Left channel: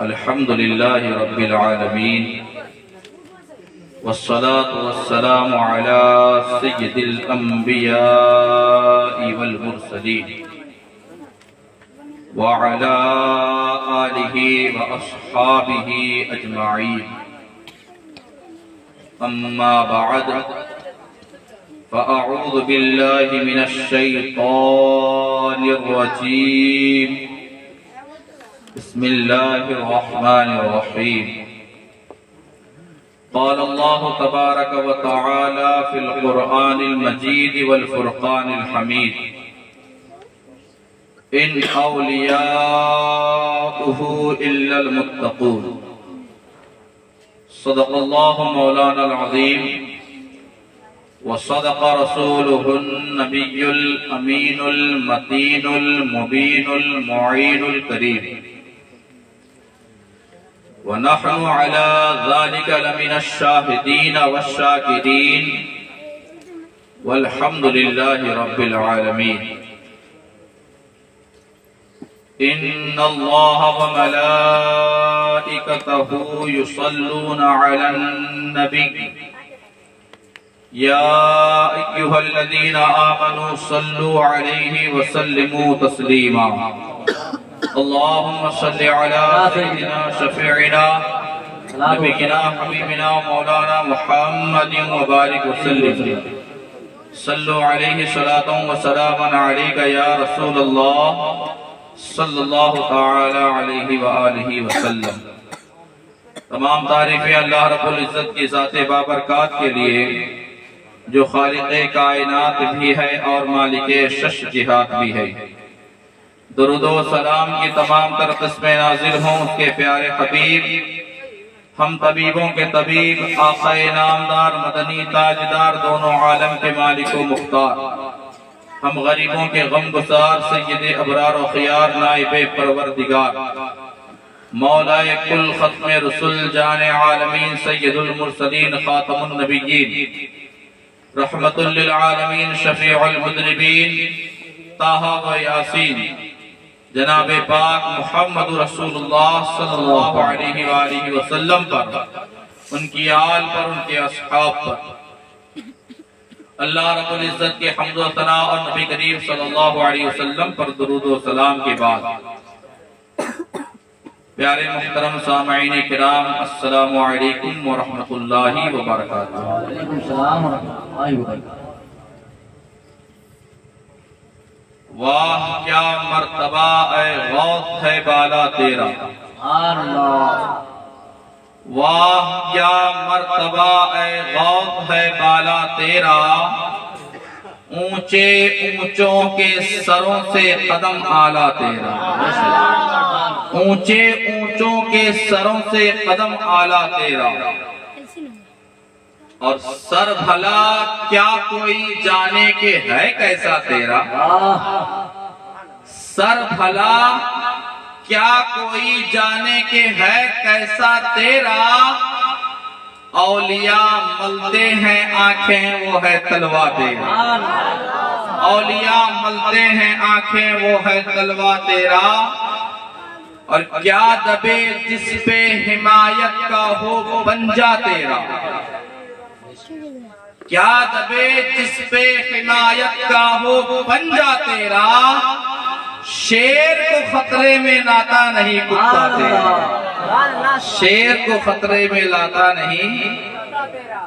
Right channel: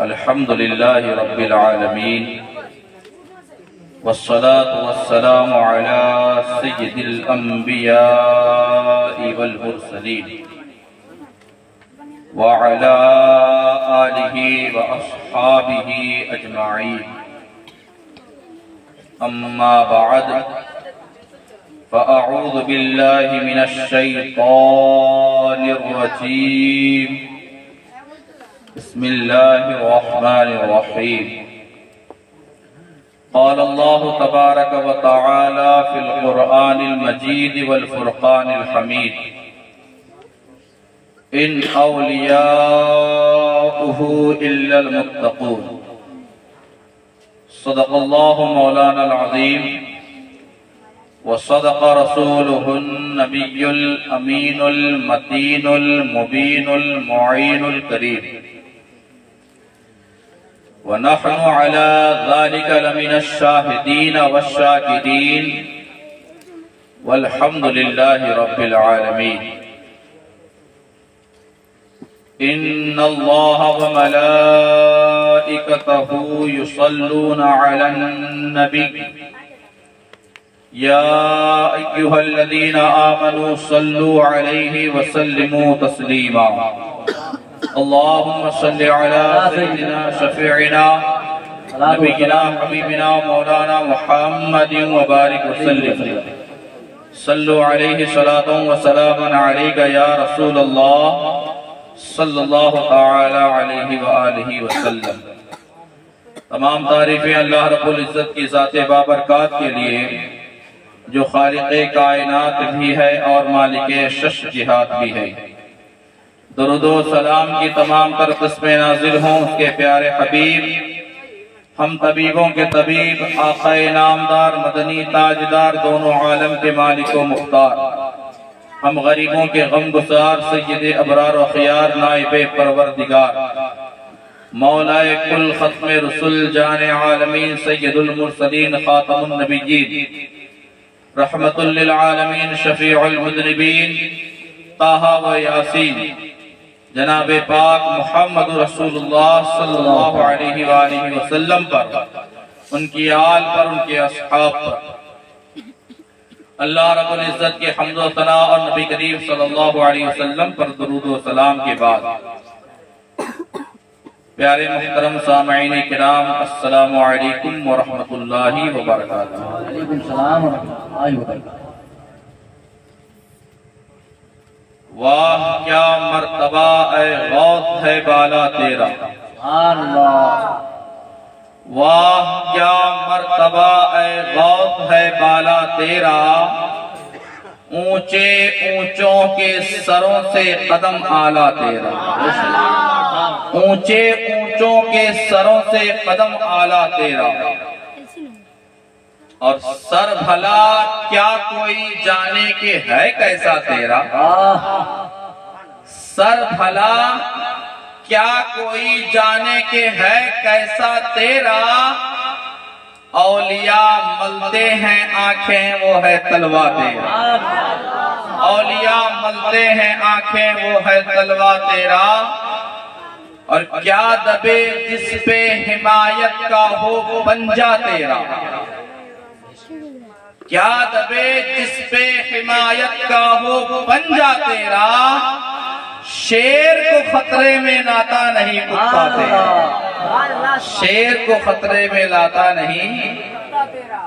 الحمد لله رب العالمين والصلاة والسلام على سيد الأنبياء والمرسلين وعلى آله وأصحابه أجمعين. أما بعد فأعوذ بالله من الشيطان الرجيم. بسم الله الرحمن الرحيم. قال الله تبارك وتعالى في القرآن المجيد والفرقان الحميد: إن أولياؤه إلا المتقون. صدق الله مولانا العظيم وصدق رسوله النبي الأمين المتين المبين المعين الكريم، ونحن على ذلك لمن الشاهدين والشاكرين، والحمد لله رب العالمين. إن الله وملائكته يصلون على النبي يا أيها الذين آمنوا صلوا عليه وسلموا تسليما. اللهم صل على سيدنا شفيعنا نبينا حبيبنا مولانا محمد وبارك وسلم. صلوا عليه صلاة وسلاما عليك يا رسول الله صلی اللہ تعالی علیہ وآلہ وسلم. تمام تعریفیں اللہ رب العزت کی ذات بابرکات کے لیے جو خالق کائنات بھی ہے اور مالک شش جہات بھی ہے. درود و سلام کی تمام تر قسمیں نازل ہوں اس کے پیارے حبیب، ہم طبیبوں کے طبیب، آقا نامدار، مدنی تاجدار، دونوں عالم کے مالک و مختار، ہم غریبوں کے غم گسار، سید ابرار و خیار، نائب پروردگار، مولا کل ختم رسول، جان عالمین، سید المرسلین، خاتم النبیین، رحمت للعالمین، شفیع المذنبین، طٰہ و یاسین، جناب پاک محمد رسول اللہ صلی اللہ علیہ وآلہ وسلم پر، ان کی آل پر، ان کے اصحاب پر، اللہ رب العزت کے حمد و ثنا اور نبی کریم صلی اللہ علیہ وسلم پر درود و سلام کے بعد پیارے محترم سامعین کرام، السلام علیکم ورحمۃ اللہ وبرکاتہ. وعلیکم السلام ورحمۃ اللہ وبرکاتہ. واہ کیا مرتبہ اے غوث ہے بالا تیرا، اللہ. واہ کیا مرتبہ اے غوث ہے بالا تیرا، اونچے اونچوں کے سروں سے قدم اعلیٰ تیرا، اونچے اونچوں کے سروں سے قدم اعلیٰ تیرا. اور سر بھلا کیا کوئی جانے کے ہے کیسا تیرا، سر بھلا کیا کوئی جانے کے ہے کیسا تیرا. اولیاء ملتے ہیں آنکھیں وہ ہے تلوہ تیرا، اولیاء ملتے ہیں آنکھیں وہ ہے تلوہ تیرا. اور کیا دبے جس پہ حمایت کا ہو پنجہ تیرا، کیا دبے جس پہ حمایت کا ہو پنجہ تیرا. شیر کو خطرے میں لاتا نہیں کتا تیرا، شیر کو خطرے میں لاتا نہیں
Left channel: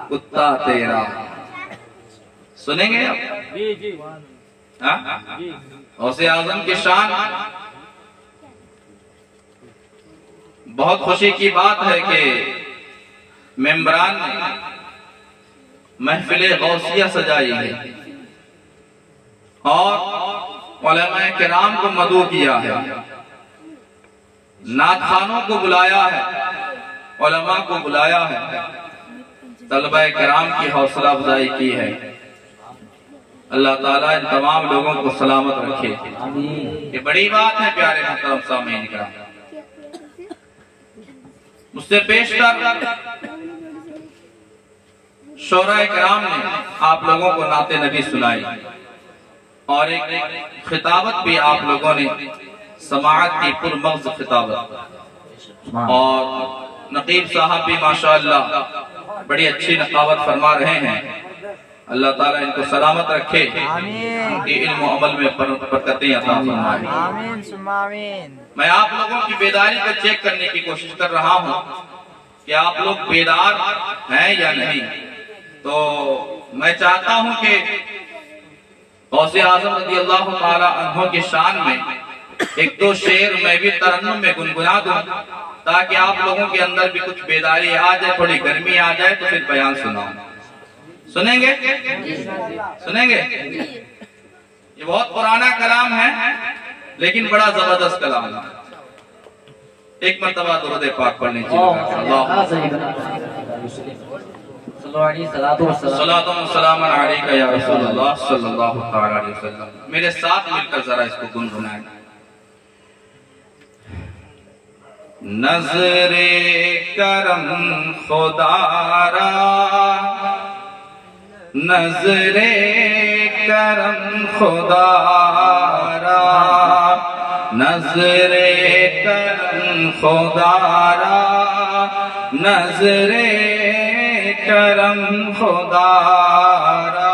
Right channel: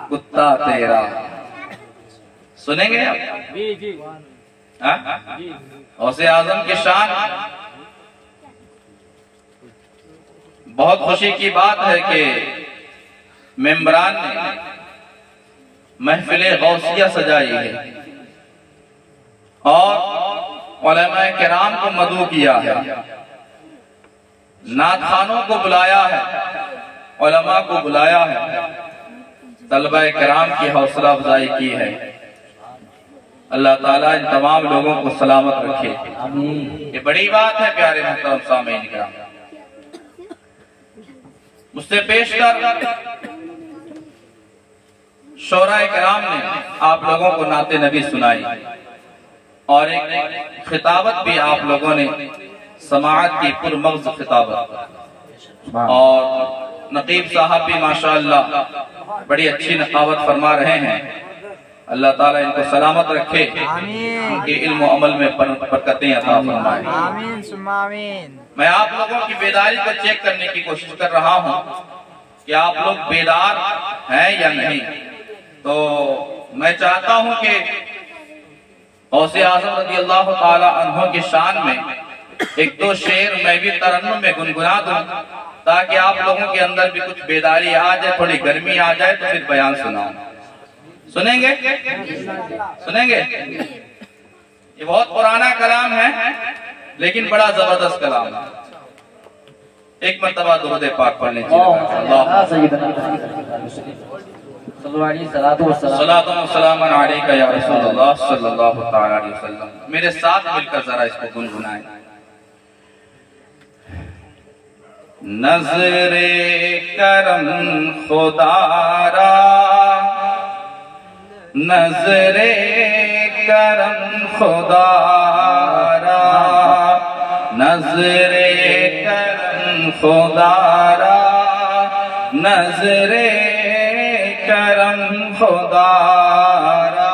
کتا تیرا. سنیں گے آپ غوث اعظم کی شان. بہت خوشی کی بات ہے کہ ممبران نے محفل غوثیہ سجائی ہے اور علماء کرام کو مدعو کیا ہے، نعت خوانوں کو بلایا ہے، علماء کو بلایا ہے، طلبہ کرام کی حوصلہ افزائی کی ہے. اللہ تعالیٰ ان تمام لوگوں کو سلامت رکھے. یہ بڑی بات ہے پیارے محترم سامعین کرام. مجھ سے پیش کر شعراء کرام نے آپ لوگوں کو نعت نبی سنائی اور ایک خطابت بھی آپ لوگوں نے سماعت کی پر مغز خطابت. اور نقیب صاحب بھی ماشاءاللہ بڑی اچھی نقاوت فرما رہے ہیں. اللہ تعالیٰ ان کو سلامت رکھے، ان کے علم و عمل میں برکتیں عطا فرمائے. آمین ثم آمین. میں آپ لوگوں کی بیداری کو چیک کرنے کی کوشش کر رہا ہوں کہ آپ لوگ بیدار ہیں یا نہیں. تو میں چاہتا ہوں کہ غوث اعظم رضی اللہ تعالی عنہ کی شان میں ایک دو شعر میں بھی ترنم میں گنگنا دوں تاکہ آپ لوگوں کے اندر بھی کچھ بیداری آ جائے، تھوڑی گرمی آ جائے تو پھر بیان سناؤں. سنیں گے؟ سنیں گے؟ یہ بہت پرانا کلام ہے لیکن بڑا زبردست کلام ہے. ایک مرتبہ درود پاک پڑھنے چاہیے. صلاۃ و سلام علیک یا رسول اللہ صلی اللہ علیہ وسلم. میرے ساتھ مل کر ذرا اس کو گنگنائیں. نظر کرم خدا را، نظر کرم خدا را، نظر کرم خدا را، نظر کرم خدا را.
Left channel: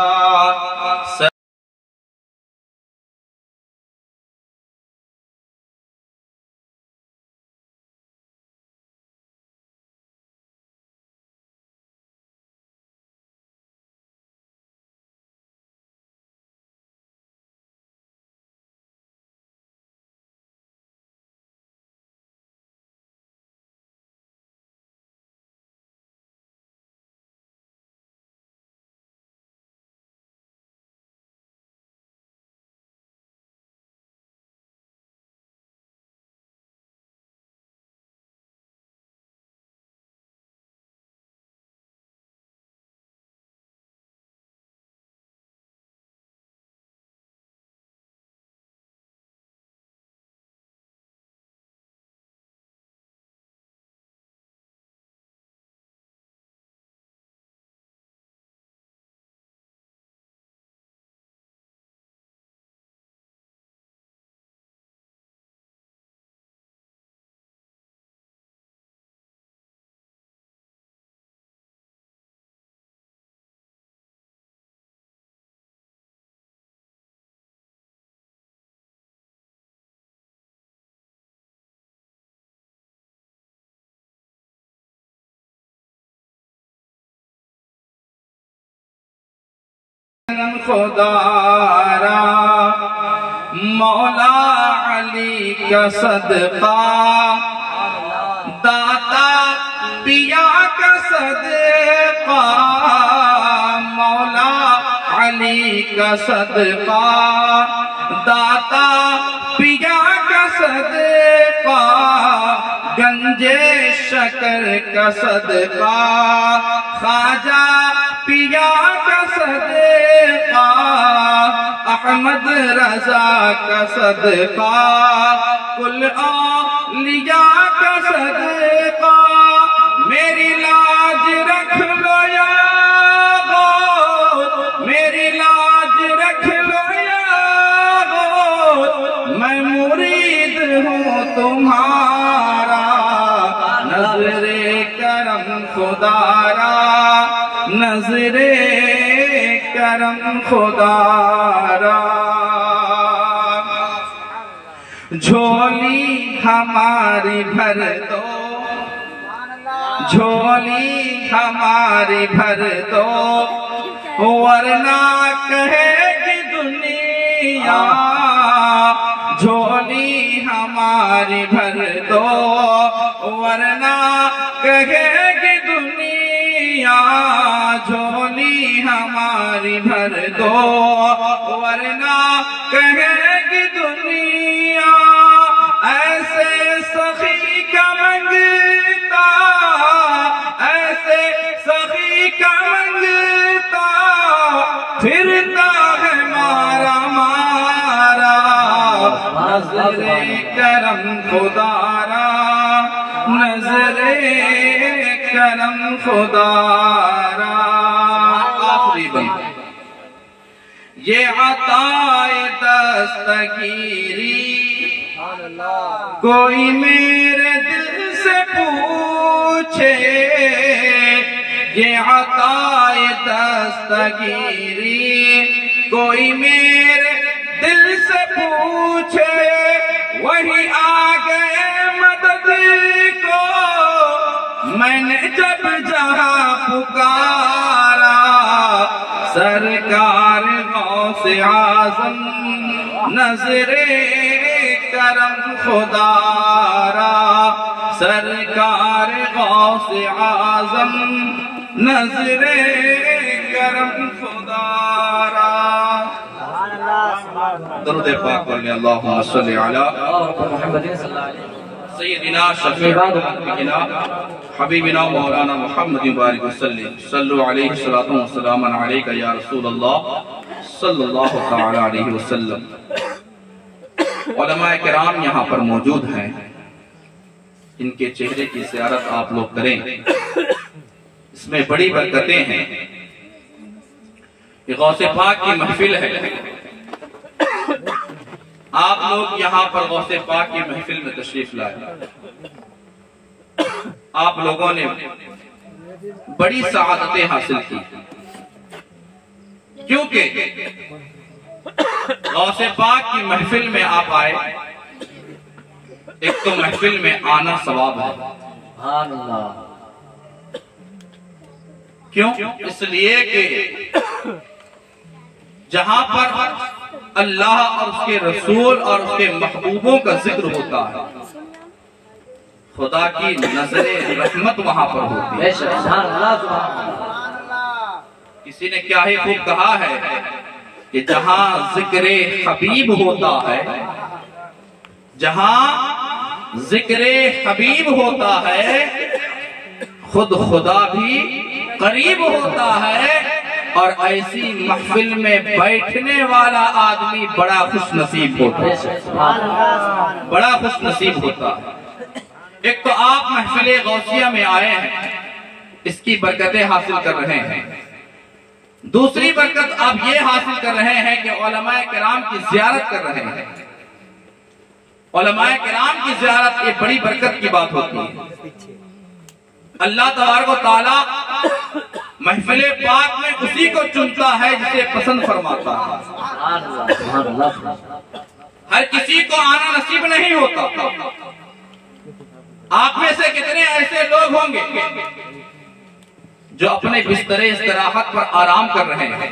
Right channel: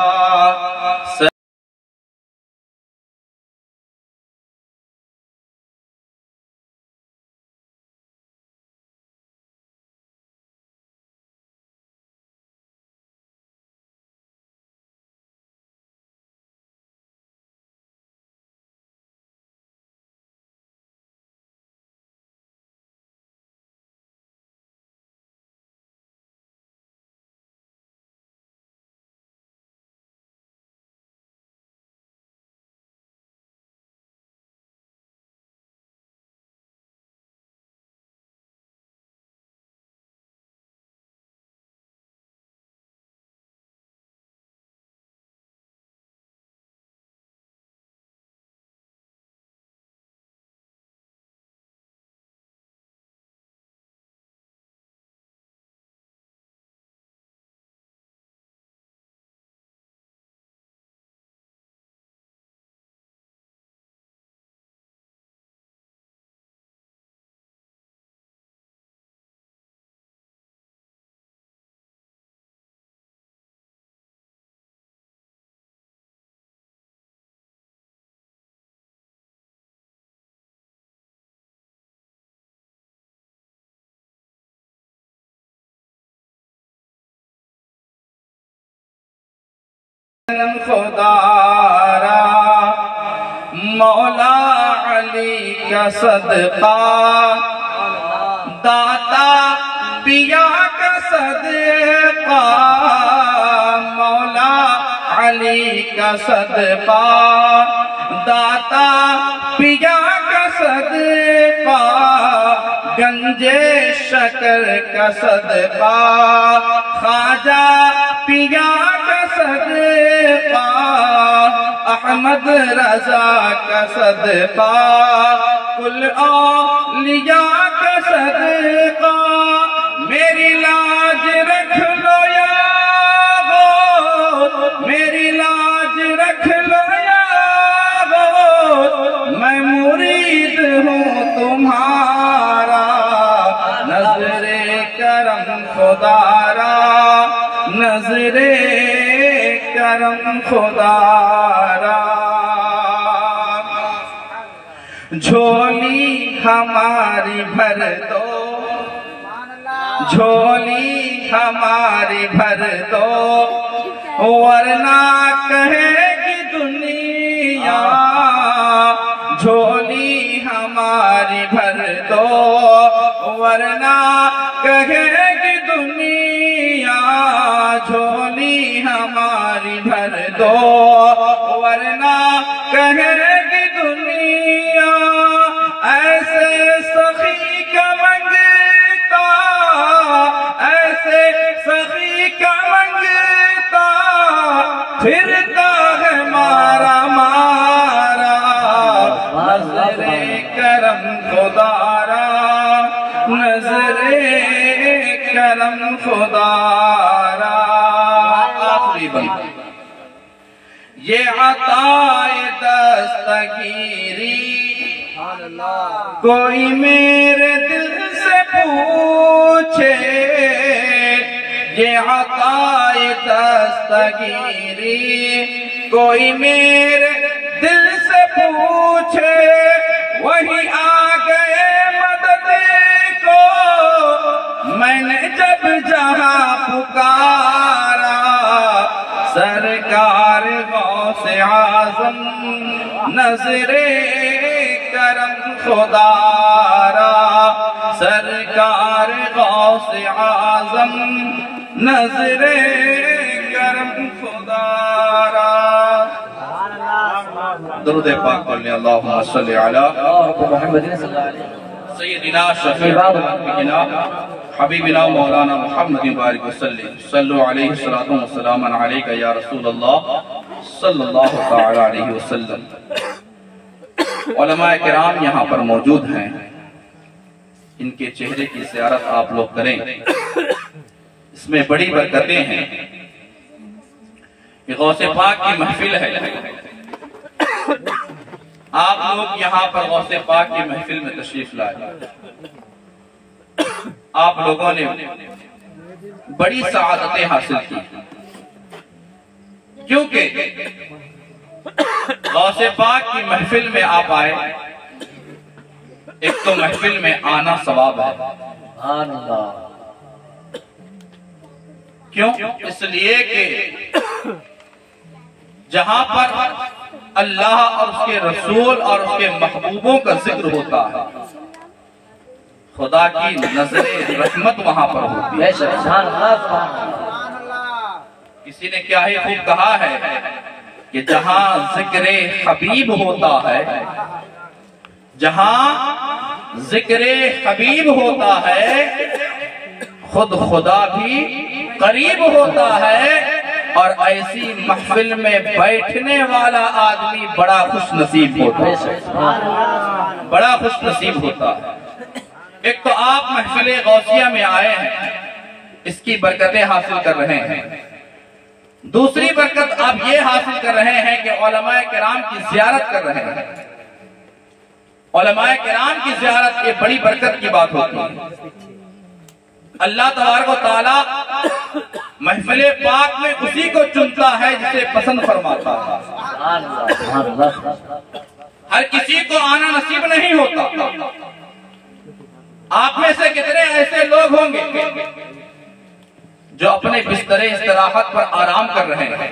خدا را مولا علی کا صدقہ، داتا پیا کا صدقہ، مولا علی کا صدقہ، داتا پیا کا صدقہ، گنجے شکر کا صدقہ، خواجہ پیا کا صدقہ، احمد رضا کا صدقہ، کل اولیاء کا صدقہ. میری لاج رکھ لو یا غو، میری لاج رکھ لو یا غو، میں مرید ہوں تمہارا. نظر کرم خدا را، نظر کرم خدا را. جھولی ہماری بھر دو، جھولی ہماری بھر دو، ورنہ کہے گی دنیا. جھولی ہماری بھر دو، ورنہ کہے گی دنیا. جھولی ہماری بھر دو، ورنہ کہے گی دنیا. ایسے سخی کا منگتا، ایسے سخی کا منگتا، پھرتا ہے مارا مارا. نظر کرم خدا را، نظر کرم خدا را. آخری بند یہ عطائے دستگیری کوئی میرے دل سے پوچھے یہ عطائے دستگیری، کوئی میرے دل سے پوچھے وہی آ گئے مدد کو، میں نے جب جہاں پکارا سرکار غوث اعظم نظر کرم خدا را، سرکار غوث اعظم نظر کرم خدا را۔ درود پاک پڑھیں، اللہم صلی علی محمد صلی اللہ علیہ وسلم سیدنا شفیع انبیاء حبیبنا مولانا محمد بارک وسلم، صلو علیہ الصلوۃ والسلام علیک یا رسول اللہ صلی اللہ تعالی علیہ وسلم۔ علماء کرام یہاں پر موجود ہیں، ان کے چہرے کی زیارت آپ لوگ کریں، اس میں بڑی برکتیں ہیں۔ یہ غوث پاک کی محفل ہے، آپ لوگ یہاں پر غوث پاک کی محفل میں تشریف لائے، آپ لوگوں نے بڑی سعادتیں حاصل کی، کیونکہ غوث پاک کی محفل میں آپ آئے، ایک تو محفل میں آنا ثواب ہے۔ سبحان اللہ۔ کیوں؟ اس لیے کہ جہاں پر اللہ اور اس کے رسول اور اس کے محبوبوں کا ذکر ہوتا ہے، خدا کی نظر رحمت وہاں پر ہوتی ہے۔ سبحان اللہ، سبحان اللہ۔ کسی نے کیا ہی خوب کہا ہے کہ جہاں ذکر حبیب ہوتا ہے، جہاں ذکر حبیب ہوتا ہے، خود خدا بھی قریب ہوتا ہے، اور ایسی محفل میں بیٹھنے والا آدمی بڑا خوش نصیب ہوتا ہے، بڑا خوش نصیب ہوتا ہے۔ ایک تو آپ محفل غوثیہ میں آئے ہیں، اس کی برکتیں حاصل کر رہے ہیں۔ دوسری برکت آپ یہ حاصل کر رہے ہیں کہ علماء کرام کی زیارت کر رہے ہیں۔ علماء کرام کی زیارت ایک بڑی برکت کی بات ہوتی ہے۔ اللہ تبارک و تعالی محفل پاک میں اسی کو چنتا ہے جسے پسند فرماتا ہے۔ ہر کسی کو آنا نصیب نہیں ہوتا۔ آپ میں سے کتنے ایسے لوگ ہوں گے جو اپنے بستر استراحت پر آرام کر رہے ہیں،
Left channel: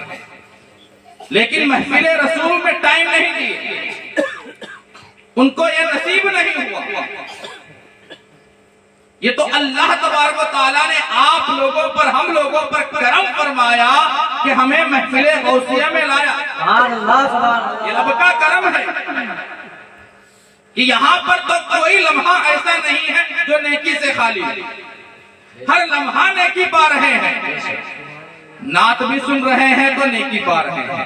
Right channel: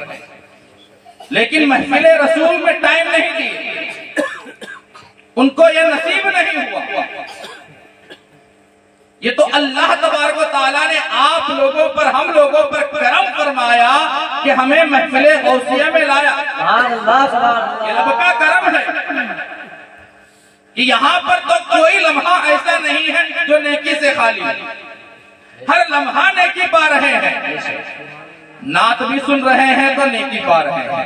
لیکن محفل رسول میں ٹائم نہیں دیے، ان کو یہ نصیب نہیں ہوا۔ یہ تو اللہ تبارک و تعالیٰ نے آپ لوگوں پر، ہم لوگوں پر کرم فرمایا کہ ہمیں محفل غوثیہ میں لایا۔ یہ رب کا کرم ہے کہ یہاں پر تو کوئی لمحہ ایسا نہیں ہے جو نیکی سے خالی ہے، ہر لمحہ نیکی پا رہے ہیں۔ نعت بھی سن رہے ہیں تو نیکی پا رہے ہیں،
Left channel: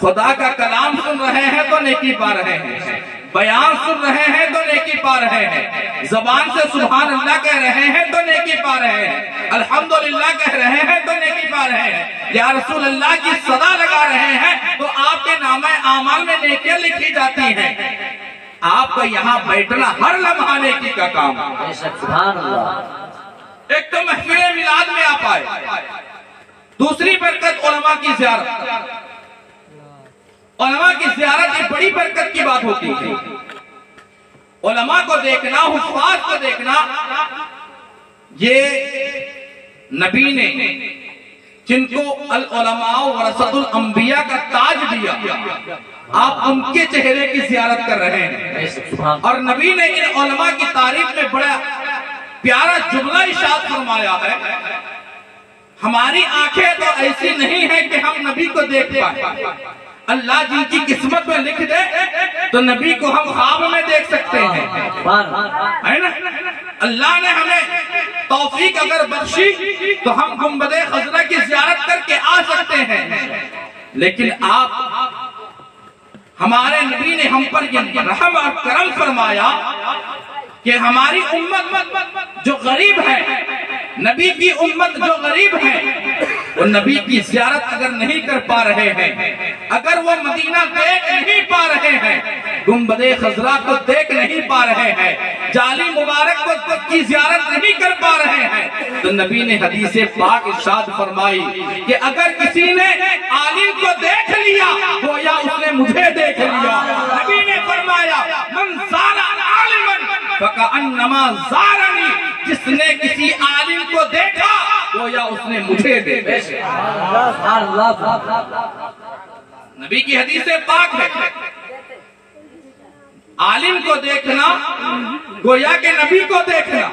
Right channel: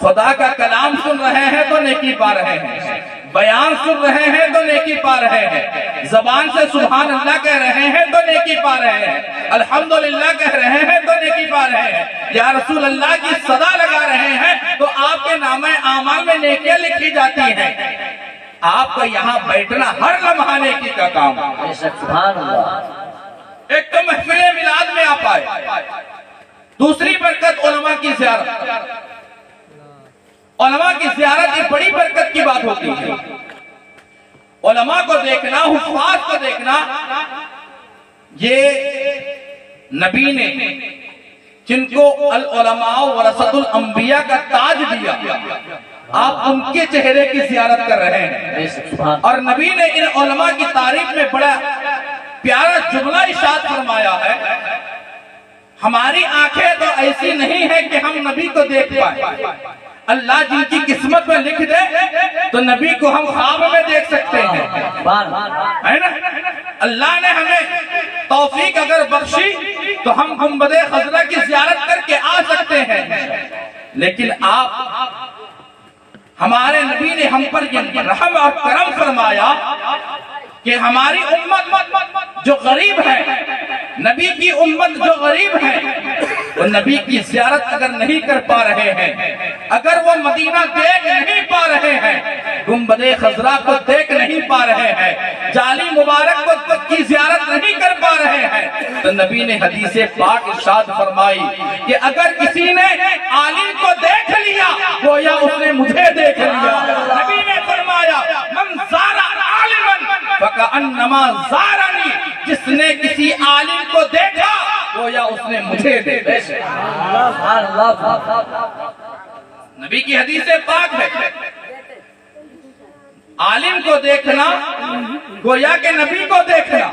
خدا کا کلام سن رہے ہیں تو نیکی پا رہے ہیں، بیان سن رہے ہیں تو نیکی پا رہے ہیں، زبان سے سبحان اللہ کہہ رہے ہیں تو نیکی پا رہے ہیں، الحمدللہ کہہ رہے ہیں تو نیکی پا رہے ہیں، یا رسول اللہ کی صدا لگا رہے ہیں تو آپ کے نامہ اعمال میں نیکیاں لکھی جاتی ہیں۔ آپ کا یہاں بیٹھنا ہر لمحہ نیکی کا کام ہے۔ سبحان اللہ۔ ایک تو محفل میلاد میں آپ آئے، دوسری برکت علماء کی زیارت۔ علماء کی زیارت ایک بڑی برکت کی بات ہوتی ہے۔ علماء کو دیکھنا، حفاظ کو دیکھنا، یہ نبی نے جن کو العلماء ورثۃ الانبیاء کا تاج دیا، آپ ان کے چہرے کی زیارت کر رہے ہیں، اور نبی نے ان علماء کی تعریف میں بڑا پیارا جملہ ارشاد فرمایا ہے، ہماری آنکھیں تو ایسی نہیں ہیں کہ ہم نبی کو دیکھ پائیں، اللہ جن کی قسمت میں لکھ دے تو نبی کو ہم خواب میں دیکھ سکتے ہیں، ہے نا؟ اللہ نے ہمیں توفیق اگر بخشی تو ہم گنبد خضرا کی زیارت کر کے آ سکتے ہیں، لیکن آپ ہمارے نبی نے ہم پر یہ رحم اور کرم فرمایا کہ ہماری امت جو غریب ہے، نبی کی امت جو غریب ہیں وہ نبی کی زیارت اگر نہیں کر پا رہے ہیں، اگر وہ مدینہ دیکھ نہیں پا رہے ہیں، گنبد خضرا کو دیکھ نہیں پا رہے ہیں، جعلی مبارک کو کی زیارت نہیں کر پا رہے ہیں، تو نبی نے حدیث پاک ارشاد فرمائی کہ اگر کسی نے عالم کو دیکھ لیا گویا اس نے مجھے دیکھ لیا۔ نبی نے فرمایا من زار عالما فکأنما زارنی، جس نے کسی عالم کو دیکھا گویا اس نے مجھے دیکھا۔ نبی کی حدیث پاک ہے، عالم کو دیکھنا گویا کہ نبی کو دیکھنا۔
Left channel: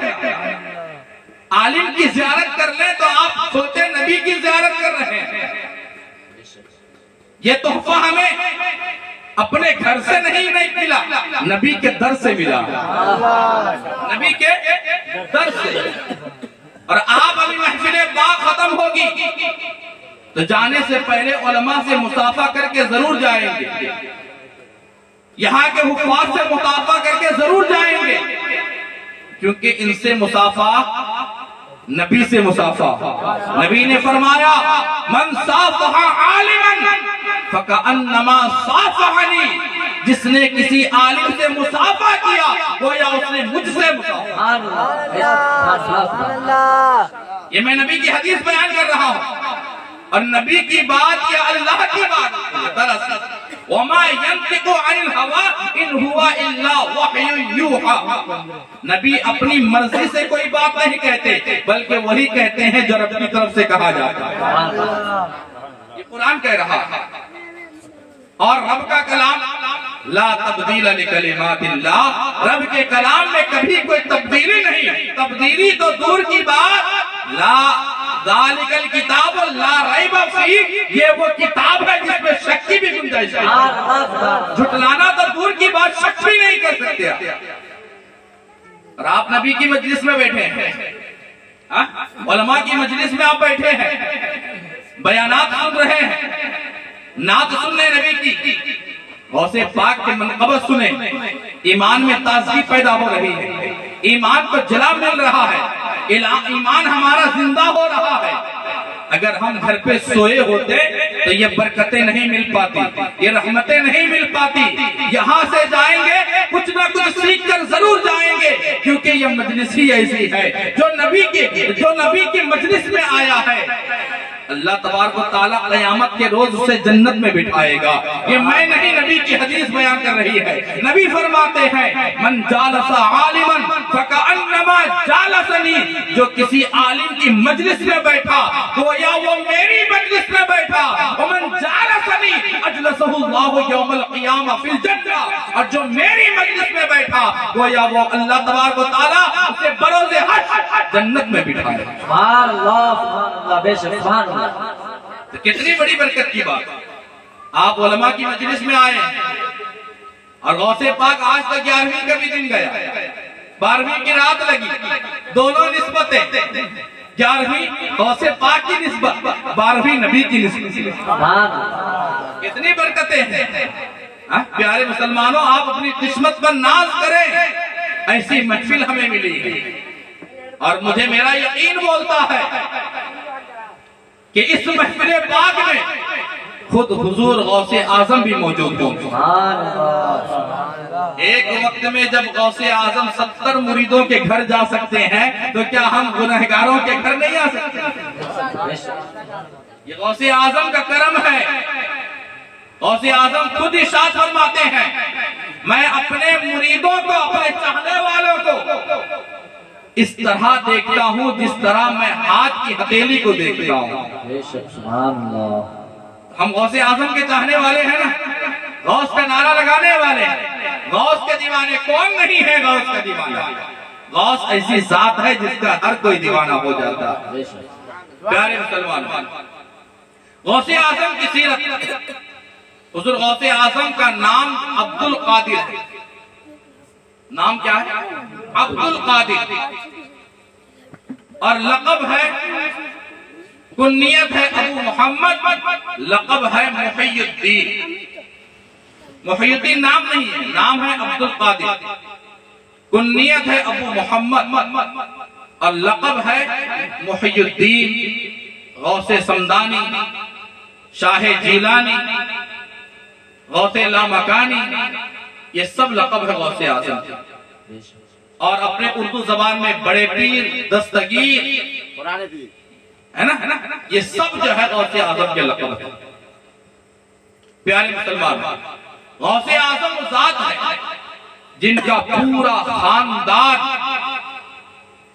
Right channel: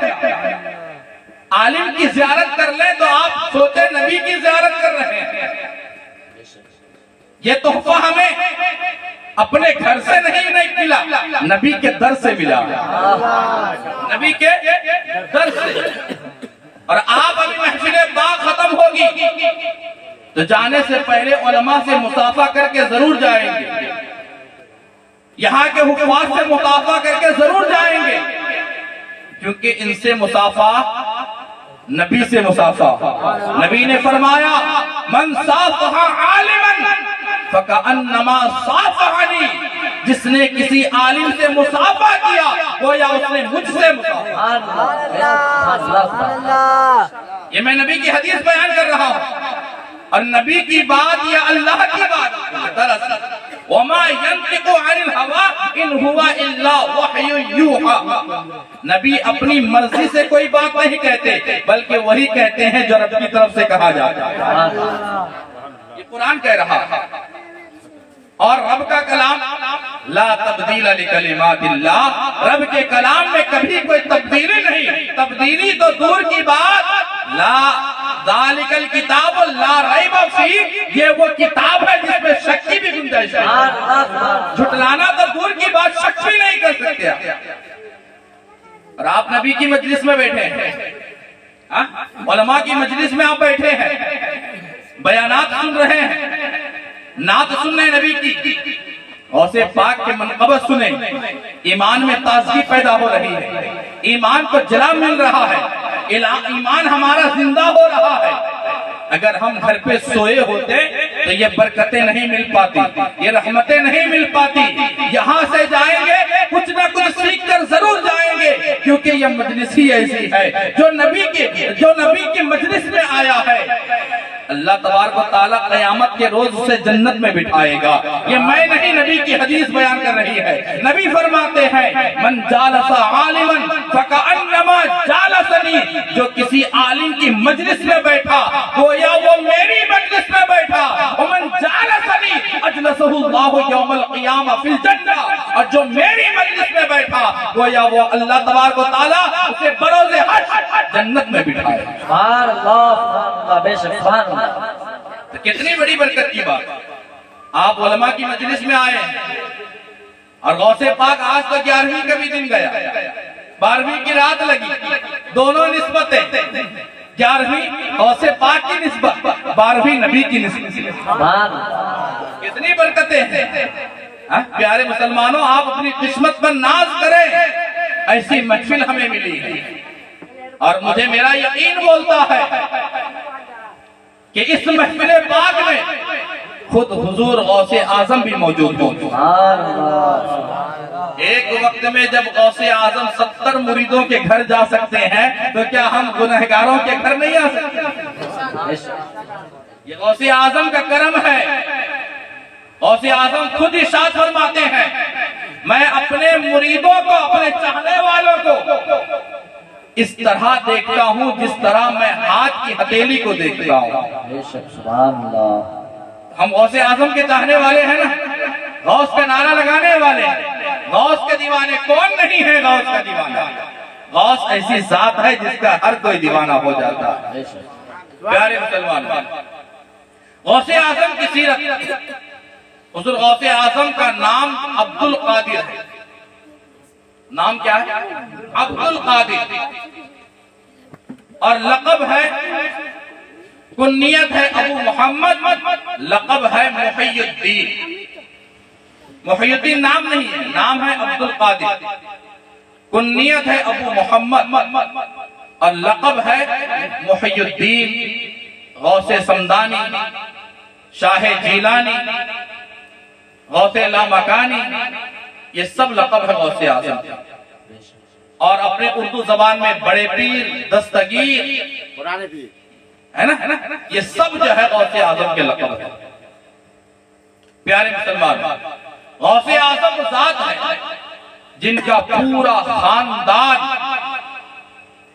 عالم کی زیارت کر لیں تو آپ سوچیں نبی کی زیارت کر رہے ہیں۔ یہ تحفہ ہمیں اپنے گھر سے نہیں ملا، نبی کے در سے ملا، نبی کے در سے۔ اور آپ ابھی محفل پاک ختم ہوگی تو جانے سے پہلے علماء سے مصافحہ کر کے ضرور جائیں گے، یہاں کے حفاظ سے مصافحہ کر کے ضرور جائیں گے، کیونکہ ان سے مصافحہ نبی سے مصافحہ۔ نبی نے فرمایا من صافح عالما فکأنما صافحنی، جس نے کسی عالم سے مصافحہ کیا گویا اس نے مجھ سے مصافحہ۔ یہ میں نبی کی حدیث بیان کر رہا ہوں، اور نبی کی بات یا اللہ کی بات دراصل وما ينطق عن الهوى ان هو الا وحی یوحى، نبی اپنی مرضی سے کوئی بات نہیں کہتے بلکہ وہی کہتے ہیں جو رب کی طرف سے کہا جاتا ہے۔ یہ قرآن کہہ رہا ہے، اور رب کا کلام لا تبدیل لکلمات اللہ، رب کے کلام میں کبھی کوئی تبدیلی نہیں، تبدیلی تو دور کی بات۔ لا ذالک الکتاب لا ریب فیہ، یہ وہ کتاب ہے جس میں شک کی بھی گنجائش ہے، جھٹلانا تو دور کی بات، شک بھی نہیں کر سکتے۔ اور آپ نبی کی مجلس میں بیٹھے ہیں، علماء کی مجلس میں آپ بیٹھے ہیں، بیانات سن رہے ہیں، نعت سننے نبی کی، غوث پاک کے منقبت سنیں، ایمان میں تازگی پیدا ہو رہی ہے، ایمان کو جلا مل رہا ہے، ایمان ہمارا زندہ ہو رہا ہے۔ اگر ہم گھر پہ سوئے ہوتے تو یہ برکتیں نہیں مل پاتی، یہ رحمتیں نہیں مل پاتی۔ یہاں سے جائیں گے کچھ نہ کچھ سیکھ کر ضرور جائیں گے، کیونکہ یہ مجلس ہی ایسی ہے جو نبی کی مجلس میں آیا ہے اللہ تبارک و تعالیٰ قیامت کے روز اسے جنت میں بٹھائے گا۔ یہ میں نہیں، نبی کی حدیث بیان کر رہی ہے۔ نبی فرماتے ہیں من جالس عالما فکأنما جالسنی، جو کسی عالم کی مجلس میں بیٹھا گویا وہ میری مجلس میں بیٹھا۔ ومن جالسنی اجلسہ اللہ یوم القیامہ فی الجنہ، اور جو میری مجلس میں بیٹھا گویا وہ اللہ تبارک و تعالیٰ اسے بروز حشر جنت میں بٹھائے۔ سبحان اللہ، سبحان اللہ، بے شک سبحان اللہ۔ تو کتنی بڑی برکت کی بات، آپ علماء کی مجلس میں آئے ہیں، اور غوث پاک آج تک 11ویں کا بھی دن گیا، 12ویں کی رات لگی، دونوں نسبتیں، 11ویں غوث پاک کی نسبت، 12ویں نبی کی نسبت، کتنی برکتیں ہیں۔ پیارے مسلمانوں، آپ اپنی قسمت پر ناز کریں، ایسی محفل ہمیں ملی ہے، اور مجھے میرا یقین بولتا ہے کہ اس محفل پاک میں خود حضور غوث اعظم بھی موجود ہوں۔ ایک وقت میں جب غوث اعظم 70 مریدوں کے گھر جا سکتے ہیں تو کیا ہم گنہگاروں کے گھر نہیں آ سکتے؟ یہ غوث اعظم کا کرم ہے۔ غوث اعظم خود ارشاد فرماتے ہیں میں اپنے مریدوں کو، اپنے چاہنے والوں کو اس طرح دیکھتا ہوں جس طرح میں ہاتھ کی ہتھیلی کو دیکھتا ہوں۔ سبحان اللہ۔ ہم غوث اعظم کے چاہنے والے ہیں نا، غوث کا نعرہ لگانے والے ہیں، غوث کے دیوانے کون نہیں ہے؟ غوث کا دیوانہ، غوث ایسی ذات ہے جس کا ہر کوئی دیوانہ ہو جاتا ہے۔ پیارے مسلمان، غوث اعظم کی سیرت، حضور غوث اعظم کا نام عبد القادر ہے۔ نام کیا ہے؟ عبد القادر، اور لقب ہے، کنیت ہے ابو محمد، لقب ہے محی الدین۔ محی الدین نام نہیں ہے، نام ہے عبد القادر، کنیت ہے ابو محمد۔ اور لقب ہے محی الدین، غوث سمدانی، شاہ جیلانی، غوث لامکانی، یہ سب لقب ہے غوث اعظم۔ اور اپنے اردو زبان میں بڑے پیر، دستگیر ہے نا، یہ سب جو ہے غوث اعظم کے لقب ہے۔ پیارے مسلمان، غوث اعظم ذات ہے جن کا پورا خاندان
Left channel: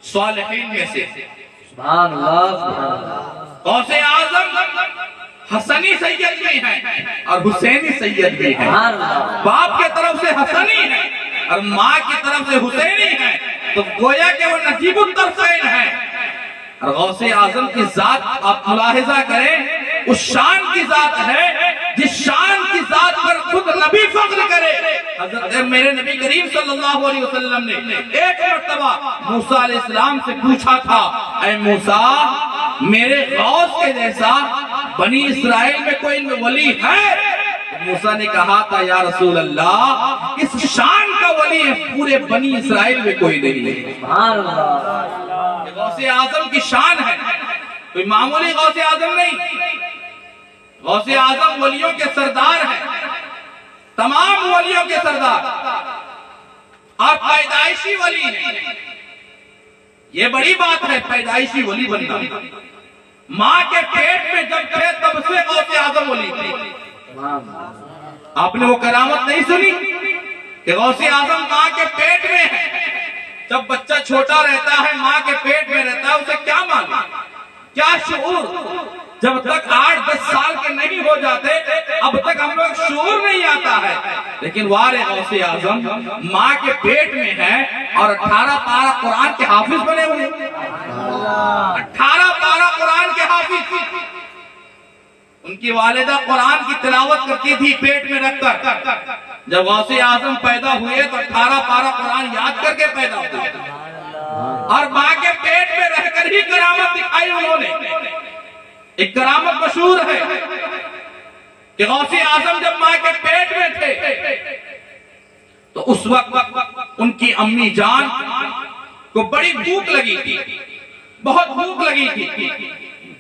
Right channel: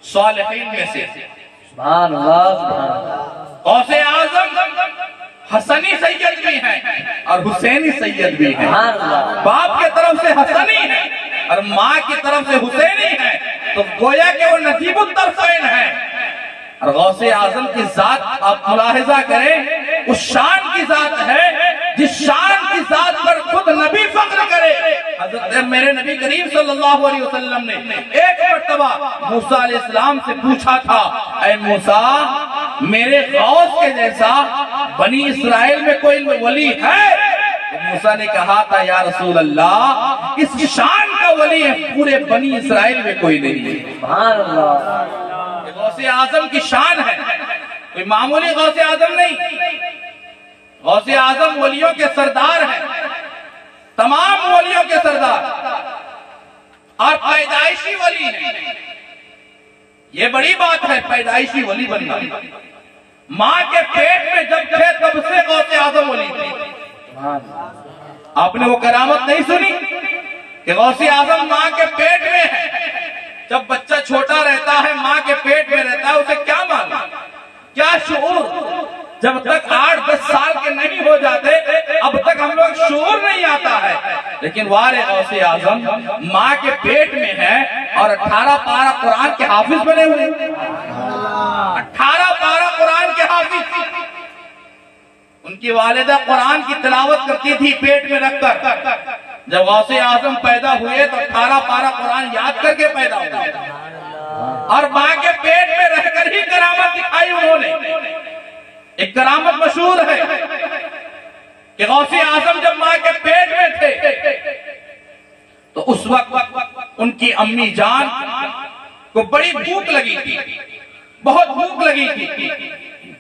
صالحین میں سے۔ سبحان اللہ سبحان اللہ۔ غوث اعظم حسنی سید بھی ہیں اور حسینی سید بھی ہیں، سبحان اللہ۔ باپ کے طرف سے حسنی ہے اور ماں کی طرف سے حسینی ہے، تو گویا کہ وہ نجیب الطرفین ہیں۔ اور غوث اعظم کی ذات آپ ملاحظہ کریں، اس شان کی ذات ہے جس شان کی ذات پر خود نبی فخر کرے۔ حضرت میرے نبی کریم صلی اللہ علیہ وسلم نے ایک مرتبہ موسیٰ علیہ السلام سے پوچھا تھا، اے موسیٰ میرے غوث کے جیسا بنی اسرائیل میں کوئی ولی ہے؟ موسیٰ نے کہا تھا، یا رسول اللہ اس شان کا ولی ہے پورے بنی اسرائیل میں کوئی نہیں ہے۔ سبحان اللہ۔ یہ غوث اعظم کی شان ہے، کوئی معمولی غوث اعظم نہیں۔ غوث اعظم ولیوں کے سردار ہیں، تمام ولیوں کے سردار، اور پیدائشی ولی ہیں۔ یہ بڑی بات ہے پیدائشی ولی بننا۔ ماں کے پیٹ میں جب تھے تب سے غوث اعظم ولی تھے۔ آپ نے وہ کرامت نہیں سنی کہ غوث اعظم ماں کے پیٹ میں ہے؟ جب بچہ چھوٹا رہتا ہے، ماں کے پیٹ میں رہتا ہے، اسے کیا معلوم، کیا شعور؟ جب تک 8-10 سال کے نہیں ہو جاتے اب تک ہم لوگ شعور نہیں آتا ہے، لیکن وار غوث اعظم ماں کے پیٹ میں ہے اور 18 پارہ قرآن کے حافظ بنے ہوئے۔ 18 پارہ قرآن کے حافظ۔ ان کی والدہ قرآن کی تلاوت کرتی تھی پیٹ میں رکھ کر۔ جب غوث اعظم پیدا ہوئے تو 18 پارہ قرآن یاد کر کے پیدا ہوئے، اور ماں کے پیٹ میں رہ کر ہی کرامت دکھائی انہوں نے۔ ایک کرامت مشہور ہے کہ غوث اعظم جب ماں کے پیٹ میں تھے تو اس وقت ان کی امی جان کو بڑی بھوک لگی تھی، بہت بھوک لگی تھی۔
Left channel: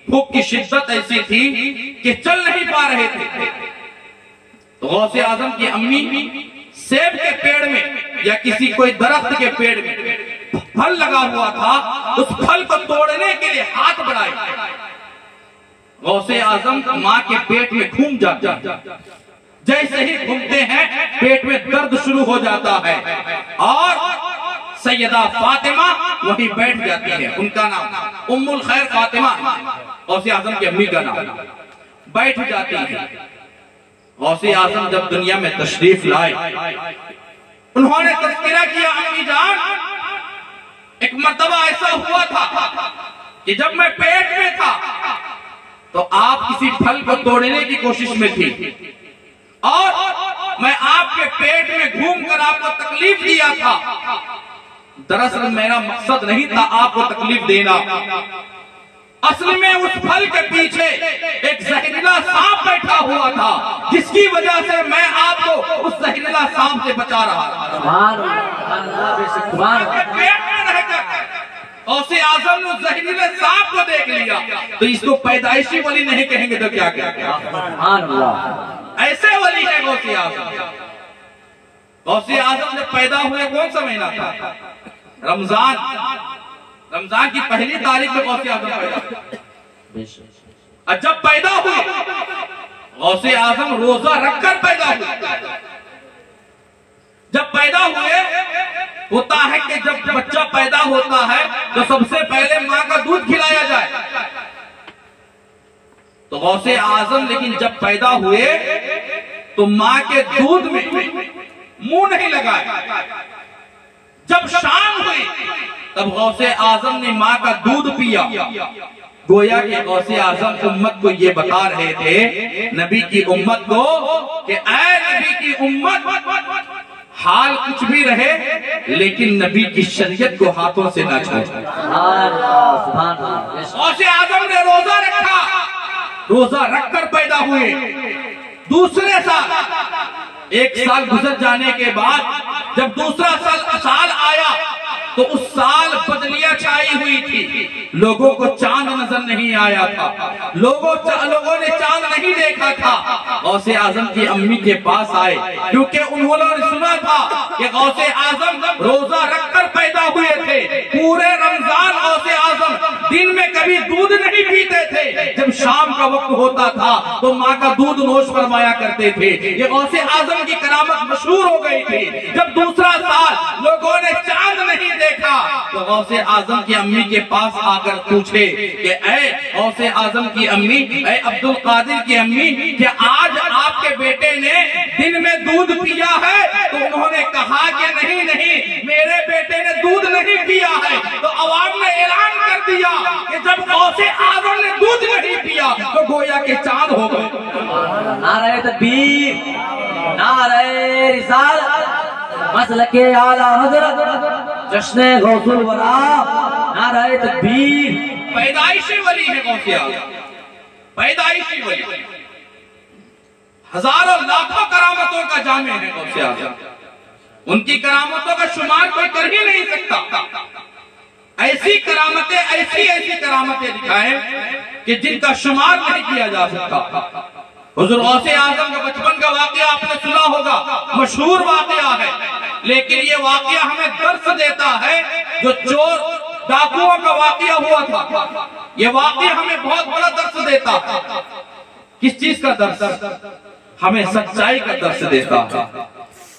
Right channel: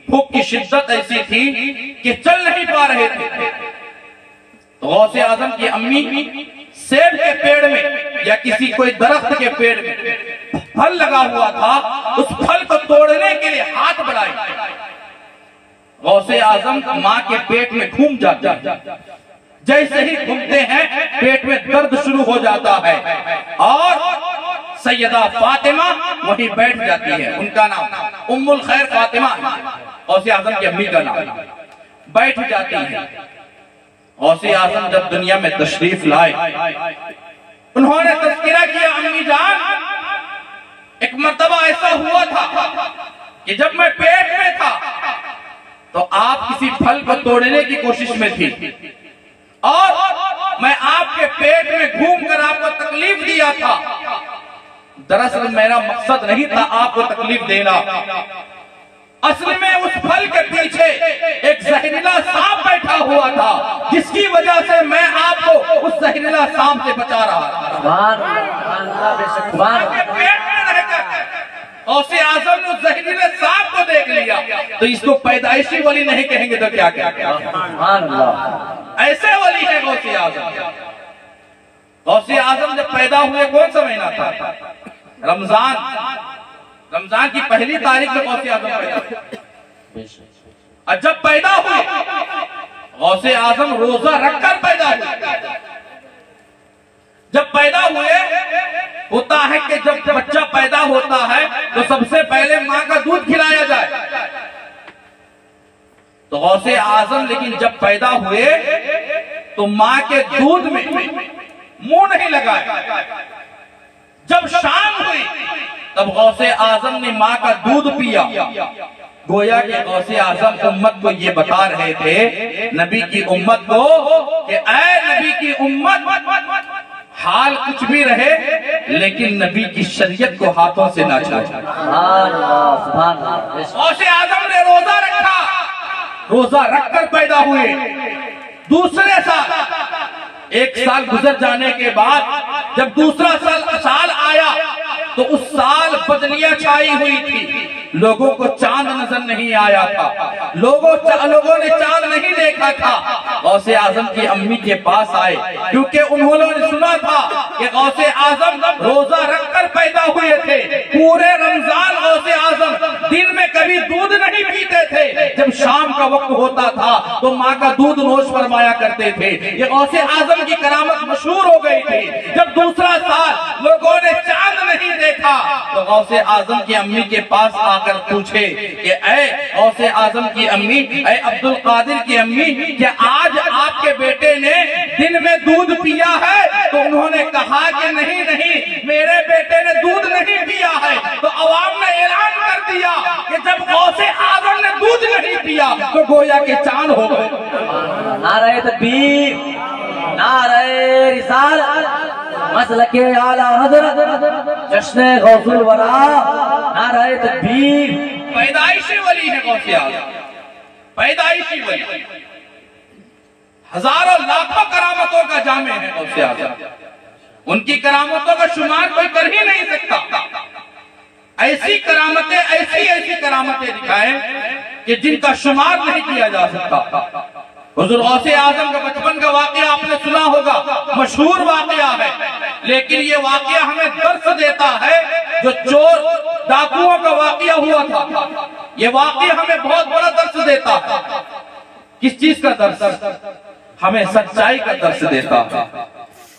بھوک کی شدت ایسی تھی کہ چل نہیں پا رہے تھے، تو غوث اعظم کی امی سیب کے پیڑ میں یا کسی کوئی درخت کے پیڑ میں پھل لگا ہوا تھا، اس پھل کو توڑنے کے لیے ہاتھ بڑھائے۔ غوث اعظم ماں کے پیٹ میں گھوم جاتے ہیں، جیسے ہی گھومتے ہیں پیٹ میں درد شروع ہو جاتا ہے، اور سیدہ فاطمہ وہیں بیٹھ جاتی ہے۔ ان کا نام ام الخیر فاطمہ، غوث اعظم کی امی کا نام، بیٹھ جاتی ہے۔ غوث اعظم جب دنیا میں تشریف لائے، انہوں نے تذکرہ کیا، امی جان ایک مرتبہ ایسا ہوا تھا کہ جب میں پیٹ میں تھا تو آپ کسی پھل کو توڑنے کی کوشش میں تھی، اور میں آپ کے پیٹ میں گھوم کر آپ کو تکلیف دیا تھا۔ دراصل میرا مقصد نہیں تھا آپ کو تکلیف دینا، اصل میں اس پھل کے پیچھے ایک زہریلا سانپ بیٹھا ہوا تھا، جس کی وجہ سے میں آپ کو اس زہریلا سانپ سے بچا رہا تھا۔ غوث اعظم نے زہریلے سانپ کو دیکھ لیا تو اس کو پیدائشی ولی نہیں کہیں گے تو کیا کہتے ہیں؟ ایسے ولی ہے غوث اعظم۔ غوث اعظم جب پیدا ہوئے کون سا مہینہ تھا؟ رمضان کی پہلی تاریخ میں غوث اعظم پیدا ہوئے، اور جب پیدا ہوئے غوث اعظم روزہ رکھ کر پیدا ہوئے۔ جب پیدا ہوئے ہوتا ہے کہ جب بچہ پیدا ہوتا ہے تو سب سے پہلے ماں کا دودھ کھلایا جائے، تو غوث اعظم لیکن جب پیدا ہوئے تو ماں کے دودھ میں منہ نہیں لگائے۔ جب شام ہوئی تب غوث اعظم نے ماں کا دودھ پیا۔ گویا کہ غوث اعظم امت کو یہ بتا رہے تھے، نبی کی امت کو، کہ اے نبی کی امت، حال کچھ بھی رہے لیکن نبی کی شریعت کو ہاتھوں سے نہ چھوڑو۔ غوث اعظم نے روزہ رکھا، روزہ رکھ کر پیدا ہوئے۔ دوسرے سال، ایک سال گزر جانے کے بعد جب دوسرا سال آیا تو اس سال بدلیاں چھائی ہوئی تھی، لوگوں کو چاند نظر نہیں آیا تھا، لوگوں نے چاند نہیں دیکھا تھا۔ غوث اعظم کی امی کے پاس آئے کیونکہ انہوں نے سنا تھا کہ غوث اعظم روزہ رکھ کر پیدا ہوئے تھے۔ پورے رمضان غوث اعظم دن میں کبھی دودھ نہیں پیتے تھے، جب شام کا وقت ہوتا تھا تو ماں کا دودھ نوش فرمایا کرتے تھے۔ یہ غوث اعظم کی کرامت مشہور ہو گئی تھی۔ جب دوسرا سال لوگوں نے چاند نہیں دیکھا تو غوث اعظم کی امی کے پاس آ کر پوچھے کہ اے غوث اعظم کی امی، اے عبد القادر کی امی، کیا آج آپ کے بیٹے نے دن میں دودھ پیا ہے؟ تو انہوں نے کہا کہ نہیں نہیں، میرے بیٹے نے دودھ نہیں پیا ہے۔ تو عوام نے اعلان کر دیا کہ جب غوث اعظم نے دودھ نہیں پیا تو گویا کہ چاند ہو گئے۔ نعرہ تکبیر، نعرہ رسالت، مسلک اعلی حضرت، جشن غوث الورا، نعرہ تکبیر۔ پیدائشی ولی ہے غوث اعظم، پیدائشی ولی، ہزاروں لاکھوں کرامتوں کا جامع ہے غوث اعظم۔ ان کی کرامتوں کا شمار کوئی کر ہی نہیں سکتا۔ ایسی کرامتیں، ایسی کرامتیں دکھائیں کہ جن کا شمار نہیں کیا جا سکتا۔ حضور غوث اعظم کا بچپن کا واقعہ آپ نے سنا ہوگا، مشہور واقعہ ہے، لیکن یہ واقعہ ہمیں درس دیتا ہے۔ جو چور ڈاکوؤں کا واقعہ ہوا تھا، یہ واقعہ ہمیں بہت بڑا درس دیتا ہے۔ کس چیز کا درس؟ ہمیں سچائی کا درس دیتا ہے۔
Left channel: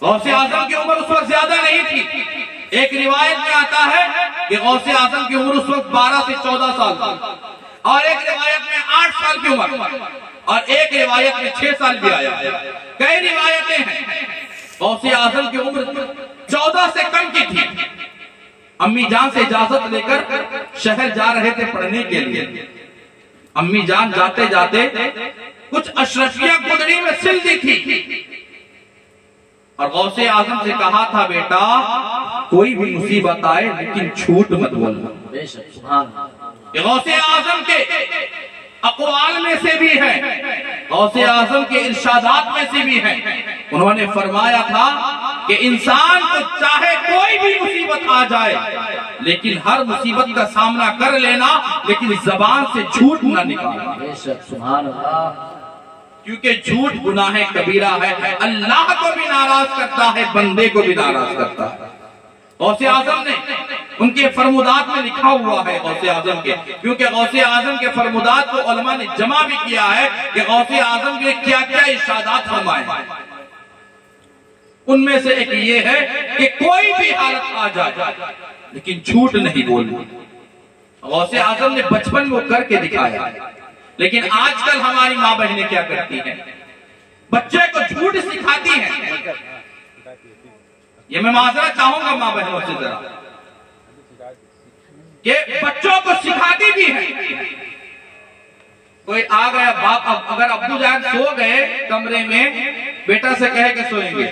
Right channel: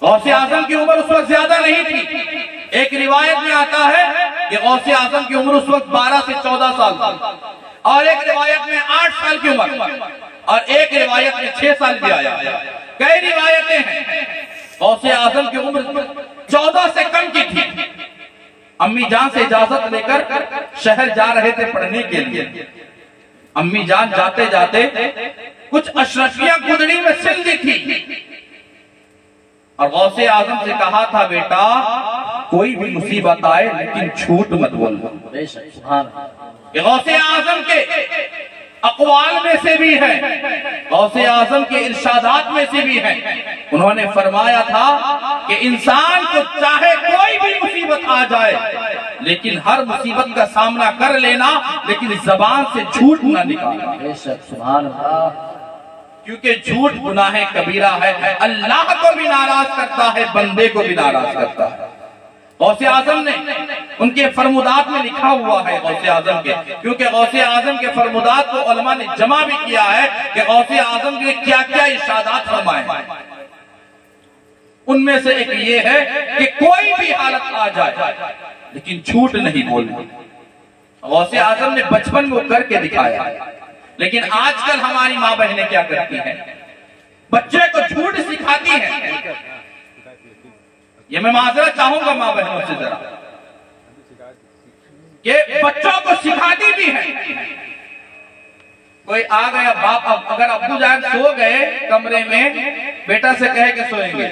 غوث اعظم کی عمر اس وقت زیادہ نہیں تھی۔ ایک روایت میں آتا ہے کہ غوث اعظم کی عمر اس وقت 12 سے 14 سال تھی، اور ایک روایت میں 8 سال کی عمر، اور ایک روایت میں 6 سال بھی آیا۔ کئی روایتیں ہیں۔ غوث اعظم کی عمر 14 سے کم کی تھی۔ امی جان سے اجازت لے کر شہر جا رہے تھے پڑھنے کے لیے۔ امی جان جاتے جاتے کچھ اشرفیاں گدڑی میں سل دی تھی، اور غوث اعظم سے کہا تھا بیٹا کوئی بھی مصیبت آئے لیکن جھوٹ مت بولنا۔ یہ غوث اعظم کے اقوال میں سے بھی ہے، غوث اعظم کے ارشادات میں سے بھی ہے۔ انہوں نے فرمایا تھا کہ انسان کو چاہے کوئی بھی مصیبت آ جائے لیکن ہر مصیبت کا سامنا کر لینا، لیکن زبان سے جھوٹ نہ نکالنا، کیونکہ جھوٹ گناہ کبیرہ ہے، اللہ کو بھی ناراض کرتا ہے، بندے کو بھی ناراض کرتا ہے۔ غوث اعظم نے ان کے فرمودات میں لکھا ہوا ہے غوث اعظم کے، کیونکہ غوث اعظم کے فرمودات کو علماء نے جمع بھی کیا ہے کہ غوث اعظم کے کیا کیا ارشادات فرمائے۔ ان میں سے ایک یہ ہے کہ کوئی بھی حالت آ جائے لیکن جھوٹ نہیں بولنا۔ غوث اعظم نے بچپن میں کر کے دکھایا، لیکن آج کل ہماری ماں بہنیں کیا کرتی ہیں؟ بچے کو جھوٹ سکھاتی ہیں۔ یہ میں معذرت چاہوں گا ماں بہنوں سے ذرا، کہ بچوں کو سکھاتی بھی ہیں۔ کوئی آ گیا باپ، اگر ابو جان سو گئے کمرے میں، بیٹا سے کہے کہ سوئیں گے،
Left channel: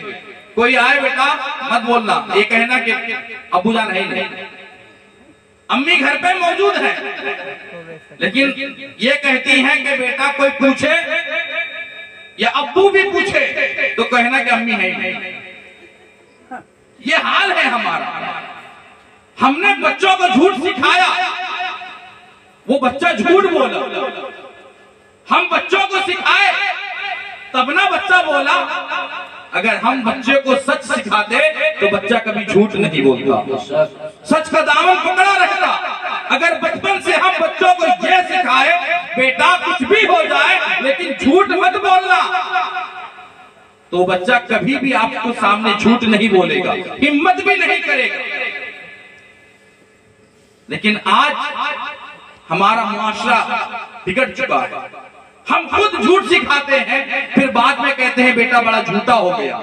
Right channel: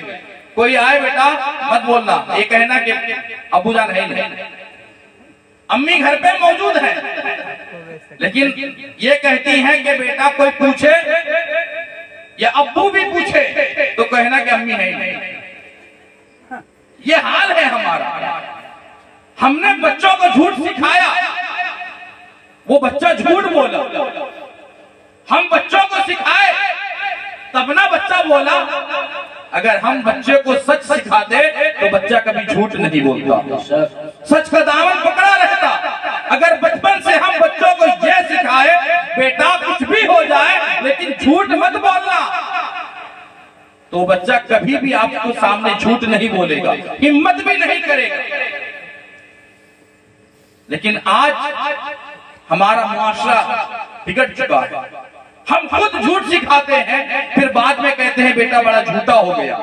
کوئی آئے بیٹا مت بولنا، یہ کہنا کہ ابو جان ہے نہیں، امی گھر پہ موجود ہے، لیکن یہ کہتی ہیں کہ بیٹا کوئی پوچھے یا ابو بھی پوچھے تو کہنا کہ امی ہے نہیں۔ یہ حال ہے ہمارا۔ ہم نے بچوں کو جھوٹ سکھایا، وہ بچہ جھوٹ بولا۔ ہم بچوں کو سکھائے تب نہ بچہ بولا۔ اگر ہم بچے کو سچ سکھاتے تو بچہ کبھی جھوٹ نہیں بولتا، سچ کا دامن پکڑا رہتا۔ اگر بچپن سے ہم بچوں کو یہ سکھائے بیٹا کچھ بھی ہو جائے لیکن جھوٹ مت بولنا، تو بچہ کبھی بھی آپ کو سامنے جھوٹ نہیں بولے گا، ہمت بھی نہیں کرے گا۔ لیکن آج ہمارا معاشرہ بگڑ چکا ہے۔ ہم خود جھوٹ سکھاتے ہیں، پھر بعد میں کہتے ہیں بیٹا بڑا جھوٹا ہو گیا،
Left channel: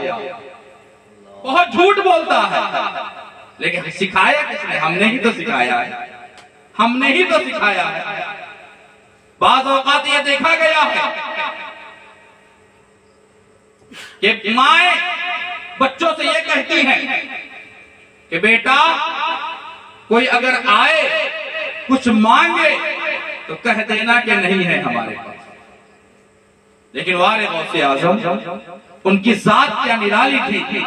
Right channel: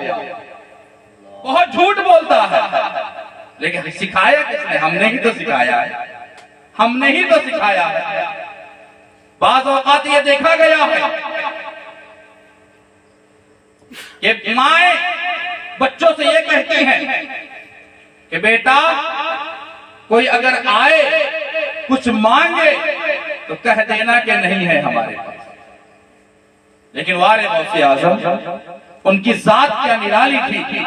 بہت جھوٹ بولتا ہے۔ لیکن سکھایا کس نے؟ ہم نے ہی تو سکھایا ہے، ہم نے ہی تو سکھایا ہے۔ بعض اوقات یہ دیکھا گیا ہے کہ مائیں بچوں سے یہ کہتی ہیں کہ بیٹا کوئی اگر آئے کچھ مانگے تو کہہ دینا کہ نہیں ہے ہمارے پاس۔ لیکن وارے غوث اعظم، ان کی ذات کیا نرالی تھی۔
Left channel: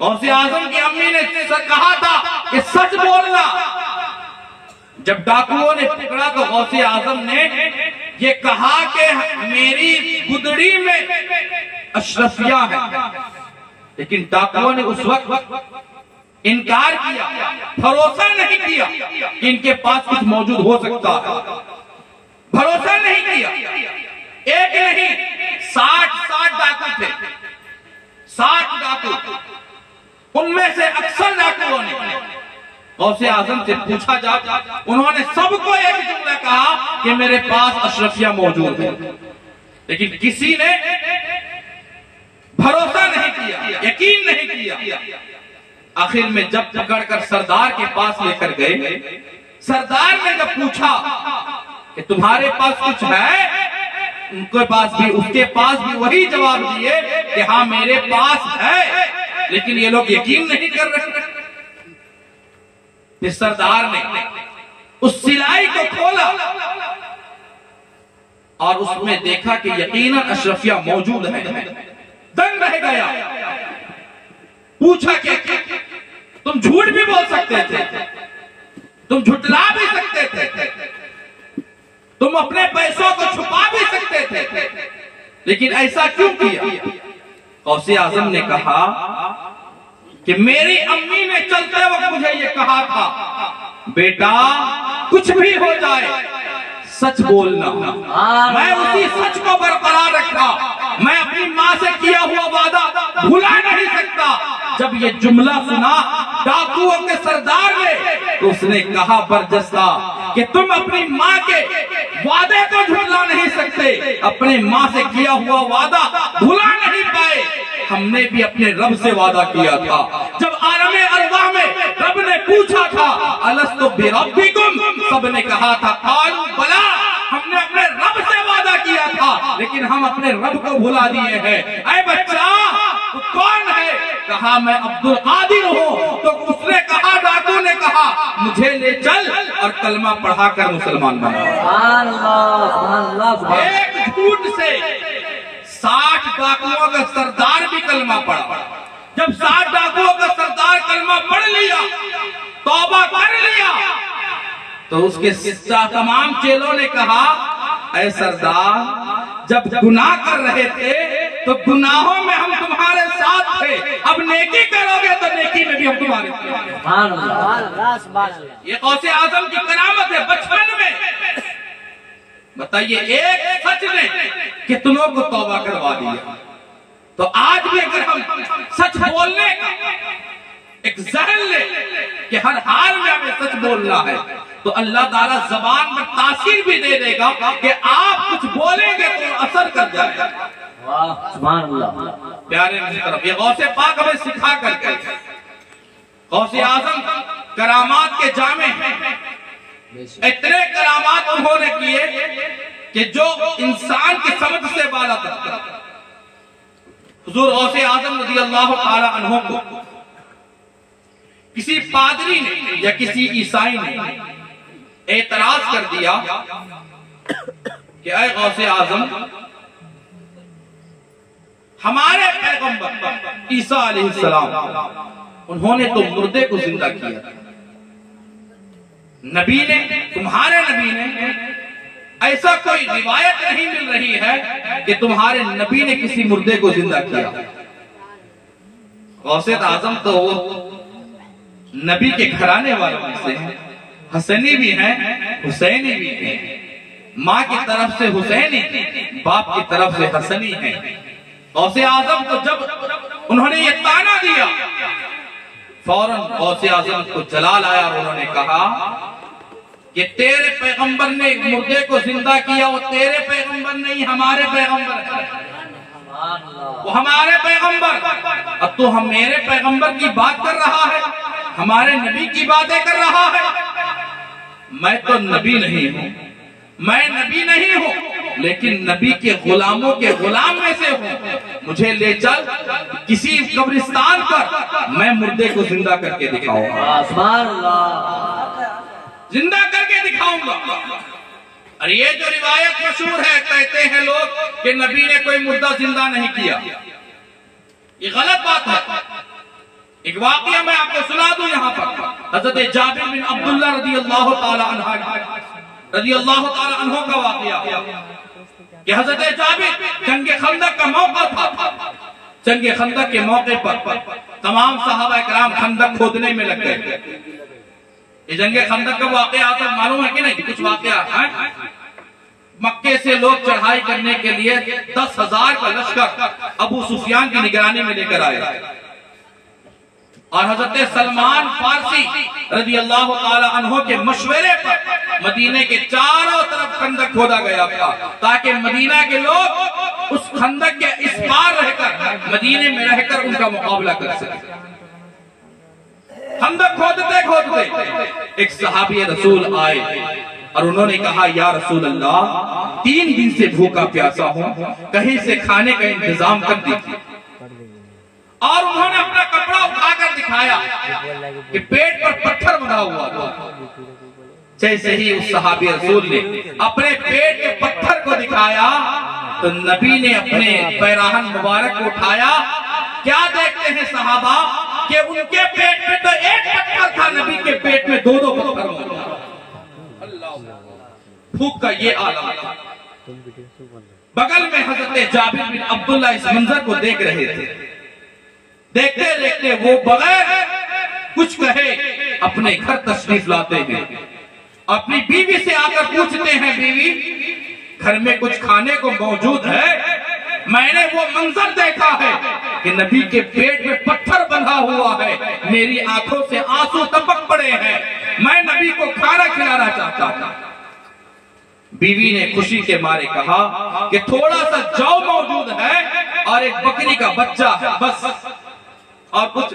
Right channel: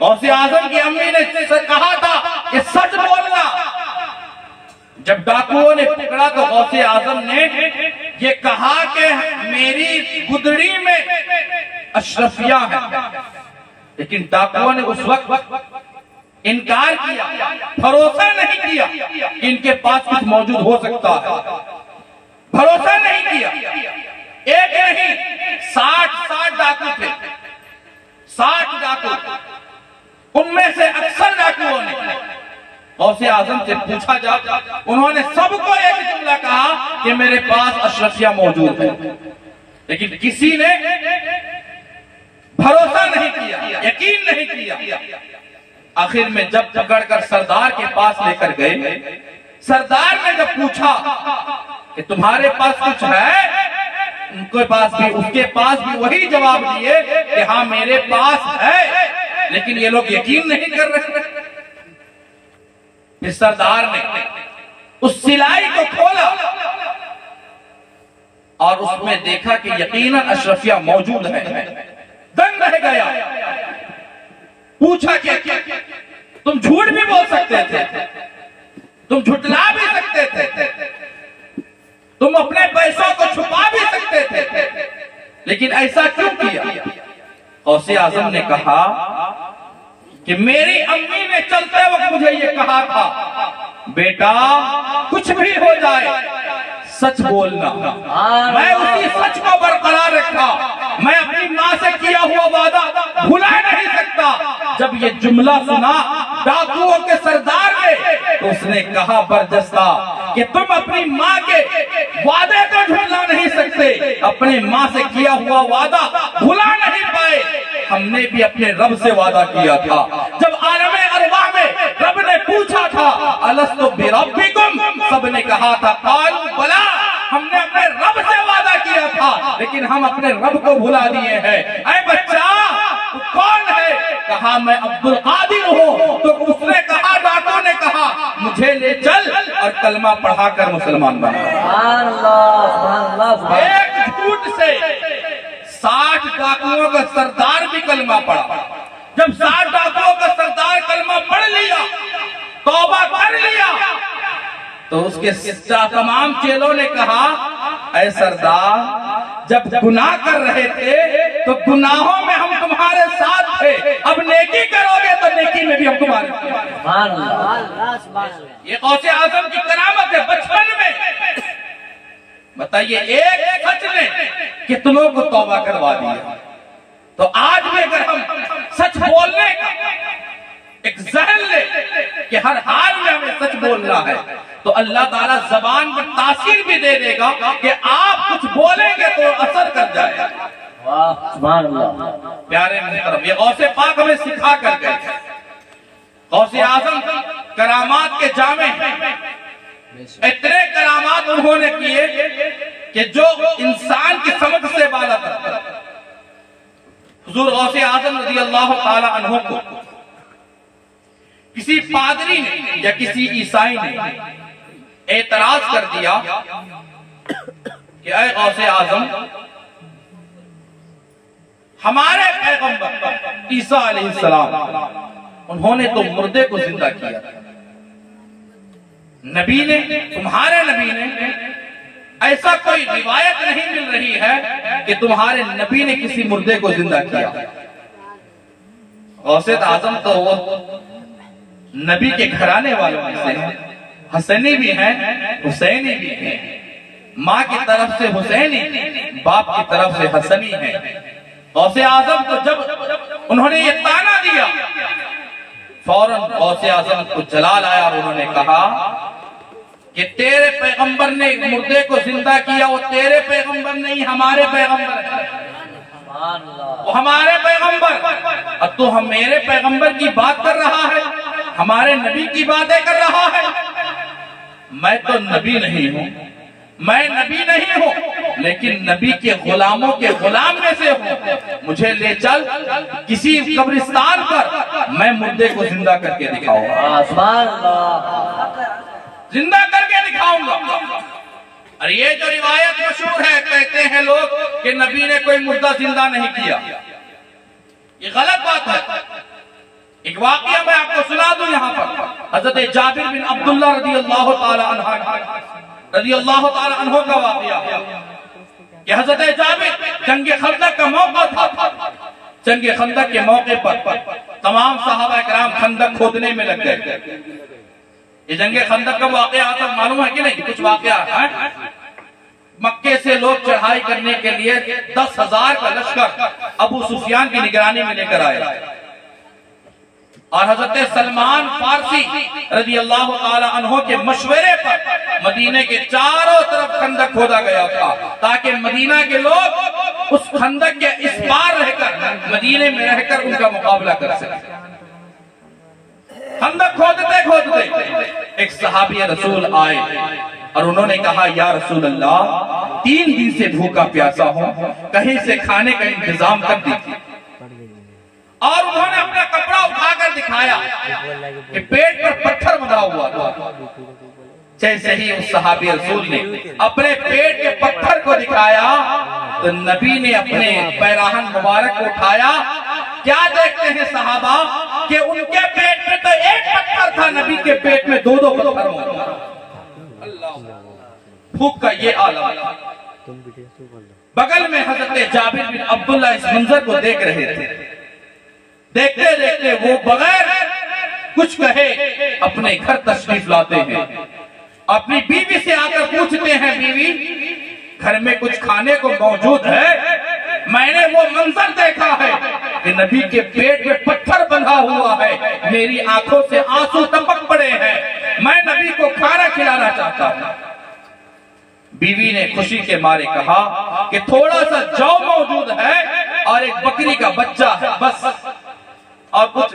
غوث اعظم کی امی نے کہا تھا کہ سچ بولنا۔ جب ڈاکوؤں نے پکڑا تو غوث اعظم نے یہ کہا کہ میری گدڑی میں اشرفیہ ہے، لیکن ڈاکوؤں نے اس وقت انکار کیا، بھروسہ نہیں کیا کہ ان کے پاس کچھ موجود ہو سکتا ہے، بھروسہ نہیں کیا۔ ایک نہیں 60 ڈاکو تھے، 60 ڈاکو، ان میں سے اکثر ڈاکوؤں نے غوث اعظم سے پوچھا جا، انہوں نے سب کو ایک جملہ کہا کہ میرے پاس اشرفیہ موجود ہے، لیکن کسی نے بھروسہ نہیں کیا، یقین نہیں کیا۔ آخر میں جب پکڑ کر سردار کے پاس لے کر گئے، سردار نے جب پوچھا کہ تمہارے پاس کچھ ہے، اس کے پاس بھی وہی جواب دیے کہ ہاں میرے پاس ہے، لیکن یہ لوگ یقین نہیں کر رہے۔ پھر سردار نے اس سلائی کو کھولا اور اس میں دیکھا کہ یقیناً اشرفیہ موجود ہے، دنگ رہ گیا۔ پوچھا کہ تم جھوٹ بھی بول سکتے تھے، تم جھٹلا بھی سکتے تھے، تم اپنے پیسوں کو چھپا بھی سکتے تھے، لیکن ایسا کیوں کیا؟ غوث اعظم نے کہا کہ میری امی نے چلتے وقت مجھے یہ کہا تھا، بیٹا کچھ بھی ہو جائے سچ بولنا۔ میں اسی سچ کو برقرار رکھا، میں اپنی ماں سے کیا ہوا وعدہ بھلا نہیں سکتا۔ جب یہ جملہ سنا ڈاکوؤں کے سردار نے تو اس نے کہا برجستہ کہ تم اپنی ماں کے وعدے کو جھٹلا نہیں سکتے، اپنے ماں سے کیا ہوا وعدہ بھلا نہیں پائے۔ ہم نے بھی اپنے رب سے وعدہ کیا تھا، جب عالم ارواح میں رب نے پوچھا تھا الست بربکم، سب نے کہا تھا قالوا بلا، ہم نے اپنے رب سے وعدہ کیا تھا، لیکن ہم اپنے رب کو بھلا دیے ہیں۔ اے بچہ تو کون ہے؟ کہا میں عبد القادر ہوں۔ تو اس نے کہا، ڈاکو نے کہا مجھے لے چل اور کلمہ پڑھا کر مسلمان بنا۔ ایک جھوٹ سے 60 ڈاکوؤں کا سردار بھی کلمہ پڑھا۔ جب 60 ڈاکوؤں کا سردار کلمہ پڑھ لیا، توبہ کر لیا، تو اس کے تمام چیلوں نے کہا اے سردار جب گناہ کر رہے تھے تو گناہوں میں ہم تمہارے ساتھ تھے، اب نیکی کرو گے تو نیکی میں بھی ہم تمہارے ساتھ۔ یہ غوث اعظم کی کرامت ہے۔ بچپن میں بتائیے ایک سچ نے کتنوں کو توبہ کروا دیا۔ تو آج بھی اگر ہم سچ بولنے کا ایک ذہن لے کہ ہر حال میں ہمیں سچ بولنا ہے تو اللہ تعالیٰ زبان میں تاثیر بھی دے دے گا کہ آپ کچھ بولیں گے تو اثر کر جائے گا۔ سبحان اللہ۔ پیارے محترم، یہ غوث پاک ہمیں سکھا کر گئے۔ غوث اعظم کرامات کے جامع ہیں، اتنے کرامات انہوں نے کیے کہ جو انسان کی سمجھ سے بالا تر۔ حضور غوث اعظم رضی اللہ تعالی عنہ کو کسی پادری نے یا کسی عیسائی نے اعتراض کر دیا کہ اے غوث اعظم، ہمارے پیغمبر عیسیٰ علیہ السلام انہوں نے تو مردے کو زندہ کیا تھا، نبی نے، تمہارے نبی نے ایسا کوئی روایت نہیں مل رہی ہے کہ تمہارے نبی نے کسی مردے کو زندہ کیا۔ غوث اعظم تو وہ نبی کے گھرانے والوں میں سے ہیں، حسنی بھی ہیں حسینی بھی ہیں، ماں کی طرف سے حسینی، باپ کی طرف سے حسنی ہیں۔ غوث اعظم کو جب انہوں نے یہ تانا دیا، فوراً غوث اعظم کو جلال آیا اور انہوں نے کہا کہ تیرے پیغمبر نے مردے کو زندہ کیا، وہ تیرے پیغمبر نہیں ہمارے پیغمبر ہے، وہ ہمارے پیغمبر۔ اب تو ہم میرے پیغمبر کی بات کر رہا ہے، ہمارے نبی کی باتیں کر رہا ہے۔ میں تو نبی نہیں ہوں، میں نبی نہیں ہوں، لیکن نبی کے غلاموں کے غلام میں سے ہوں۔ مجھے لے چل کسی قبرستان پر، میں مردے کو زندہ کر کے دکھاؤں گا، سبحان اللہ، زندہ کر کے دکھاؤں گا۔ اور یہ جو روایت مشہور ہے، کہتے ہیں لوگ کہ نبی نے کوئی مردہ زندہ نہیں کیا، یہ غلط بات ہے۔ ایک واقعہ میں آپ کو سنا دوں یہاں پر. حضرت جابر بن عبداللہ رضی اللہ تعالی عنہ کا واقعہ کہ حضرت جابر جنگ خندق کا موقع تھا. جنگ خندق کے موقع پر تمام صحابہ کرام خندق کھودنے میں لگ گئے. یہ جنگ خندق کا واقعہ تھا، معلوم ہے کہ نہیں؟ کچھ واقعہ ہے. مکے سے لوگ چڑھائی کرنے کے لیے 10,000 کا لشکر ابو سفیان کی نگرانی میں لے کر آئے، اور حضرت سلمان فارسی رضی اللہ تعالی عنہ کے مشورے پر مدینے کے چاروں طرف خندق کھودا گیا تھا تاکہ مدینہ کے لوگ اس خندق کے اس پار رہ کر مدینے میں رہ کر ان کا مقابلہ کر سکیں. خندق کھودتے کھودتے ایک صحابی رسول آئے اور انہوں نے کہا یا رسول اللہ 3 دن سے بھوکا پیاسا ہوں، کہیں سے کھانے کا انتظام کر دیجیے. اور انہوں نے اپنا کپڑا اٹھا کر دکھایا کہ پیٹ پر پتھر بنا ہوا تھا. جیسے ہی اس صحابی رسول نے اپنے پیٹ کے پتھر کو دکھایا تو نبی نے اپنے پیراہن مبارک کو اٹھایا. کیا دیکھتے ہیں صحابہ کہ ان کے پیٹ میں تو ایک پتھر تھا، نبی کے پیٹ میں 2 پتھر ہوتا. اللہ بھوک کا یہ عالم تھا. بغل میں حضرت جابر بن عبداللہ اس منظر کو دیکھ رہے تھے. دیکھتے دیکھتے وہ بغیر کچھ کہے اپنے گھر تشریف لاتے ہیں. اپنی بیوی سے آ کر پوچھتے ہیں بیوی گھر میں کچھ کھانے کو موجود ہے؟ میں نے وہ منظر دیکھا ہے کہ نبی کے پیٹ میں پتھر بندھا ہوا ہے، میری آنکھوں سے آنسو ٹپک پڑے ہیں، میں نبی کو کھانا کھلانا چاہتا ہوں. بیوی نے خوشی کے مارے کہا کہ تھوڑا سا جو موجود ہے اور ایک بکری کا بچہ ہے، بس اور کچھ.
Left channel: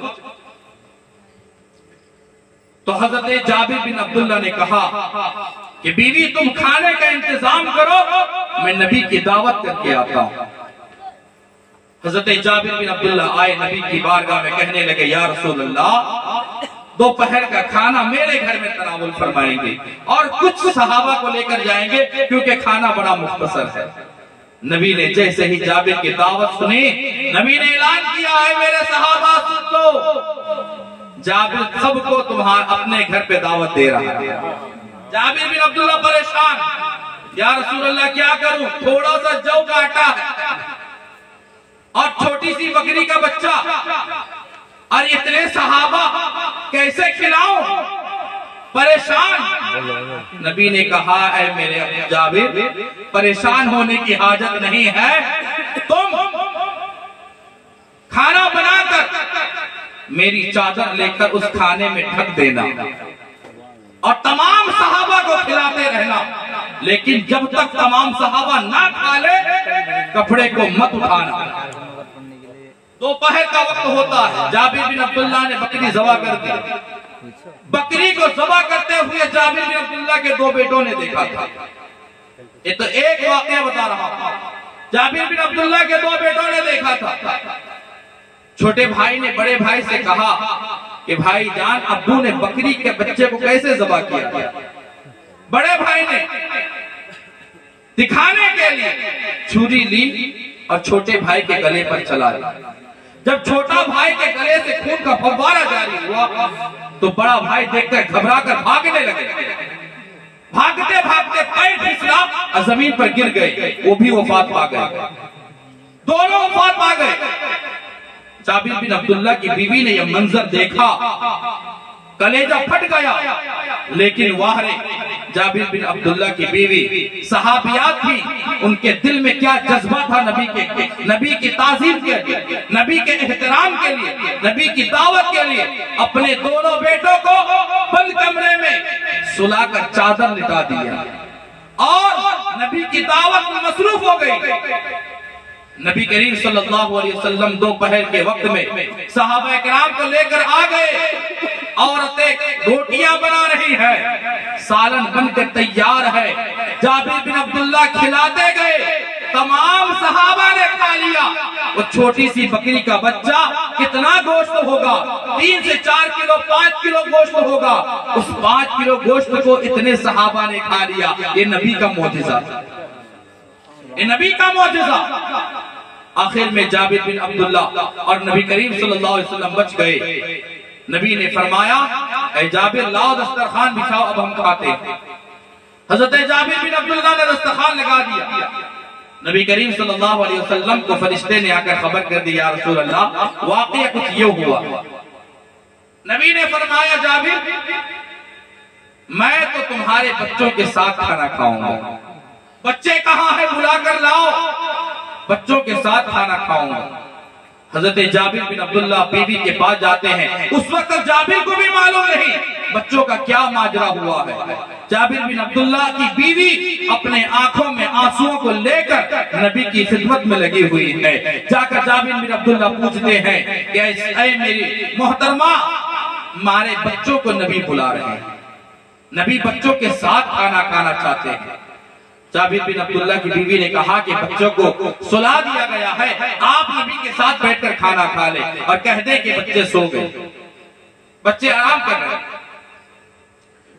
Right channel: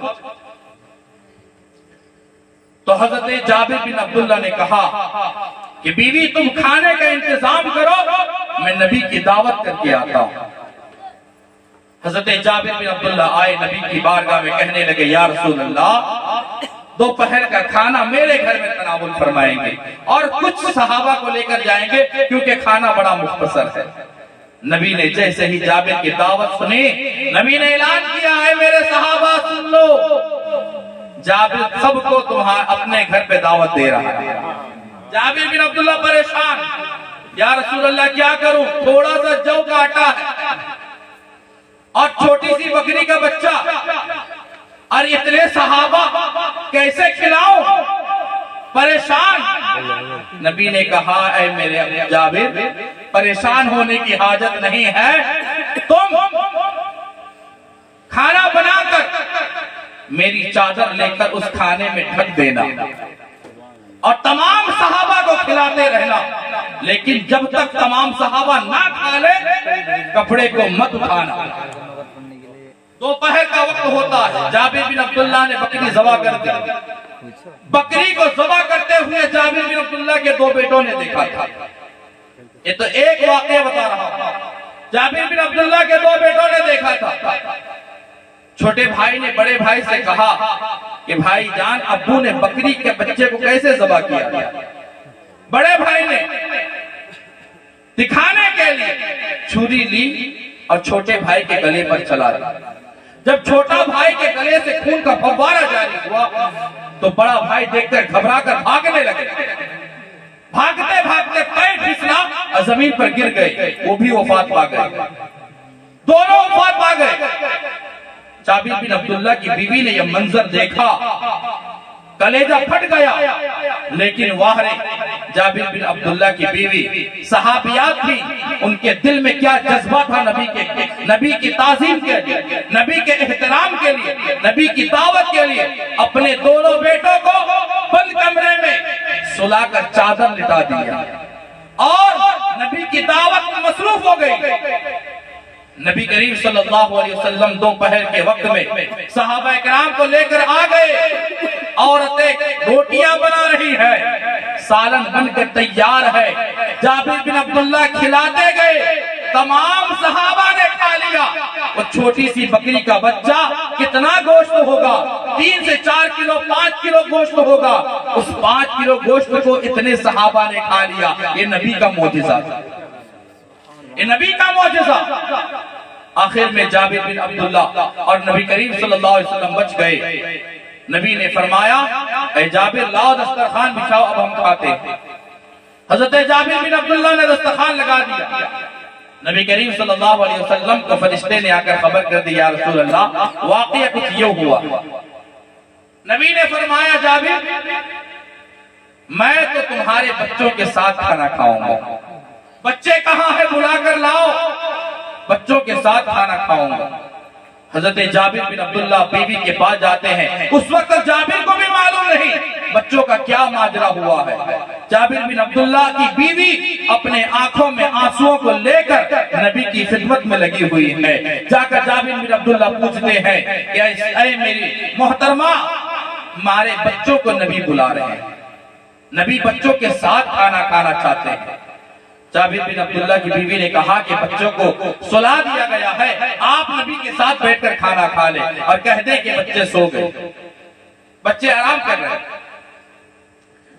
تو حضرت جابر بن عبداللہ نے کہا کہ بیوی تم کھانے کا انتظام کرو، میں نبی کی دعوت کر کے آتا ہوں. حضرت جابر بن عبداللہ آئے نبی کی بارگاہ میں، کہنے لگے یا رسول اللہ دوپہر کا کھانا میرے گھر میں تناول فرمائیں گے اور کچھ صحابہ کو لے کر جائیں گے کیونکہ کھانا بڑا مختصر ہے. نبی نے جیسے ہی جابر کی دعوت سنی، نبی نے اعلان کیا ہے میرے صحابہ سن لو، جابر سب کو تمہارا اپنے گھر پہ دعوت دے رہا ہے. جابر بن عبداللہ پریشان، یا رسول اللہ کیا کروں؟ تھوڑا سا جو کا آٹا ہے اور چھوٹی سی بکری کا بچہ اور اتنے صحابہ کیسے کھلاؤں؟ پریشان. نبی نے کہا اے میرے جابر پریشان ہونے کی حاجت نہیں ہے، تم کھانا بنا کر میری چادر لے کر اس کھانے میں ڈھک دینا اور تمام صحابہ کو کھلاتے رہنا، لیکن جب تک تمام صحابہ نہ کھا لے کپڑے کو مت اٹھانا. دوپہر کا وقت ہوتا ہے، جابر بن عبداللہ نے بکری ذبح کر دی. بکری کو ذبح کرتے ہوئے جابر بن عبداللہ کے 2 بیٹوں نے دیکھا تھا. یہ تو ایک واقعہ بتا رہا تھا. جابر بن عبداللہ کے 2 بیٹوں نے دیکھا تھا. چھوٹے بھائی نے بڑے بھائی سے کہا کہ بھائی جان ابو نے بکری کے بچے کو کیسے ذبح کیا؟ بڑے بھائی نے دکھانے کے لیے چھری لی اور چھوٹے بھائی کے گلے پر چلا دیا. جب چھوٹا بھائی کے گلے سے خون کا فوارہ جاری ہوا تو بڑا بھائی دیکھ کر گھبرا کر بھاگنے لگے. بھاگتے بھاگتے پیر پھسلا اور زمین پر گر گئے، وہ بھی وفات پا گئے، دونوں وفات پا گئے. جابر بن عبداللہ کی بیوی نے یہ منظر دیکھا، کلیجہ پھٹ گیا. لیکن واہرے جابر بن عبداللہ کی بیوی صحابیات تھی، ان کے دل میں کیا جذبہ تھا نبی کی تعظیم کے لیے، نبی کے احترام کے لیے، نبی کی دعوت کے لیے. اپنے دونوں بیٹوں کو بند کمرے میں سلا کر چادر لٹا دیا اور نبی کی دعوت میں مصروف ہو گئی. نبی کریم صلی اللہ علیہ وسلم دوپہر کے وقت میں صحابہ کرام کو لے کر آ گئے. عورتیں روٹیاں بنا رہی ہے، سالن بن کر تیار ہے. جابر بن عبداللہ کھلاتے گئے، تمام صحابہ نے کھا لیا. وہ چھوٹی سی بکری کا بچہ کتنا گوشت ہوگا؟ 3 سے 4 کلو 5 کلو گوشت ہوگا. اس 5 کلو گوشت کو اتنے صحابہ نے کھا لیا. یہ نبی کا معجزہ تھا، یہ نبی کا معجزہ. آخر میں جابر بن عبداللہ اور نبی کریم صلی اللہ علیہ وسلم بچ گئے۔ نبی نے فرمایا اے جابر لاؤ دسترخوان بچھاؤ اب ہم کھاتے ہیں۔ حضرت جابر بن عبداللہ نے دسترخوان لگا دیا۔ نبی کریم صلی اللہ علیہ وسلم کو فرشتے نے آ کر خبر کر دی یا رسول اللہ واقعہ کچھ یہ ہوا۔ نبی نے فرمایا جابر میں تو تمہارے بچوں کے ساتھ کھانا کھاؤں گا، بچے کہاں ہیں بلا کر لاؤ، بچوں کے ساتھ کھانا کھاؤں گا۔ حضرت جابر بن عبداللہ بیوی کے پاس جاتے ہیں، اس وقت جابر کو بھی معلوم نہیں بچوں کا کیا ماجرا ہوا ہے۔ جابر بن عبداللہ کی بیوی اپنے آنکھوں میں آنسوؤں کو لے کر نبی کی خدمت میں لگی ہوئی ہے۔ جا کر جابر بن عبداللہ پوچھتے ہیں کہ اے میری محترمہ ہمارے بچوں کو نبی بلا رہے ہیں، نبی بچوں کے ساتھ کھانا کھانا چاہتے ہیں۔ جابر بن عبداللہ کی بیوی نے کہا کہ بچوں کو سلا دیا گیا ہے، آپ نبی کے ساتھ بیٹھ کر کھانا کھا لیں اور کہہ دیں کہ بچے سو گئے، بچے آرام کر رہے ہیں۔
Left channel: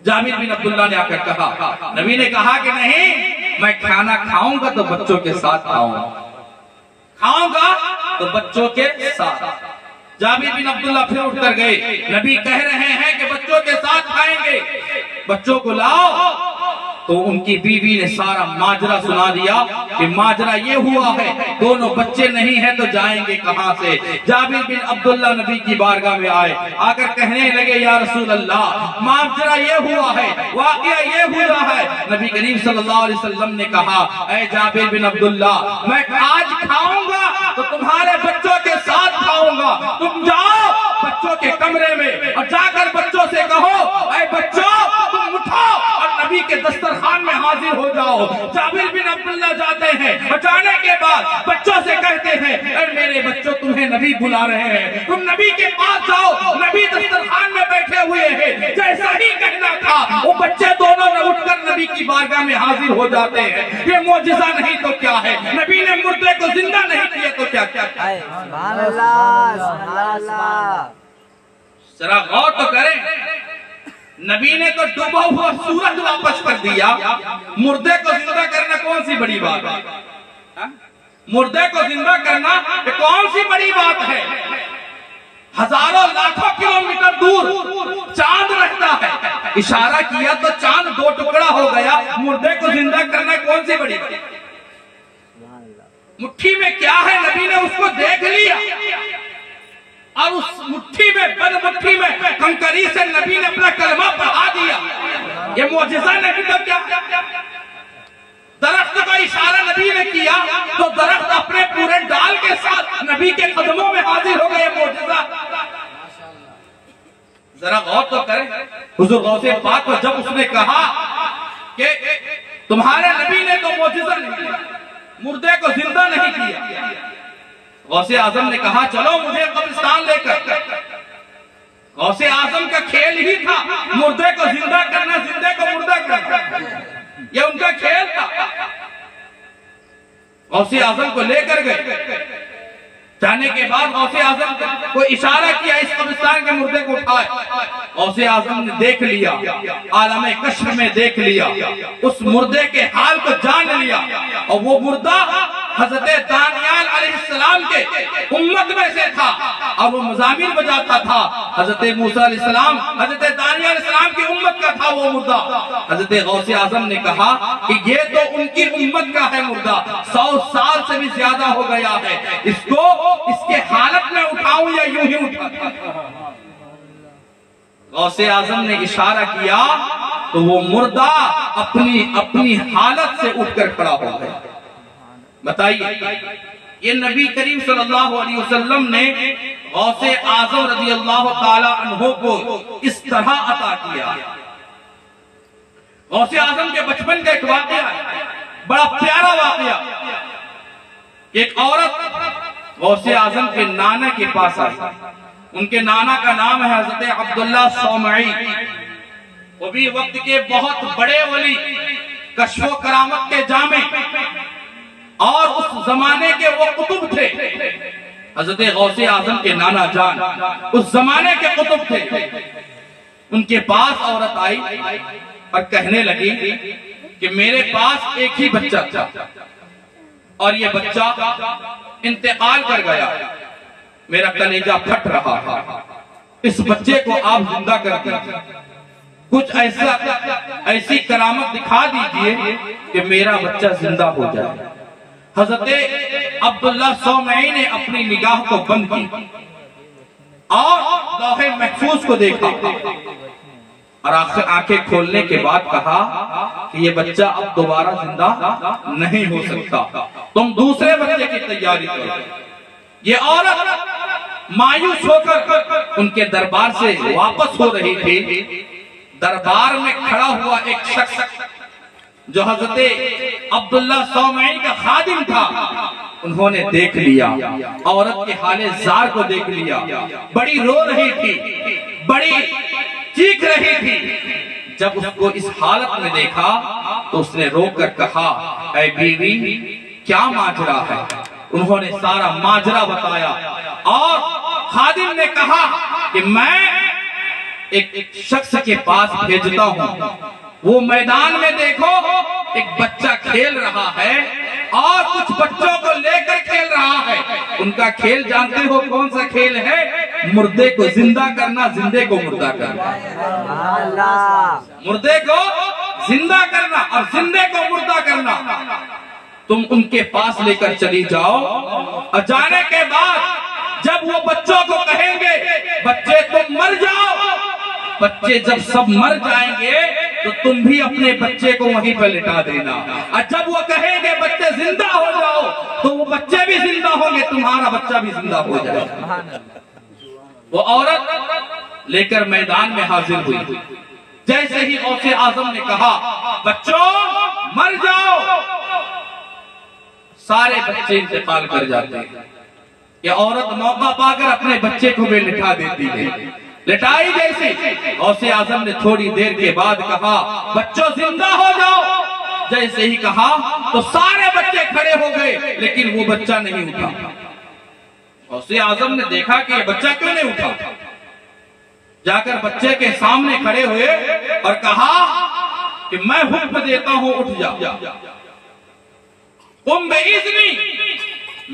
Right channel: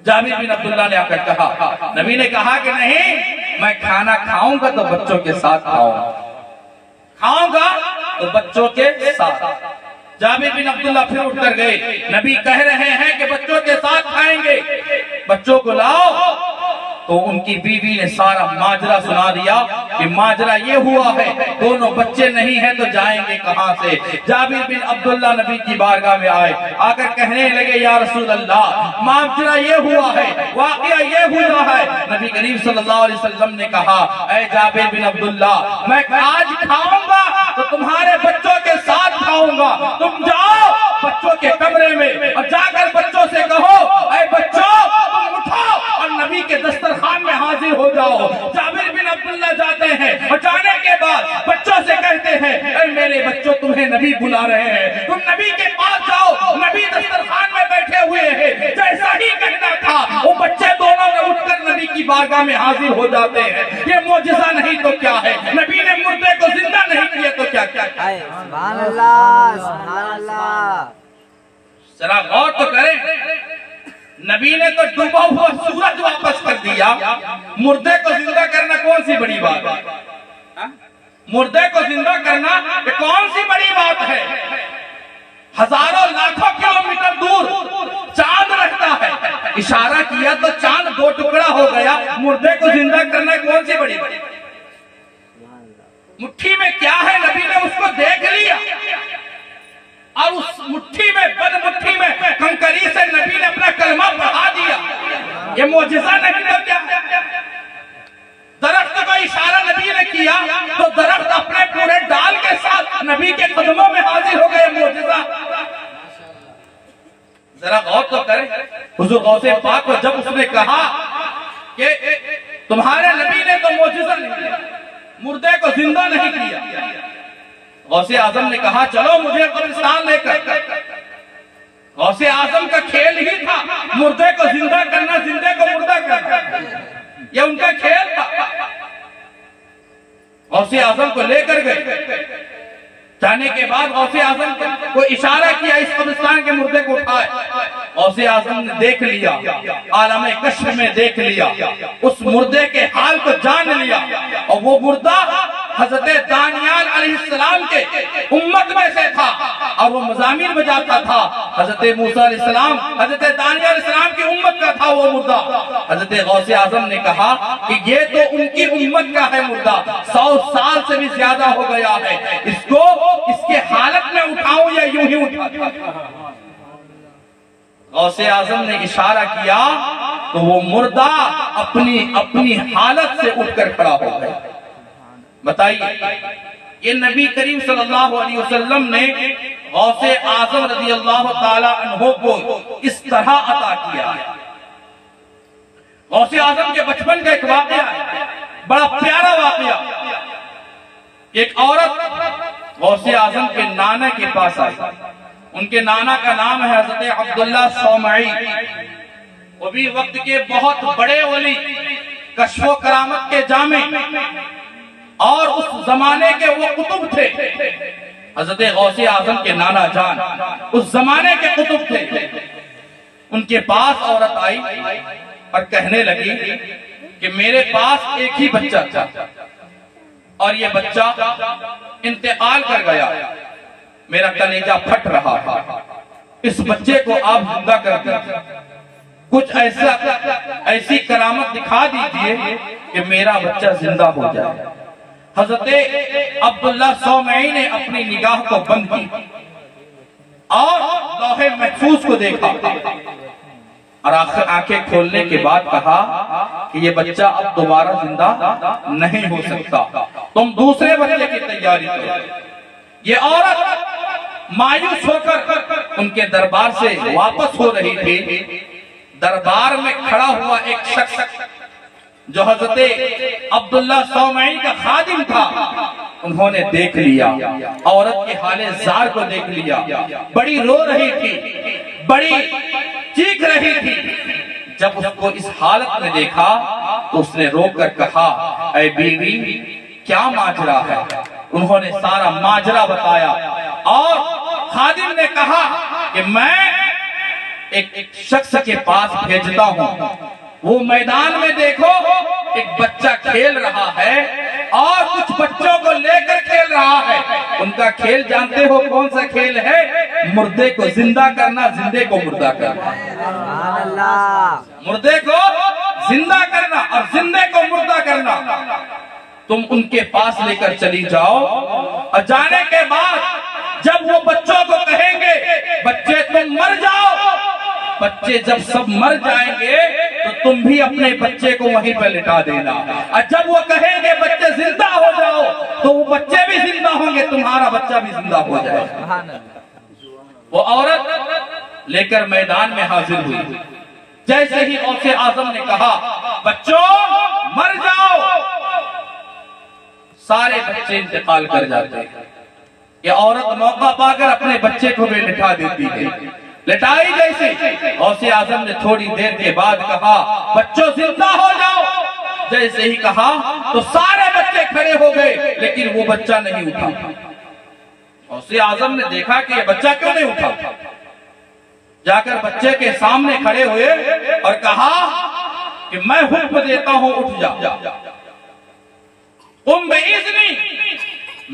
جابر بن عبداللہ نے آ کر کہا، نبی نے کہا کہ نہیں میں کھانا کھاؤں گا تو بچوں کے ساتھ کھاؤں گا تو بچوں کے ساتھ۔ جابر بن عبداللہ پھر اٹھ کر گئے، نبی کہہ رہے ہیں کہ بچوں کے ساتھ کھائیں گے، بچوں کو لاؤ۔ تو ان کی بیوی نے سارا ماجرا سنا دیا کہ ماجرا یہ ہوا ہے، دونوں بچے نہیں ہیں تو جائیں گے کہاں سے۔ جابر بن عبداللہ نبی کی بارگاہ میں آئے، آ کر کہنے لگے یا رسول اللہ ماجرا یہ ہوا ہے، واقعہ یہ ہوا ہے۔ نبی کریم صلی اللہ علیہ وسلم نے کہا اے جابر بن عبداللہ میں آج کھاؤں گا تو تمہارے بچوں کے ساتھ کھاؤں گا، تم جاؤ بچوں کے کمرے میں اور جا کر بچوں سے کہو اے بچوں تم اٹھو اور نبی کے دسترخوان میں حاضر ہو جاؤ۔ جابر بن عبداللہ جاتے ہیں اور جانے کے بعد بچوں سے کہتے ہیں اے میرے بچوں تمہیں نبی بلا رہے ہیں، تم نبی کے پاس جاؤ، نبی دسترخوان میں بیٹھے ہوئے ہیں۔ جیسا ہی کہنا تھا وہ بچے دونوں اٹھ کر نبی کی بارگاہ میں حاضر ہو جاتے ہیں۔ یہ معجزہ نہیں تو کیا ہے، نبی نے مردے کو زندہ نہیں کیے تو کیا کیا۔ سبحان اللہ سبحان اللہ۔ ذرا غور تو کریں، نبی نے تو ڈوبا ہوا سورج واپس کر دیا، مردے کو زندہ کرنا کون سی بڑی بات ہے؟ مردے کو زندہ کرنا یہ کون سی بڑی بات ہے؟ ہزاروں لاکھوں کلومیٹر دور چاند رہتا ہے، اشارہ کیا تو چاند دو ٹکڑا ہو گیا، مردے کو زندہ کرنا کون سی بڑی بات؟ مٹھی میں کیا ہے نبی نے اس کو دیکھ لیا اور اس مٹھی میں بند مٹھی میں کنکری سے نبی نے اپنا کلمہ پڑھا دیا۔ یہ معجزہ نہیں تو کیا؟ درخت کا اشارہ نبی نے کیا تو درخت اپنے پورے ڈال کے ساتھ نبی کے قدموں میں حاضر ہو گئے، معجزہ۔ ذرا غور تو کریں، حضور غوث پاک کو جب اس نے کہا کہ تمہارے نبی نے تو معجزہ نہیں کیا، مردے کو زندہ نہیں کیا، غوث اعظم نے کہا چلو مجھے قبرستان لے کر۔ غوث اعظم کا کھیل ہی تھا مردے کو زندہ کرنا، زندے کو مردہ کرنا، یہ ان کا کھیل تھا۔ غوث اعظم کو لے کر گئے، جانے کے بعد غوث اعظم کو اشارہ کیا اس قبرستان کے مردے کو اٹھائے۔ غوث اعظم نے دیکھ لیا، عالم کشف میں دیکھ لیا، اس مردے کے حال کو جان لیا، اور وہ مردہ حضرت دانیال علیہ السلام کے امت میں سے تھا اور وہ مزامیر بجاتا تھا۔ حضرت موسیٰ علیہ السلام حضرت دانیال علیہ السلام کی امت کا تھا وہ مردہ۔ حضرت غوث اعظم نے کہا کہ یہ تو ان کی امت کا ہے مردہ، 100 سال سے بھی زیادہ ہو گیا ہے، اس کو اس کے حالت میں اٹھاؤں یا یوں ہی اٹھاتا۔ غوث اعظم نے اشارہ کیا تو وہ مردہ اپنی حالت سے اٹھ کر کھڑا ہو گیا۔ بتائیے یہ نبی کریم صلی اللہ علیہ وسلم نے غوث اعظم رضی اللہ تعالی عنہ کو اس طرح عطا کیا۔ غوث اعظم کے بچپن کا ایک واقعہ ہے، بڑا پیارا واقعہ۔ ایک عورت غوث اعظم کے نانا کے پاس آئی، ان کے نانا کا نام ہے حضرت عبداللہ صومعی، وہ بھی وقت کے بہت بڑے ولی، کشف و کرامت کے جامع، اور اس زمانے کے وہ قطب تھے۔ حضرت غوث اعظم کے نانا جان اس زمانے کے قطب تھے۔ ان کے پاس عورت آئی اور کہنے لگی کہ میرے پاس ایک ہی بچہ تھا، اور یہ بچہ انتقال کر گیا، میرا کلیجہ پھٹ رہا ہے، اس بچے کو آپ زندہ کر دیجئے، کچھ ایسی کرامت دکھا دیجئے کہ میرا بچہ زندہ ہو جائے۔ حضرت عبداللہ صومعی نے اپنی نگاہ کو بند کی اور لوح محفوظ کو دیکھا، اور آخر آنکھیں کھولنے کے بعد کہا کہ یہ بچہ اب دوبارہ زندہ نہیں ہو سکتا، تم دوسرے بچے کی تیاری کرو۔ یہ عورت مایوس ہو کر ان کے دربار سے واپس ہو رہی تھی، دربار میں کھڑا ہوا ایک شخص جو حضرت عبداللہ صومعی کا خادم تھا، انہوں نے دیکھ لیا، عورت کے حال زار کو دیکھ لیا، بڑی رو رہی تھی، بڑی چیخ رہی تھی۔ جب اس کو اس حالت میں دیکھا تو اس نے رو کر کہا، اے بیوی کیا ماجرا ہے؟ انہوں نے سارا ماجرا بتایا، اور خادم نے کہا کہ میں ایک شخص کے پاس بھیجتا ہوں، وہ میدان میں دیکھو ایک بچہ کھیل رہا ہے اور کچھ بچوں کو لے کر کھیل رہا ہے۔ ان کا کھیل جانتے ہو کون سا کھیل ہے؟ مردے کو زندہ کرنا، زندے کو مردہ کرنا۔ سبحان اللہ۔ مردے کو زندہ کرنا اور زندے کو مردہ کرنا۔ تم ان کے پاس لے کر چلی جاؤ، اور جانے کے بعد جب وہ بچوں کو کہیں گے بچے تم مر جاؤ، بچے جب سب مر جائیں گے تو تم بھی اپنے بچے کو وہیں پر لٹا دینا، اور جب وہ کہیں گے بچے زندہ ہو جاؤ تو وہ بچے بھی زندہ ہوں گے، تمہارا بچہ بھی زندہ ہو جائے گا۔ سبحان اللہ۔ وہ عورت لے کر میدان میں حاضر ہوئی، جیسے ہی غوث اعظم نے کہا بچوں مر جاؤ، سارے بچے انتقال کر جاتے ہیں۔ یہ عورت موقع پا کر اپنے بچے کو بھی لٹا دیتی ہے، لٹائی جیسے غوث اعظم نے تھوڑی دیر کے بعد کہا بچوں زندہ ہو جاؤ، جیسے ہی کہا تو سارے بچے کھڑے ہو گئے، لیکن وہ بچہ نہیں اٹھا۔ غوث اعظم نے دیکھا کہ یہ بچہ کیوں نہیں اٹھا، جا کر بچے کے سامنے کھڑے ہوئے اور کہا کہ میں حکم دیتا ہوں اٹھ جا، قم بإذنی،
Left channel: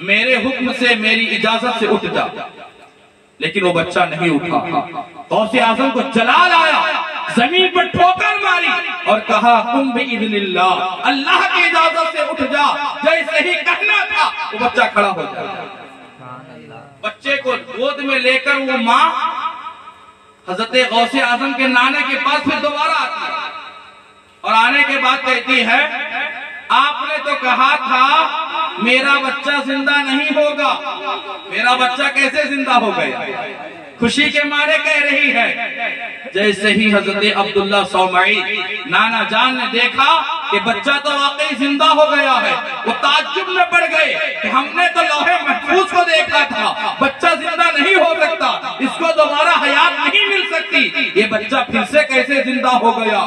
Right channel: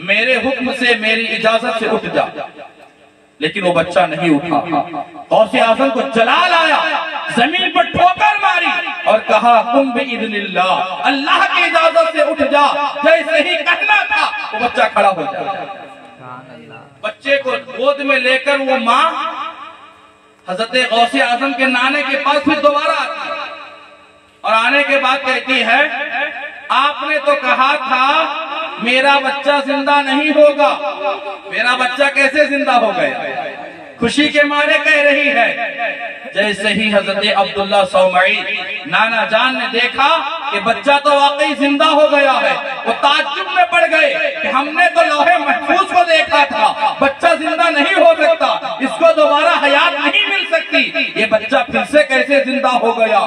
میرے حکم سے میری اجازت سے اٹھ جا، لیکن وہ بچہ نہیں اٹھا۔ غوث اعظم کو جلال آیا، زمین پر ٹھوکر ماری اور کہا قم بإذن اللہ، اللہ کی اجازت سے اٹھ جا۔ جیسے ہی کہنا تھا وہ بچہ کھڑا ہو جاتا۔ بچے کو گود میں لے کر وہ ماں حضرت غوث اعظم کے نانے کے پاس پھر دوبارہ آتی ہے، اور آنے کے بعد کہتی ہے آپ نے تو کہا تھا میرا بچہ زندہ نہیں ہوگا، میرا بچہ کیسے زندہ ہو گیا؟ خوشی کے مارے کہہ رہی ہے۔ جیسے ہی حضرت عبداللہ صومعی نانا جان نے دیکھا کہ بچہ تو واقعی زندہ ہو گیا ہے، وہ تعجب میں پڑ گئے کہ ہم نے تو لوح محفوظ کو دیکھا تھا، بچہ زندہ نہیں ہو سکتا، اس کو دوبارہ حیات نہیں مل سکتی، یہ بچہ پھر سے کیسے زندہ ہو گیا؟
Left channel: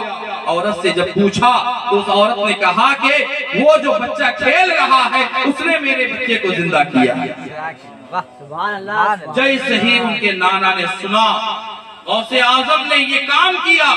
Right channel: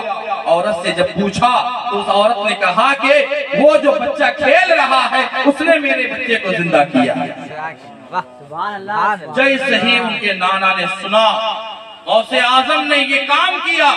عورت سے جب پوچھا تو اس عورت نے کہا کہ وہ جو بچہ کھیل رہا ہے اس نے میرے بچے کو زندہ کیا۔ سبحان اللہ۔ جیسے ہی ان کے نانا نے سنا غوث اعظم نے یہ کام کیا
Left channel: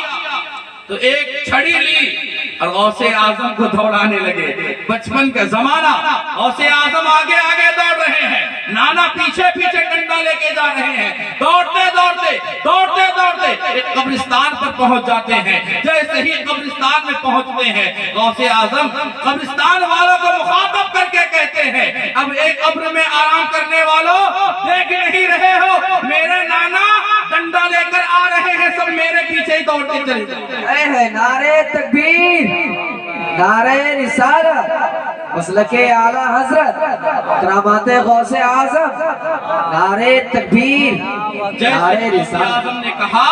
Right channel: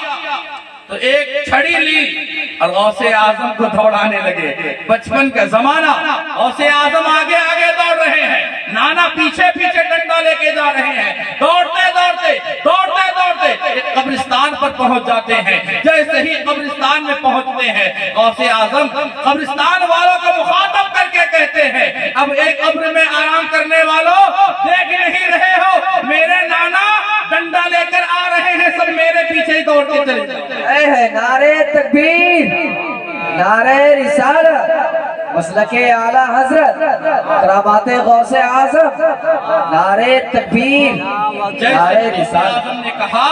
تو ایک چھڑی لی اور غوث اعظم کو دوڑانے لگے۔ بچپن کا زمانہ، غوث اعظم آگے آگے دوڑ رہے ہیں، نانا پیچھے پیچھے ڈنڈا لے کے جا رہے ہیں، دوڑتے دوڑتے دوڑتے دوڑتے ایک قبرستان پر پہنچ جاتے ہیں۔ جیسے ہی قبرستان میں پہنچتے ہیں غوث اعظم قبرستان والوں کو مخاطب کر کے کہتے ہیں اب ایک قبر میں آرام کرنے والوں دیکھ نہیں رہے ہو، میرے نانا ڈنڈا لے کر آ رہے ہیں، سب میرے پیچھے ہی دوڑتے چلے جاؤ۔ ہے نعرہ تکبیر، نعرہ رسالت، مسلک اعلی حضرت، کرامات غوث اعظم، نعرہ تکبیر، نعرہ جیسے رسالت۔ نے کہا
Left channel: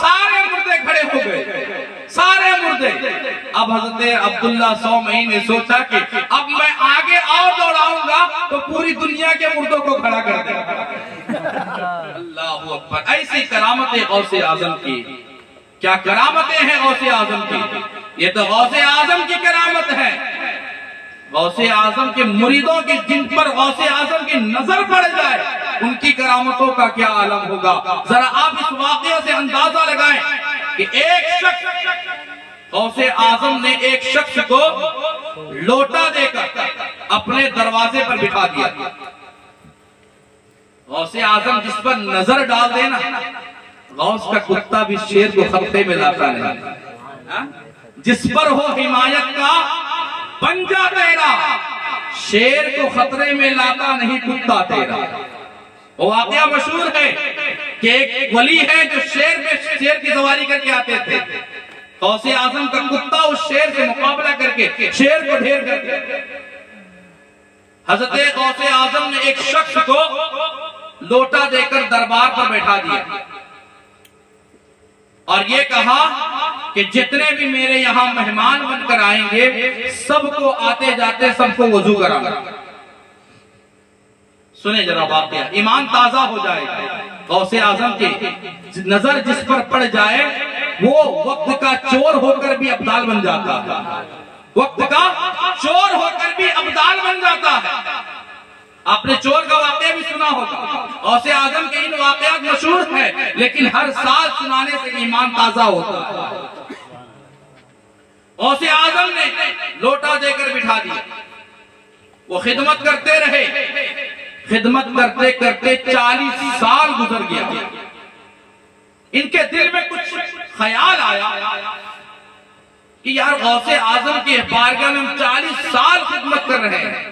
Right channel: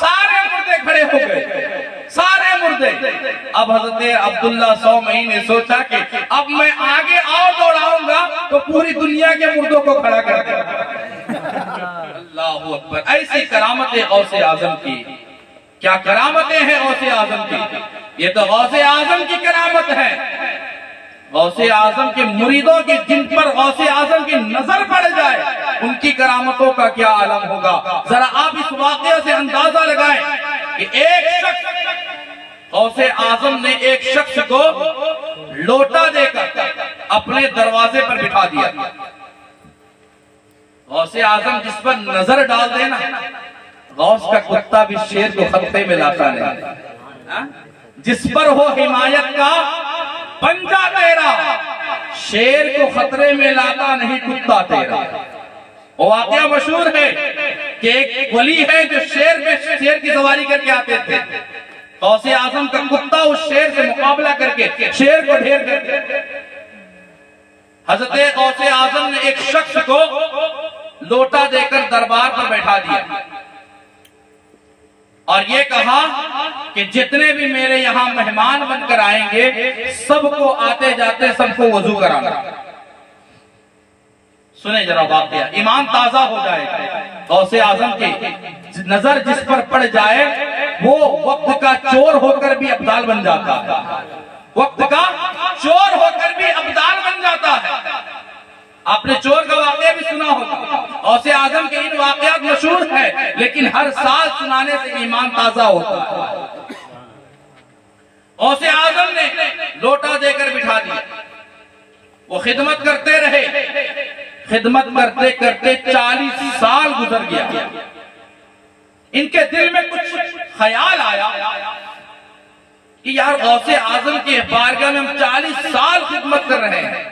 سارے مردے کھڑے ہو گئے، سارے مردے۔ اب حضرت عبداللہ صومعی نے سوچا کہ اب میں آگے اور دوڑاؤں گا تو پوری دنیا کے مردوں کو کھڑا کر دے گا۔ اللہ اکبر، ایسی کرامت غوث اعظم کی، کیا کرامتیں ہیں غوث اعظم کی؟ یہ تو غوث اعظم کی کرامت ہے۔ غوث اعظم کے مریدوں کی جن پر غوث اعظم کی نظر پڑ جائے ان کی کرامتوں کا کیا عالم ہوگا۔ ذرا آپ اس واقعے سے اندازہ لگائیں کہ ایک شخص غوث اعظم نے ایک شخص کو لوٹا دے کر اپنے دروازے پر بٹھا دیا. غوث اعظم جس پر نظر ڈال دینا، غوث کا کتا بھی شیر کو خطے میں لاتا نہیں. جس پر ہو حمایت کا پنجہ تیرا، شیر کو خطرے میں لاتا نہیں کتا تیرا. وہ واقعہ مشہور ہے کہ ایک ولی ہے جو شیر کی سواری کر کے آتے تھے. غوث اعظم کا کتا اس شیر سے مقابلہ کر کے شیر کو ڈھیر کر کے. حضرت غوث اعظم نے ایک شخص کو لوٹا دے کر دربار پر بیٹھا دیا اور یہ کہا کہ جتنے بھی میرے یہاں مہمان بن کر آئیں گے سب کو آتے جاتے سب کو وضو کرانا. سنیں ذرا واقعہ، ایمان تازہ ہو جائے گا. غوث اعظم کی نظر جس پر پڑ جائے وہ وقت کا چور ہو کر بھی ابدال بن جاتا ہے. وقت کا چور ہو کر بھی ابدال بن جاتا ہے. آپ نے چور کا واقعہ بھی سنا ہوگا. غوث اعظم کے ان واقعات مشہور ہیں لیکن ہر سال سنانے سے ایمان تازہ ہوتا ہے. غوث اعظم نے لوٹا دے کر بٹھا دیا. وہ خدمت کرتے رہے. خدمت کرتے کرتے 40 سال گزر گیا. ان کے دل میں کچھ خیال آیا کہ یار غوث اعظم کی بارگاہ میں ہم 40 سال خدمت کر رہے ہیں،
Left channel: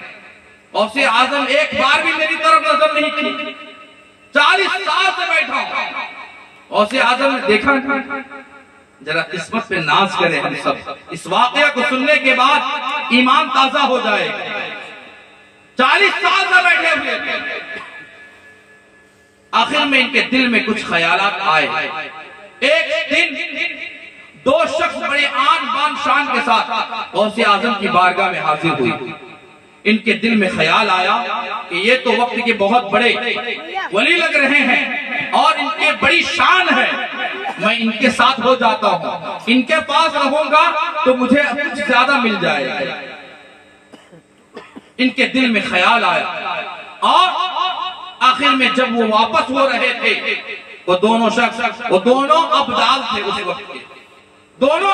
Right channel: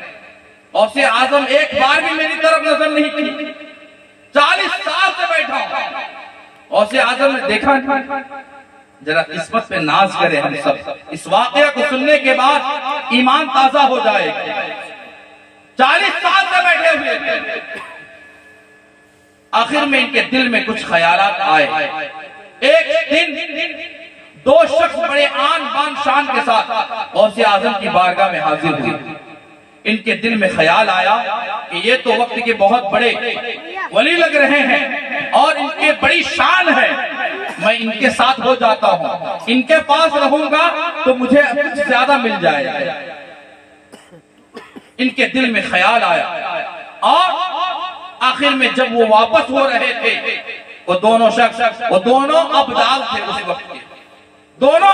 غوث اعظم ایک بار بھی میری طرف نظر نہیں کی. 40 سال سے بیٹھا ہوں. غوث اعظم نے دیکھا ذرا قسمت پہ ناز کرے ہم سب. اس واقعہ کو سننے کے بعد ایمان تازہ ہو جائے گا. 40 سال سے بیٹھے ہوئے تھے. آخر میں ان کے دل میں کچھ خیالات آئے. ایک دن 2 شخص بڑے آن بان شان کے ساتھ غوث اعظم کی بارگاہ میں حاضر ہوئی. ان کے دل میں خیال آیا کہ یہ تو وقت کے بہت بڑے ولی لگ رہے ہیں اور ان کی بڑی شان ہے. میں ان کے ساتھ ہو جاتا ہوں، ان کے پاس رہوں گا تو مجھے زیادہ مل جائے گا. ان کے دل میں خیال آیا اور آخر میں جب وہ واپس ہو رہے تھے وہ دونوں شخص، وہ دونوں ابدال تھے اس وقت کے. دونوں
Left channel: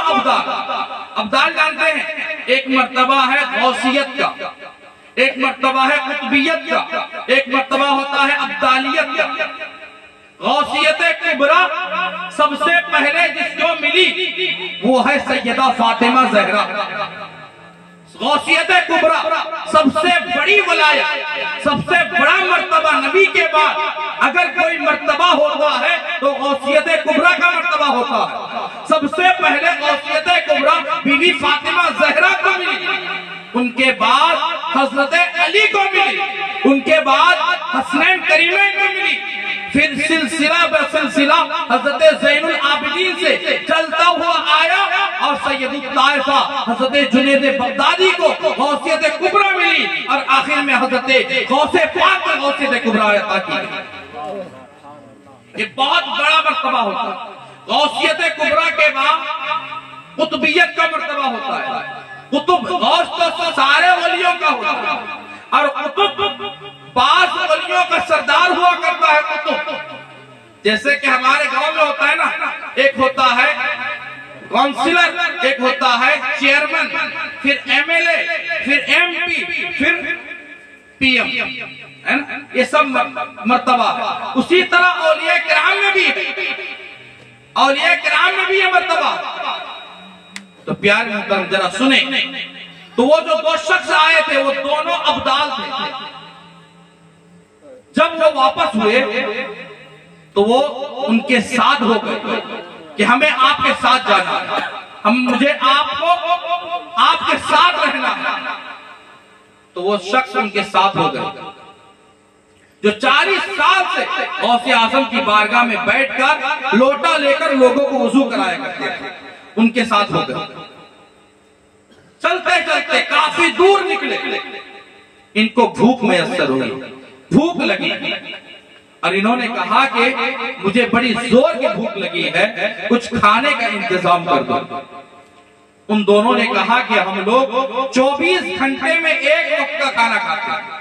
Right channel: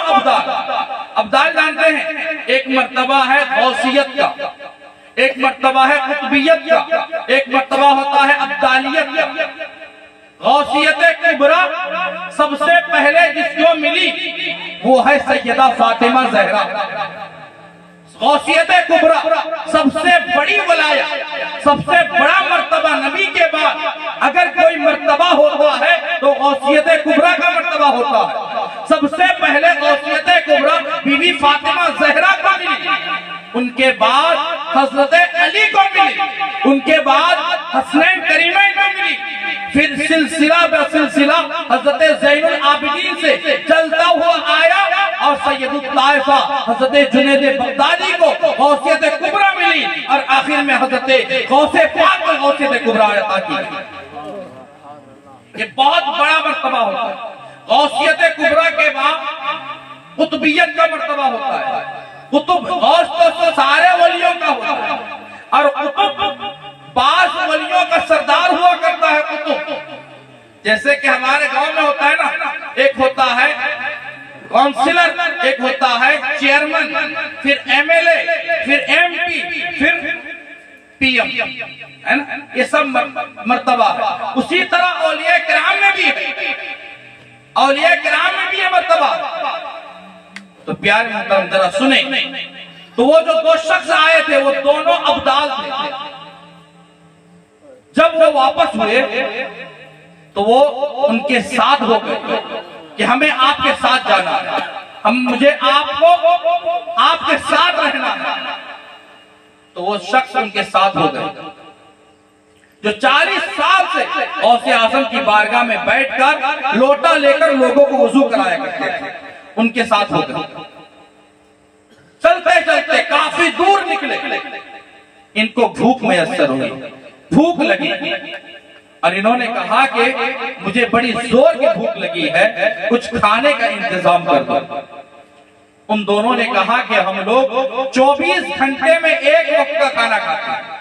ابدال جانتے ہیں، ایک مرتبہ ہے غوثیت کا، ایک مرتبہ ہے قطبیت کا، ایک مرتبہ ہوتا ہے ابدالیت کا. غوثیت کبریٰ سب سے پہلے جس کو ملی وہ ہے سیدہ فاطمہ زہرا. غوثیت کبریٰ سب سے بڑی ولایت، سب سے بڑا مرتبہ نبی کے بعد اگر کوئی مرتبہ ہوتا ہے تو غوثیت کبریٰ کا مرتبہ ہوتا ہے. سب سے پہلے غوثیت کبریٰ بی بی فاطمہ زہرا کو ملی، ان کے بعد حضرت علی کو ملی، ان کے بعد حسنین کریمین کو ملی، پھر سلسلہ بر سلسلہ حضرت زین العابدین سے چلتا ہوا آیا اور سید الطائفہ حضرت جنید بغدادی کو غوثیت کبریٰ ملی اور آخر میں حضرت غوث پاک کو غوثیت کبریٰ عطا کی. یہ بہت بڑا مرتبہ ہوتا ہے. غوثیت کبریٰ کے بعد قطبیت کا مرتبہ ہوتا ہے. قطب غوث تو سارے ولیوں کا ہوتا ہے اور قطب بعض ولیوں کا سردار ہوا کرتا ہے. قطب جیسے کہ ہمارے گاؤں میں ہوتا ہے نا، ایک ہوتا ہے کونسلر، ایک ہوتا ہے چیئرمین، پھر ایم ایل اے، پھر ایم پی، پھر پی ایم، یہ سب مرتبہ ہے. اسی طرح اولیاء کرام میں بھی ہے، اولیاء کرام میں بھی یہ مرتبہ. تو پیارے محترم ذرا سنیں، تو وہ جو 2 شخص آئے تھے وہ دونوں ابدال تھے. جب وہ واپس ہوئے تو وہ ان کے ساتھ ہو گئے کہ ہمیں آپ کے ساتھ جانا ہے، مجھے آپ کے ساتھ رہنا ہے. تو وہ شخص ان کے ساتھ ہو گئے جو 40 سال سے غوث اعظم کی بارگاہ میں بیٹھ کر لوٹا لے کر لوگوں کو وضو کرایا کرتے تھے. ان کے ساتھ ہو گئے. چلتے چلتے کافی دور نکلے. ان کو بھوک میسر ہوئی، بھوک لگی اور انہوں نے کہا کہ مجھے بڑی زور کی بھوک لگی ہے، کچھ کھانے کا انتظام کر دو. ان دونوں نے کہا کہ ہم لوگ 24 گھنٹے میں ایک وقت کا کھانا کھاتے ہیں.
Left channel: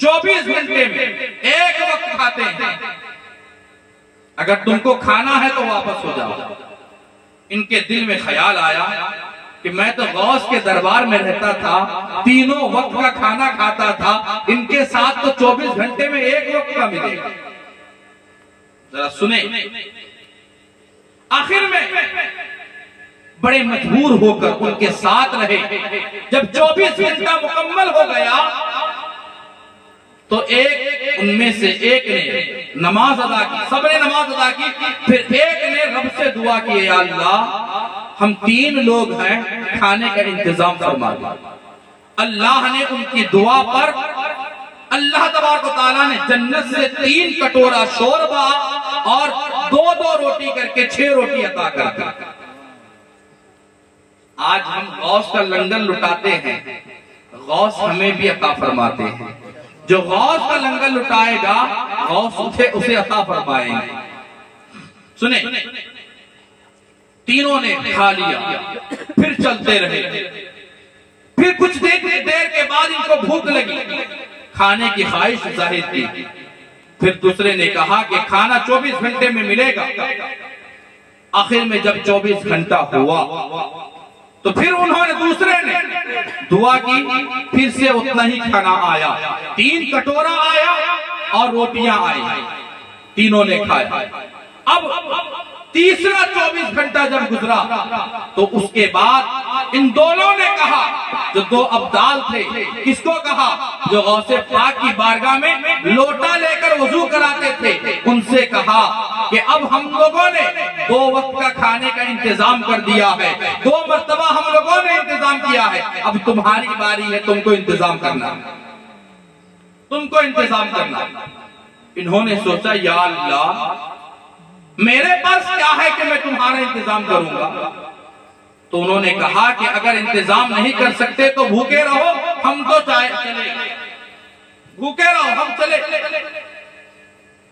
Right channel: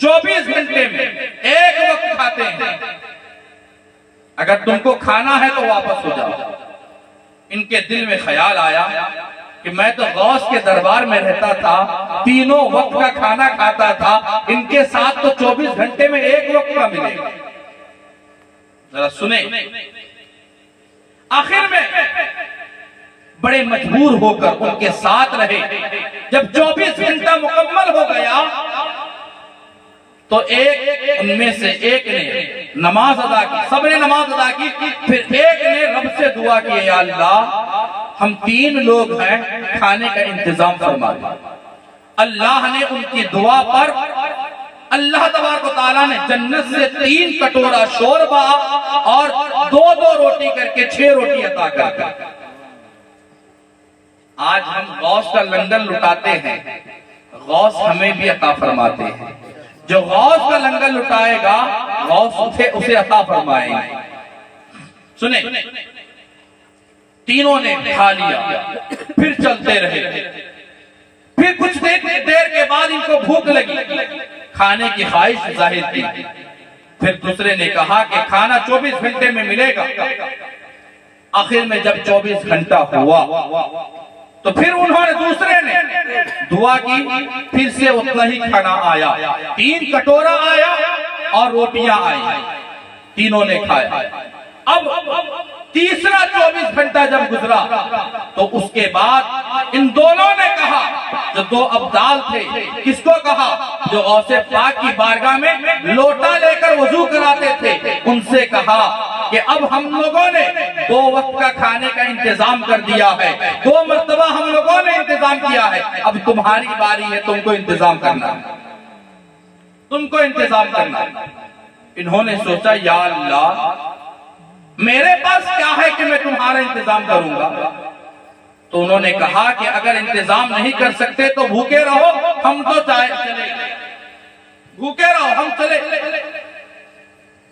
24 گھنٹے میں ایک وقت کھاتے ہیں. اگر تم کو کھانا ہے تو واپس ہو جاؤ. ان کے دل میں خیال آیا کہ میں تو غوث کے دربار میں رہتا تھا، تینوں وقت کا کھانا کھاتا تھا، ان کے ساتھ تو 24 گھنٹے میں ایک وقت کا ملے گا۔ ذرا سنیں، آخر میں بڑے مجبور ہو کر ان کے ساتھ رہے۔ جب 24 گھنٹہ مکمل ہو گیا تو ان میں سے ایک نے نماز ادا کی، سب نے نماز ادا کی، پھر ایک نے رب سے دعا کی، اے اللہ ہم 3 لوگ ہیں، کھانے کا انتظام فرما دے۔ اللہ نے ان کی دعا پر اللہ تبارک و تعالیٰ نے جنت سے 3 کٹورا شوربہ اور 2 روٹی کر کے 6 روٹی عطا کر دی۔ آج ہم غوث کا لنگر لٹاتے ہیں، غوث ہمیں بھی عطا فرماتے ہیں۔ جو غوث کا لنگر لٹائے گا غوث اسے عطا فرمائیں گے۔ سنیں، تینوں نے کھا لیا، پھر چلتے رہے، پھر کچھ دیر کے بعد ان کو بھوک لگی، کھانے کی خواہش ظاہر کی۔ پھر دوسرے نے کہا کہ کھانا 24 گھنٹے میں ملے گا۔ آخر میں جب 24 گھنٹہ ہوا تو پھر انہوں نے دوسرے نے دعا کی، پھر سے اتنا ہی کھانا آیا، 3 کٹورا آیا اور روٹیاں آئی، تینوں نے کھایا۔ اب تیسرا 24 گھنٹہ جب گزرا تو اس کے بعد ان دونوں نے کہا، جو 2 ابدال تھے، کس کو کہا؟ جو غوث پاک کی بارگاہ میں لوٹا لے کر وضو کراتے تھے، ان سے کہا کہ اب ہم لوگوں نے 2 وقت کا کھانے کا انتظام کر دیا ہے، 2 مرتبہ ہم لوگوں نے انتظام کیا ہے، اب تمہاری باری ہے، تم کو انتظام کرنا، تم کو انتظام کرنا۔ انہوں نے سوچا، یا اللہ میرے پاس کیا ہے کہ میں تمہارا انتظام کروں گا؟ تو انہوں نے کہا کہ اگر انتظام نہیں کر سکتے تو بھوکے رہو، ہم تو چلے، بھوکے رہو، ہم چلے۔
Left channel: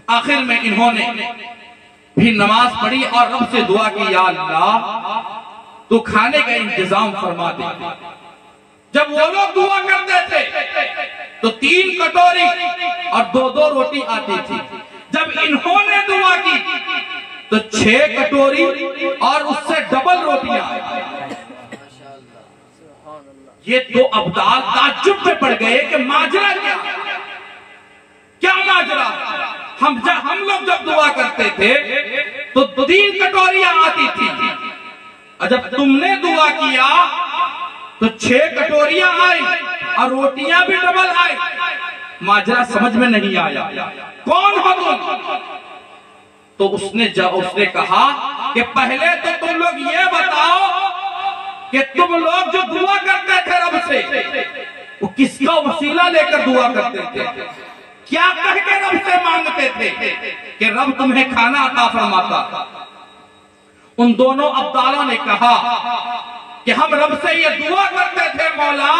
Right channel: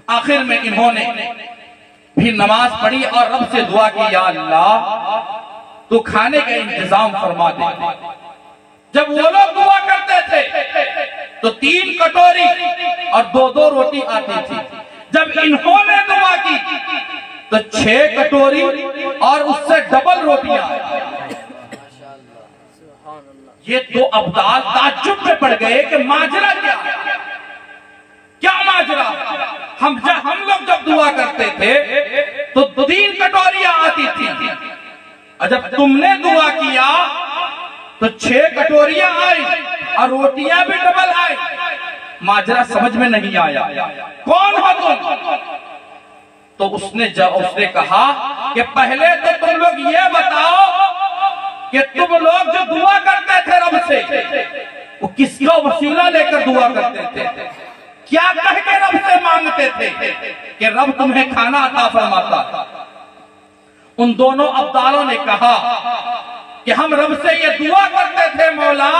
آخر میں انہوں نے بھی نماز پڑھی اور رب سے دعا کی، یا اللہ تو کھانے کا انتظام فرما دے۔ جب وہ لوگ دعا کرتے تھے تو 3 کٹوری اور 2 روٹی آتی تھی، جب انہوں نے دعا کی تو 6 کٹوری اور اس سے ڈبل روٹیاں آئی۔ یہ 2 ابدال تعجب میں پڑ گئے کہ ماجرا کیا ماجرا؟ ہم لوگ جب دعا کرتے تھے تو 3 کٹوریاں آتی تھی، اور جب تم نے دعا کیا تو 6 کٹوریاں آئی اور روٹیاں بھی ڈبل آئی۔ ماجرا سمجھ میں نہیں آیا، کون ہو تم؟ تو اس نے کہا کہ پہلے تو تم لوگ یہ بتاؤ کہ تم لوگ جو دعا کرتے تھے رب سے، وہ کس کا وسیلہ لے کر دعا کرتے تھے؟ کیا کہہ کے رب سے مانگتے تھے کہ رب تمہیں کھانا عطا فرماتا؟ ان دونوں ابدالوں نے کہا کہ ہم رب سے یہ دعا کرتے تھے، مولا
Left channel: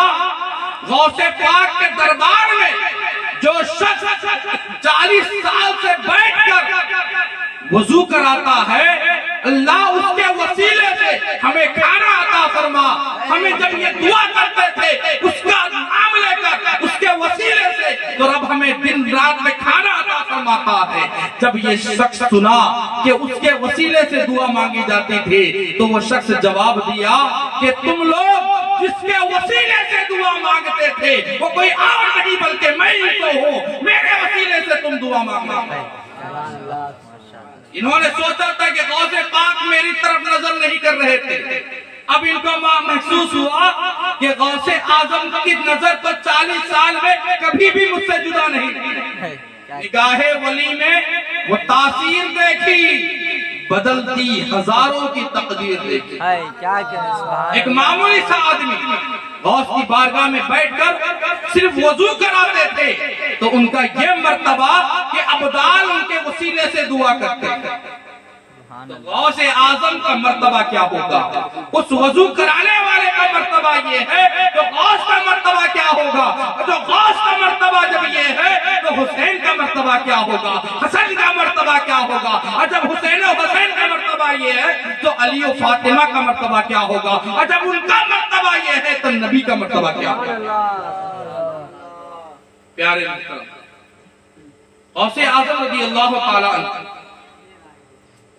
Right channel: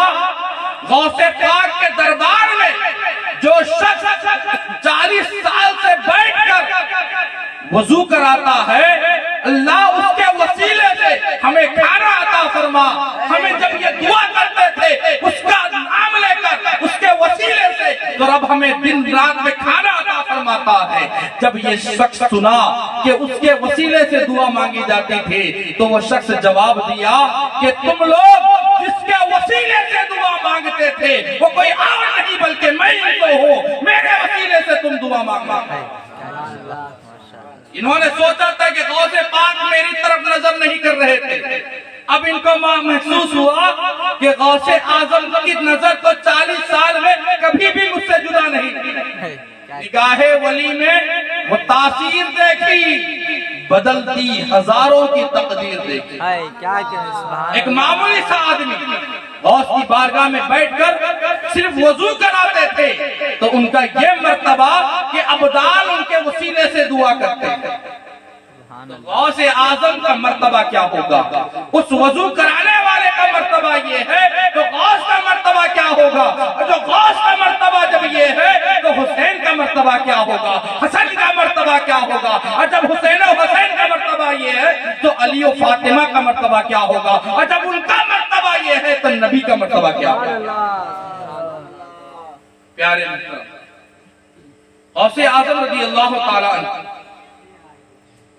غوث پاک کے دربار میں جو شخص 40 سال سے بیٹھ کر وضو کراتا ہے، اللہ اس کے وسیلے سے ہمیں کھانا عطا فرما۔ ہمیں جب یہ دعا کرتے تھے اس کا نام لے کر، اس کے وسیلے سے، تو رب ہمیں دن رات میں کھانا عطا فرماتا ہے۔ جب یہ شخص سنا کہ اس کے وسیلے سے دعا مانگی جاتی تھی تو وہ شخص جواب دیا کہ تم لوگ جس کے وسیلے سے دعا مانگتے تھے وہ کوئی اور نہیں بلکہ میں ہی تو ہوں، میرے وسیلے سے تم دعا مانگنا۔ انہوں نے سوچا تھا کہ غوث پاک میری طرف نظر نہیں کر رہے تھے، اب ان کو محسوس ہوا کہ غوث اعظم کی نظر تو 40 سال میں کبھی بھی مجھ سے جدا نہیں تھی۔ نگاہ ولی میں وہ تاثیر دیکھی، بدلتی ہزاروں کی تقدیر دیکھی۔ ایک معمولی سا آدمی غوث کی بارگاہ میں بیٹھ کر صرف وضو کراتے تھے تو ان کا یہ مرتبہ کہ ابدال ان کے وسیلے سے دعا کرتے تھے، تو غوث اعظم کا مرتبہ کیا ہوگا؟ اس وضو کرانے والے کا مرتبہ یہ ہے تو غوث کا مرتبہ کیا ہوگا؟ جو غوث کا مرتبہ جب یہ ہے تو حسین کا مرتبہ کیا ہوگا؟ حسن کا مرتبہ کیا ہوگا؟ اور جب حسین و حسین کا مرتبہ یہ ہے تو علی و فاطمہ کا مرتبہ کیا ہوگا؟ اور جب ان کا مرتبہ یہ ہے تو نبی کا مرتبہ کیا ہوگا؟ پیارے غوث اعظم رضی اللہ تعالیٰ عنہ،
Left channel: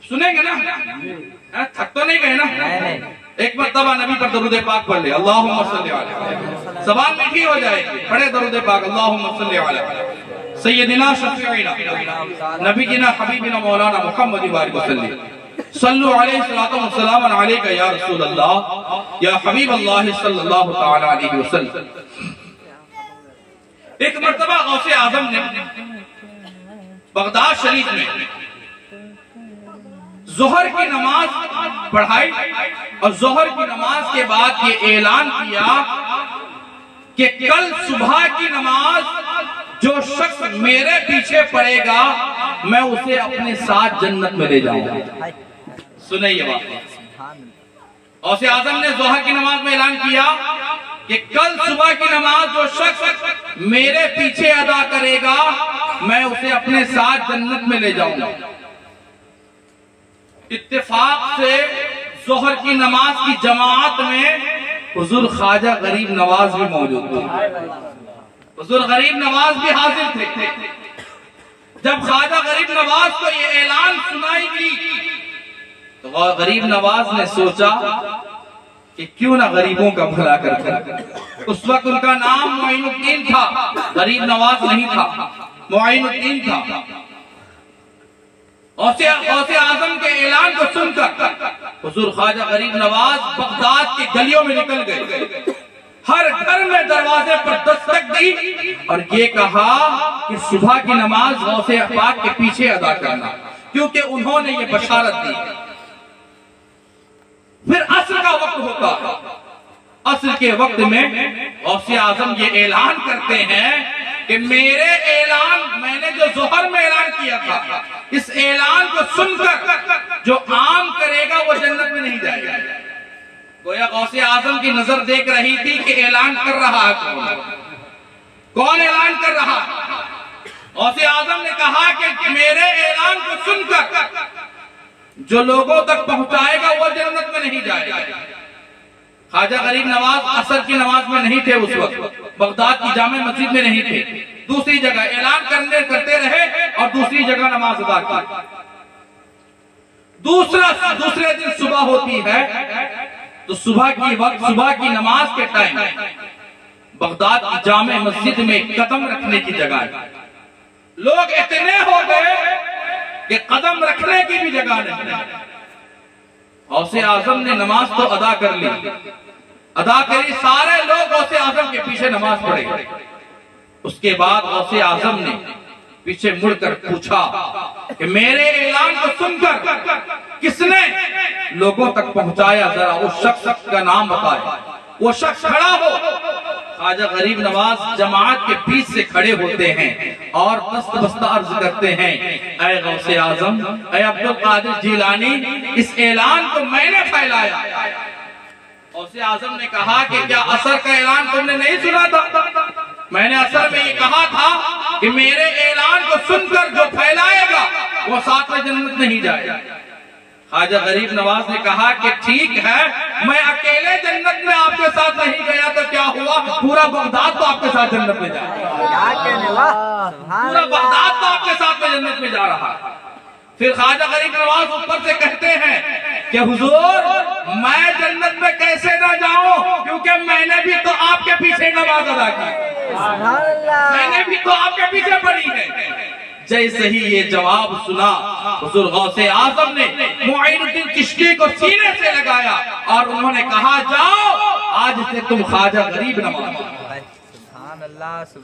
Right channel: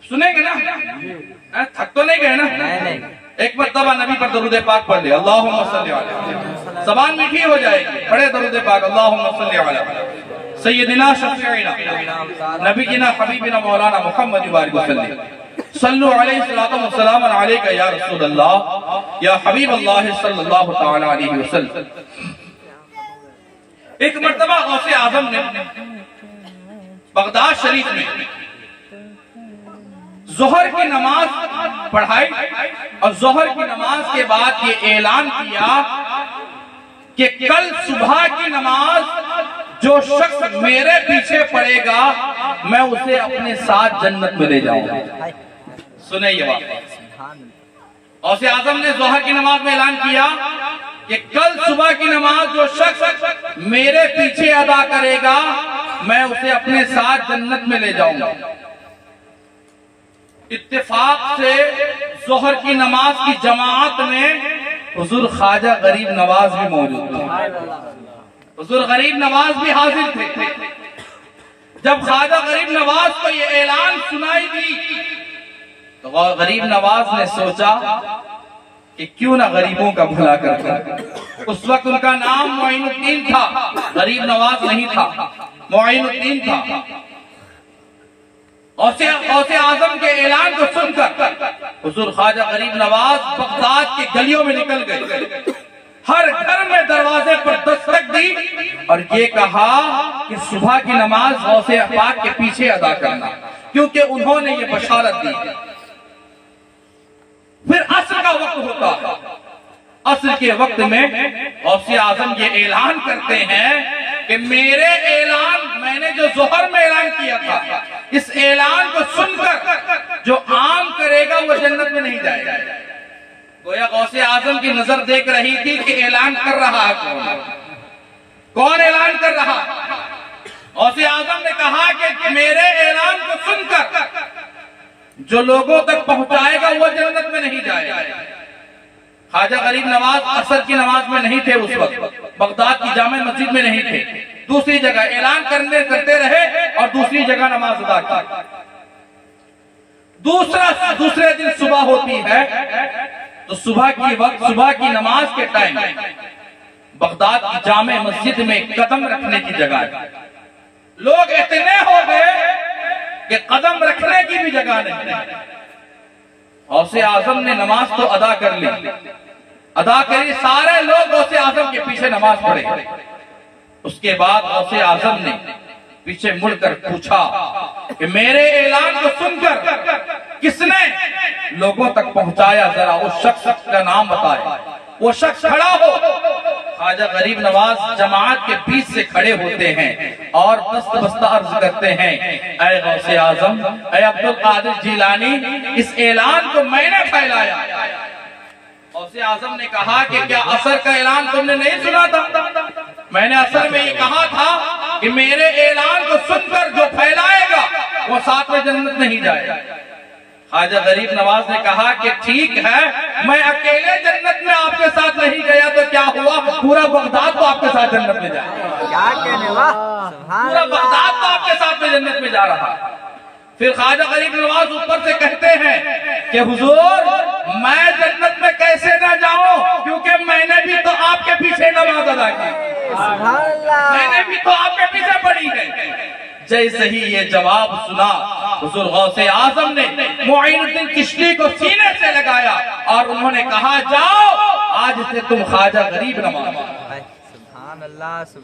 سنیں گے نا؟ تھک تو نہیں گئے نا؟ ایک مرتبہ نبی پر درود پاک پڑھ لے، اللہم صلی علیہ، زبان میٹھی ہو جائے گی، پڑھے درود پاک، اللہم صلی علیہ سیدنا شفیعنا نبینا حبیبنا مولانا محمد وآلہ وسلم، صلو علیہ السلام علیکہ یا رسول اللہ یا حبیب اللہ صلی اللہ تعالی علیہ وسلم۔ ایک مرتبہ غوث اعظم نے بغداد شریف میں ظہر کی نماز پڑھائی اور ظہر کی نماز کے بعد یہ اعلان کیا کہ کل صبح کی نماز جو شخص میرے پیچھے پڑے گا میں اسے اپنے ساتھ جنت میں لے جاؤں گا۔ سنیں یہ بات، غوث اعظم نے ظہر کی نماز میں اعلان کیا کہ کل صبح کی نماز جو شخص میرے پیچھے ادا کرے گا میں اسے اپنے ساتھ جنت میں لے جاؤں گا۔ اتفاق سے ظہر کی نماز کی جماعت میں حضور خواجہ غریب نواز بھی موجود تھے، حضور غریب نواز بھی حاضر تھے۔ جب خواجہ غریب نواز کو یہ اعلان سنائی دی تو غریب نواز نے سوچا کہ کیوں نہ غریبوں کا بھلا کر۔ اس وقت ان کا نام معین الدین تھا، غریب نواز نہیں تھا، معین الدین تھا۔ غوث اعظم کے اعلان کو سن کر حضور خواجہ غریب نواز بغداد کی گلیوں میں نکل گئے، ہر گھر میں دروازے پر دستک دی اور یہ کہا کہ صبح کی نماز غوث پاک کے پیچھے ادا کرنا، کیونکہ انہوں نے یہ بشارت دی۔ پھر عصر کا وقت ہوتا، عصر کے وقت میں غوث اعظم یہ اعلان کرتے ہیں کہ میرے اعلان، میں نے جو ظہر میں اعلان کیا تھا، اس اعلان کو سن کر جو عام کرے گا وہ جنت میں نہیں جائے گا۔ گویا غوث اعظم کی نظر دیکھ رہی تھی کہ اعلان کر رہا ہے کون اعلان کر رہا ہے۔ غوث اعظم نے کہا کہ میرے اعلان کو سن کر جو لوگوں تک پہنچائے گا وہ جنت میں نہیں جائے گا۔ خواجہ غریب نواز عصر کی نماز میں نہیں تھے، اس وقت بغداد کی جامع مسجد میں نہیں تھے، دوسری جگہ اعلان کرتے رہے اور دوسری جگہ نماز ادا کی۔ دوسرے دن صبح ہوتی ہے تو صبح کی نماز کے ٹائم بغداد کی جامع مسجد میں قدم رکھنے کی جگہ ہے، لوگ اتنے ہو گئے کہ قدم رکھنے کی بھی جگہ نہیں۔ غوث اعظم نے نماز تو ادا کر لی، سارے لوگ غوث اعظم کے پیچھے نماز پڑھے۔ اس کے بعد غوث اعظم نے پیچھے مڑ کر پوچھا کہ میرے اعلان کو سن کر کس نے لوگوں تک پہنچایا، ذرا اس شخص کا نام بتائے۔ وہ شخص کھڑا ہو۔ خواجہ غریب نواز جماعت کے بیچ سے کھڑے ہوتے ہیں اور دست بستہ عرض کرتے ہیں، اے غوث اعظم، اے عبد القادر جیلانی، اس اعلان کو میں نے پھیلایا۔ غوث اعظم نے کہا کہ کیا عصر کا اعلان تم نے نہیں سنا تھا؟ میں نے عصر میں یہ کہا تھا کہ میرے اعلان کو سن کر جو پھیلائے گا وہ ساتھ میں جنت نہیں جائے گا۔ خواجہ غریب نواز نے کہا کہ ٹھیک ہے، میں اکیلے جنت میں آپ کے ساتھ نہیں گیا تو کیا ہوا، پورا بغداد تو آپ کے ساتھ جنت میں جائے گا، پورا بغداد تو آپ کے ساتھ جنت میں جا رہا ہے۔ پھر خواجہ غریب نواز اوپر سے کہتے ہیں کہ حضور میں جنت میں کیسے نہ جاؤں، کیونکہ میں نے بھی تو آپ کے پیچھے نماز ادا کی، میں نے بھی تو آپ کے پیچھے پڑھی ہے۔ جیسے ہی یہ جواب سنا حضور غوث اعظم نے معین الدین چشتی کو سینے سے لگایا اور انہوں نے کہا جاؤ آج سے تم خواجہ غریب نواز،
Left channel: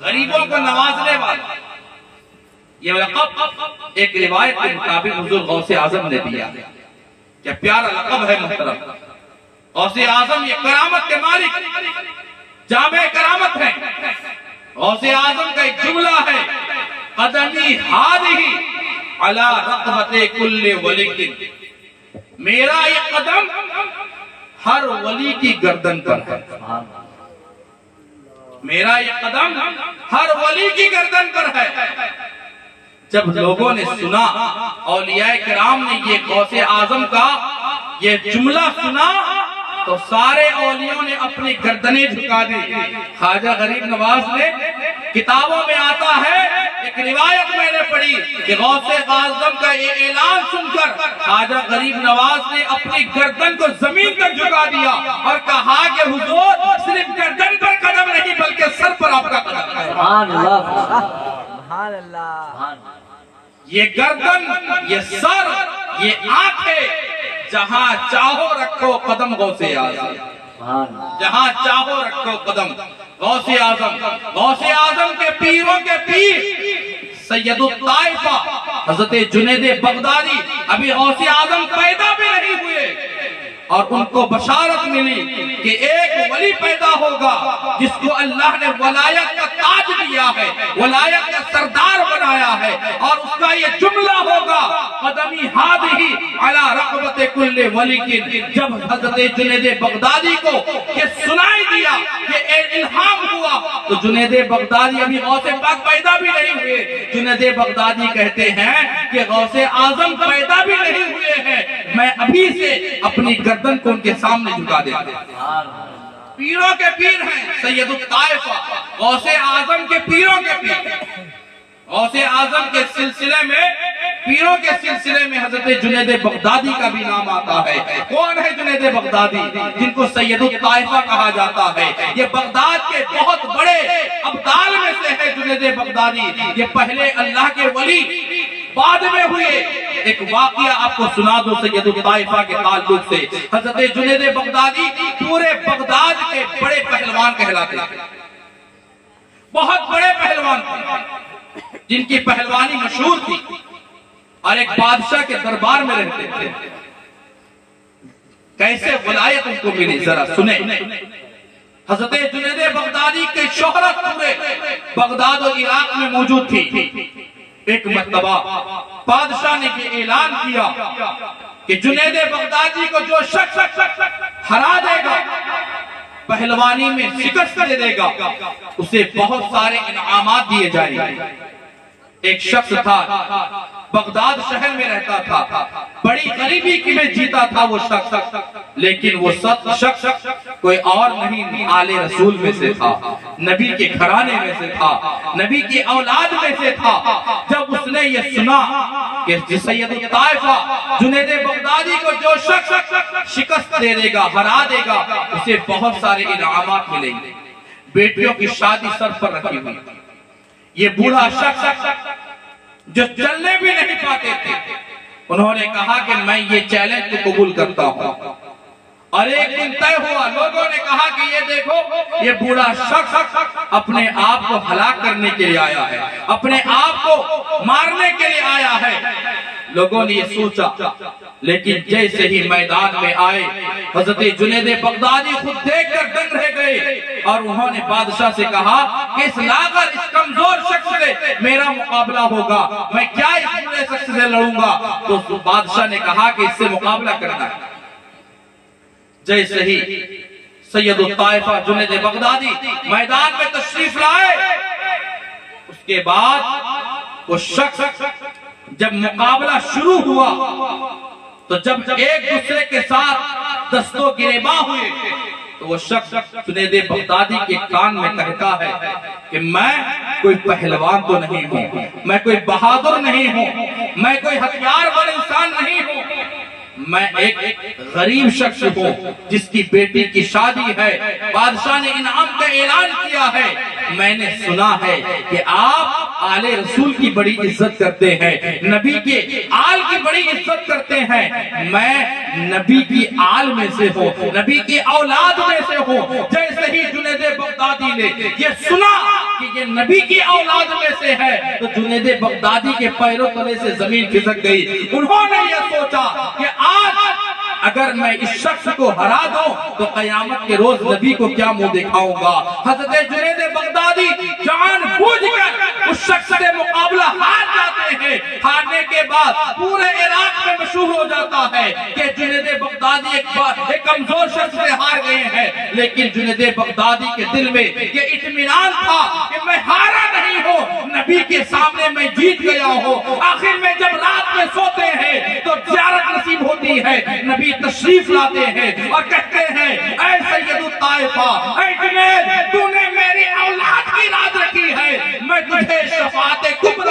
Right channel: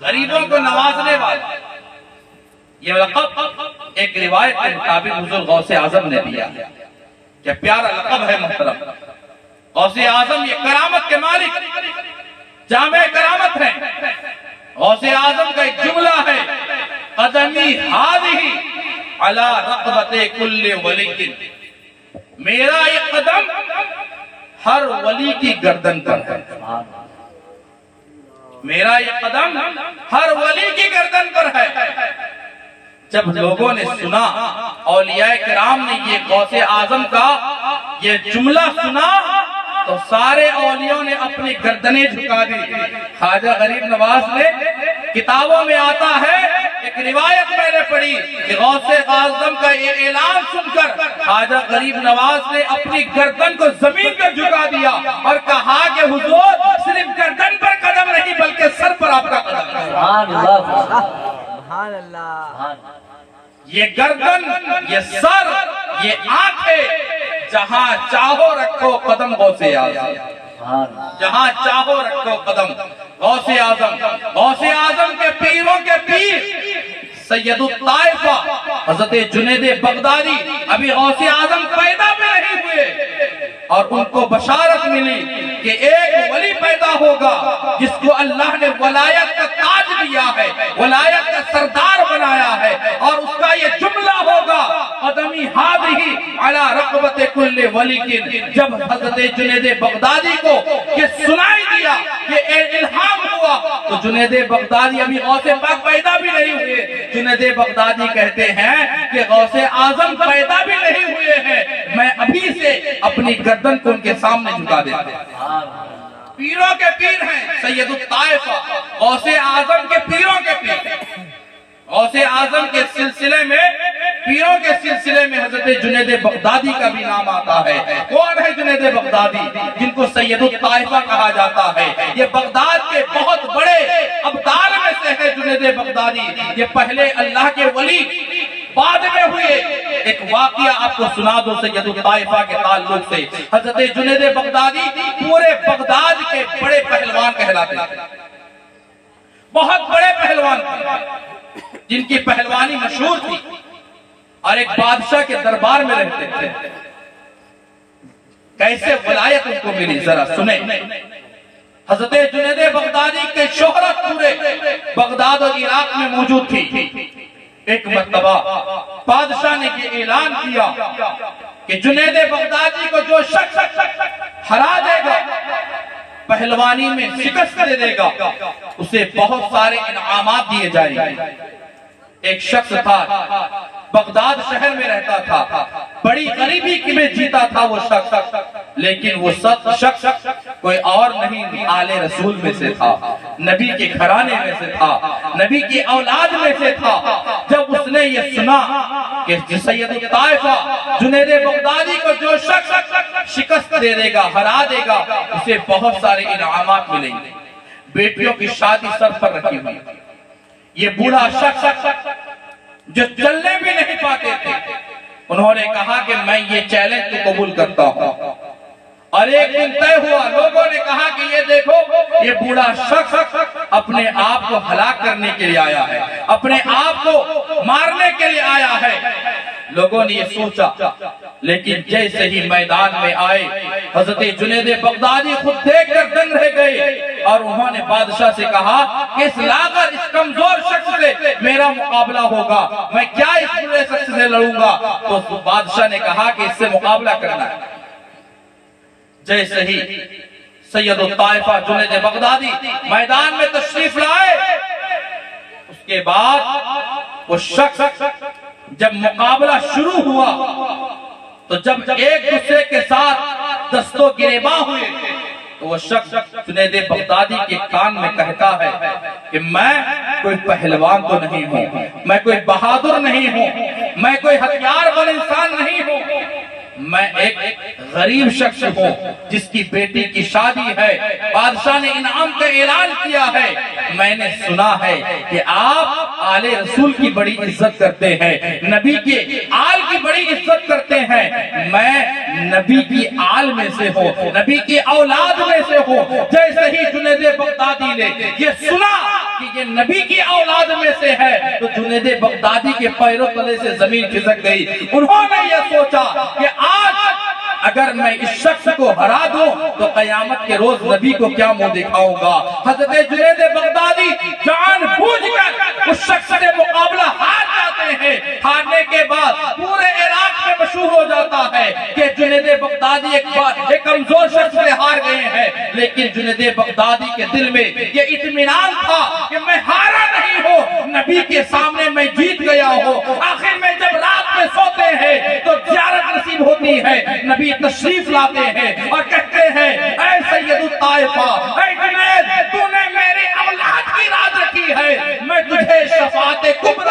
غریبوں کو نوازنے والا۔ یہ لقب ایک روایت کے مطابق حضور غوث اعظم نے دیا، کیا پیارا لقب ہے محترم۔ غوث اعظم یہ کرامت کے مالک، جامع کرامت ہے۔ غوث اعظم کا ایک جملہ ہے، قدمی ہادی علی رقبت کل ولی، میرا یہ قدم ہر ولی کی گردن پر ہے، میرا یہ قدم ہر ولی کی گردن پر ہے۔ جب لوگوں نے سنا، اولیاء کرام نے یہ غوث اعظم کا یہ جملہ سنا تو سارے اولیوں نے اپنی گردنیں جھکا دی۔ خواجہ غریب نواز نے کتابوں میں آتا ہے ایک روایت میں نے پڑھی کہ غوث اعظم کا یہ اعلان سن کر خواجہ غریب نواز نے اپنی گردن کو زمین پر جھکا دیا اور کہا کہ حضور صرف گردن پر قدم نہیں بلکہ سر پر آپ کا قدم ہے۔ سبحان اللہ، سبحان اللہ، یہ گردن، یہ سر، یہ آنکھیں، جہاں چاہو رکھو قدم غوث اعظم، جہاں چاہو رکھو قدم غوث اعظم۔ غوث اعظم کے پیروں کے پیر سید الطائفہ حضرت جنید بغدادی ابھی غوث اعظم پیدا بھی نہیں ہوئے اور ان کو بشارت ملی کہ ایک ولی پیدا ہوگا جس کو اللہ نے ولایت کا تاج دیا ہے، ولایت کا سردار بنایا ہے، اور اس کا یہ جملہ ہوگا قدمی ہادھی علی رقبت کل ولی کی۔ جب حضرت جنید بغدادی کو یہ سنائی دیا، یہ الہام ہوا، تو جنید بغدادی ابھی غوث پاک پیدا بھی نہیں ہوئے، جنید بغدادی کہتے ہیں کہ غوث اعظم پیدا بھی نہیں ہوئے ہیں، میں ابھی سے اپنی گردن کو ان کے سامنے جھکا دیتا ہوں۔ پیروں کے پیر ہیں سید الطائفہ، غوث اعظم کے پیروں کے پیر۔ غوث اعظم کے سلسلے میں، پیروں کے سلسلے میں حضرت جنید بغدادی کا بھی نام آتا ہے۔ کون ہے جنید بغدادی؟ جن کو سید الطائفہ کہا جاتا ہے۔ یہ بغداد کے بہت بڑے ابدال میں سے ہے جنید بغدادی۔ یہ پہلے اللہ کے ولی بعد میں ہوئے۔ ایک واقعہ آپ کو سنا دو سید الطائفہ کے تعلق سے۔ حضرت جنید بغدادی پورے بغداد کے بڑے پہلوان کہلاتے ہیں، بہت بڑے پہلوان تھے جن کی پہلوانی مشہور تھی، اور ایک بادشاہ کے دربار میں رہتے تھے۔ کیسے ولایت ان کو ملی ذرا سنیں۔ حضرت جنید بغدادی کے شہرت پورے بغداد اور عراق میں موجود تھی۔ ایک مرتبہ بادشاہ نے یہ اعلان کیا کہ جنید بغدادی کو جو شخص ہرا دے گا، پہلوانی میں شکست دے دے گا، اسے بہت سارے انعامات دیے جائیں گے۔ ایک شخص تھا، بغداد شہر میں رہتا تھا، بڑی غریبی کی میں جیتا تھا وہ شخص، لیکن وہ شخص کوئی اور نہیں، آل رسول میں سے تھا، نبی کے گھرانے میں سے تھا، نبی کی اولاد میں سے تھا۔ جب اس نے یہ سنا کہ سید الطائفہ جنید بغدادی کو جو شخص شکست دے دے گا، ہرا دے گا، اسے بہت سارے انعامات ملیں گے، بیٹیوں کی شادی سر پر رکھی ہوئی۔ یہ بوڑھا شخص جو چلنے بھی نہیں پاتے تھے، انہوں نے کہا کہ میں یہ چیلنج کو قبول کرتا ہوں۔ اور ایک دن طے ہوا، لوگوں نے کہا کہ یہ دیکھو، یہ بوڑھا شخص اپنے آپ کو ہلاک کرنے کے لیے آیا ہے، اپنے آپ کو مارنے کے لیے آیا ہے۔ لوگوں نے یہ سوچا، لیکن جیسے ہی میدان میں آئے، حضرت جنید بغدادی خود دیکھ کر دنگ رہ گئے، اور انہوں نے بادشاہ سے کہا کہ اس لاغر، اس کمزور شخص سے میرا مقابلہ ہوگا، میں کیا اس بڑے شخص سے لڑوں گا؟ تو بادشاہ نے کہا کہ اس سے مقابلہ کرنا ہے۔ جیسے ہی سید الطائفہ جنید بغدادی میدان میں تشریف لائے، اس کے بعد وہ شخص جب مقابلہ شروع ہوا تو جب ایک دوسرے کے ساتھ دستوں گریباں ہوئے تو وہ شخص جنید بغدادی کے کان میں کہتا ہے کہ میں کوئی پہلوان تو نہیں ہوں، میں کوئی بہادر نہیں ہوں، میں کوئی ہتھیار بند انسان نہیں ہوں، میں ایک غریب شخص ہوں جس کی بیٹی کی شادی ہے، بادشاہ نے انعام کا اعلان کیا ہے، میں نے سنا ہے کہ آپ آل رسول کی بڑی عزت کرتے ہیں، نبی کے آل کی بڑی عزت کرتے ہیں، میں نبی کی آل میں سے ہوں، نبی کی اولاد میں سے ہوں۔ جیسے ہی جنید بغدادی نے یہ سنا کہ یہ نبی کی اولاد میں سے ہے تو جنید بغدادی کے پیروں تلے سے زمین کھسک گئی۔ انہوں نے یہ سوچا کہ آج اگر میں اس شخص کو ہرا دوں تو قیامت کے روز نبی کو کیا منہ دکھاؤں گا۔ حضرت جنید بغدادی جان بوجھ کر اس شخص سے مقابلہ ہار جاتے ہیں۔ ہارنے کے بعد پورے عراق میں مشہور ہو جاتا ہے کہ جنید بغدادی ایک کمزور شخص سے ہار گئے ہیں، لیکن جنید بغدادی کے دل میں یہ اطمینان تھا کہ میں ہارا نہیں ہوں، نبی کے سامنے میں جیت گیا ہوں۔ آخر میں جب رات میں سوتے ہیں تو زیارت نصیب ہوتی ہے، نبی تشریف لاتے ہیں اور کہتے ہیں اے سید الطائفہ، اے جنید، تو نے میری اولاد کی راز رکھی ہے، میں تجھے شفاعت کبریٰ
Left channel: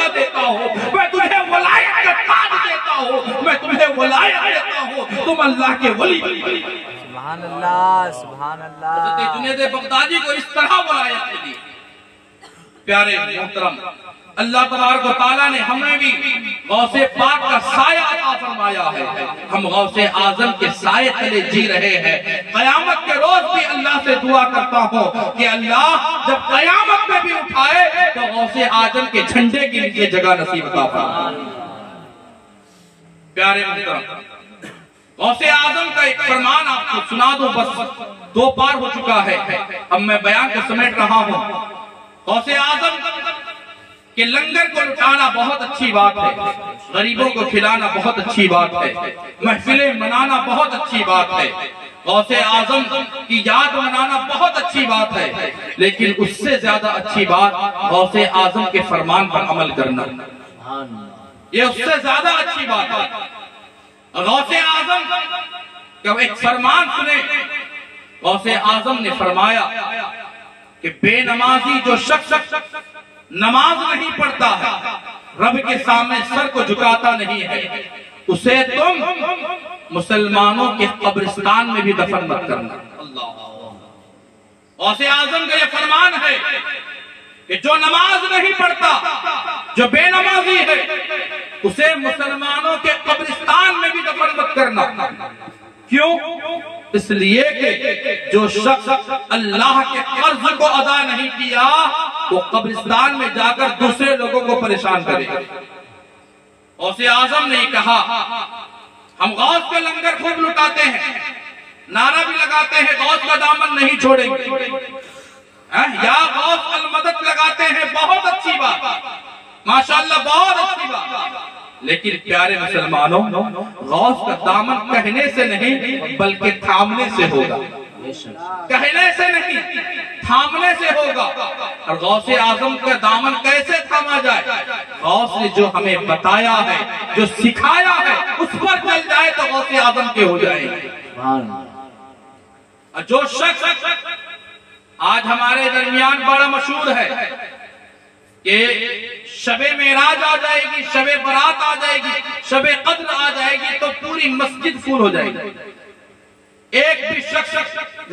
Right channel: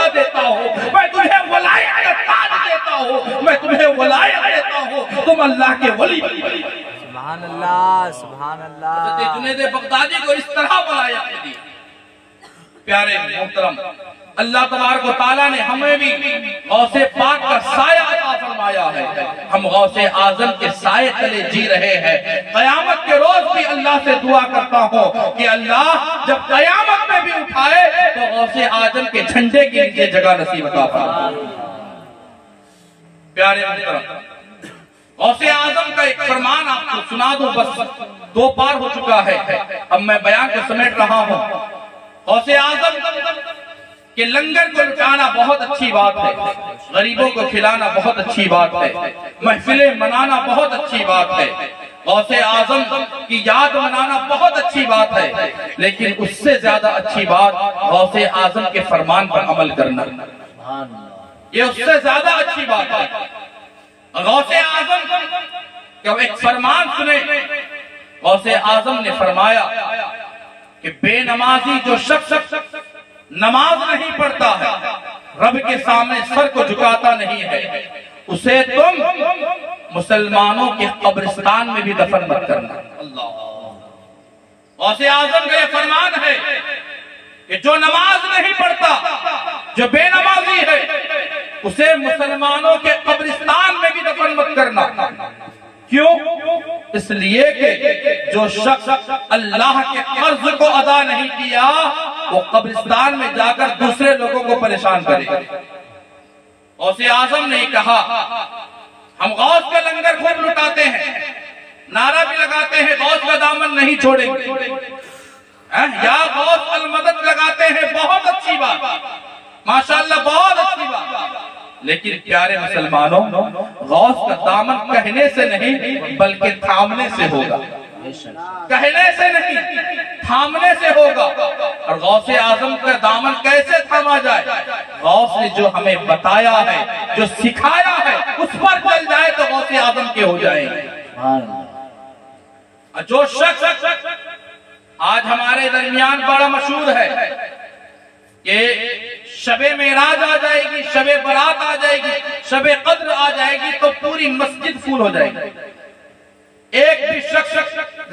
اللہ کے ولی بن گئے۔ سبحان اللہ سبحان اللہ۔ حضرت جنید بغدادی کو اس طرح ولایت دی۔ پیارے محترم، اللہ تبارک و تعالیٰ نے ہمیں بھی غوث پاک کا سایہ عطا فرمایا ہے۔ ہم غوث اعظم کے سائے تلے جی رہے ہیں۔ قیامت کے روز بھی اللہ سے دعا کرتا ہوں کہ اللہ جب قیامت میں بھی اٹھائے تو غوث اعظم کے جھنڈے کے نیچے جگہ نصیب عطا فرمائے۔ پیارے محترم، غوث اعظم کا ایک فرمان آپ کو سنا دوں، بس 2 پار ہو چکا ہے، اب میں بیان کو سمیٹ رہا ہوں۔ غوث اعظم کہ لنگر کو لٹانا بہت اچھی بات ہے، غریبوں کو کھلانا بہت اچھی بات ہے، محفلیں منانا بہت اچھی بات ہے، غوث اعظم کی یاد منانا بہت اچھی بات ہے، لیکن اس سے زیادہ اچھی بات غوث اعظم کے فرمان پر عمل کرنا، یہ اس سے زیادہ اچھی بات ہے۔ غوث اعظم کا ایک فرمان سنے، غوث اعظم نے فرمایا کہ بے نمازی جو شخص نماز نہیں پڑھتا ہے، رب کے سامنے سر کو جھکاتا نہیں ہے، اسے تم مسلمانوں کے قبرستان میں بھی دفن مت کرنا۔ اللہ، غوث اعظم کا یہ فرمان ہے کہ جو نماز نہیں پڑھتا، جو بے نمازی ہے، اسے مسلمانوں کے قبرستان میں بھی دفن مت کرنا۔ کیوں؟ اس لیے کہ جو شخص اللہ کے قرض کو ادا نہیں کیا وہ قبرستان میں جا کر دوسرے لوگوں کو پریشان کرے گا۔ غوث اعظم نے کہا ہم غوث کا لنگر خوب لٹاتے ہیں، نعرہ بھی لگاتے ہیں غوث کا دامن نہیں چھوڑیں گے، یا غوث المدد لگاتے ہیں، بہت اچھی بات، ماشاءاللہ بہت اچھی بات، لیکن پیارے مسلمانوں غوث کا دامن کہنے سے نہیں بلکہ تھامنے سے ہوگا، کہنے سے نہیں تھامنے سے ہوگا۔ اور غوث اعظم کا دامن کیسے تھاما جائے؟ غوث نے جو ہمیں بتایا ہے، جو سکھایا ہے، اس پر چل جائے تو غوث اعظم کے ہو جائیں گے۔ اور جو شخص آج ہمارے درمیان بڑا مشہور ہے کہ شب معراج آ جائے گی، شب برات آ جائے گی، شب قدر آ جائے گی تو پوری مسجد فل ہو جائے گی، ایک بھی شخص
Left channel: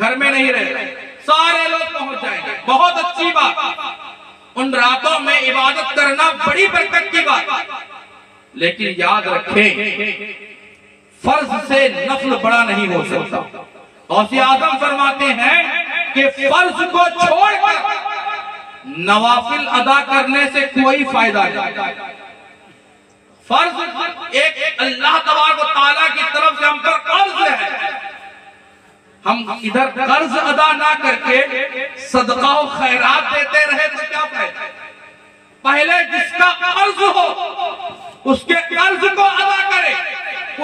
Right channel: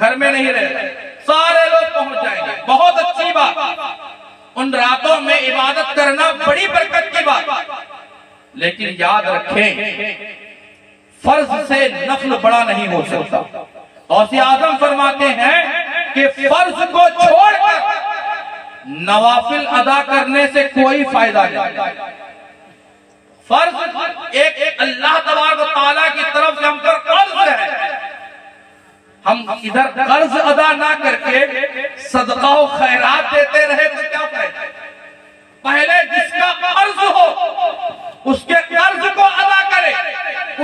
گھر میں نہیں رہے گا، سارے لوگ پہنچ جائیں گے، بہت اچھی بات، ان راتوں میں عبادت کرنا بڑی برکت کی بات، لیکن یاد رکھیں فرض سے نفل بڑا نہیں ہو سکتا۔ غوث اعظم فرماتے ہیں کہ فرض کو چھوڑ کر نوافل ادا کرنے سے کوئی فائدہ نہیں۔ فرض ایک اللہ تبارک و تعالیٰ کی طرف سے ہم پر قرض ہے، ہم ادھر قرض ادا نہ کر کے صدقہ و خیرات دیتے رہے تو کیا فائدہ؟ پہلے جس کا قرض ہو اس کے قرض کو ادا کرے،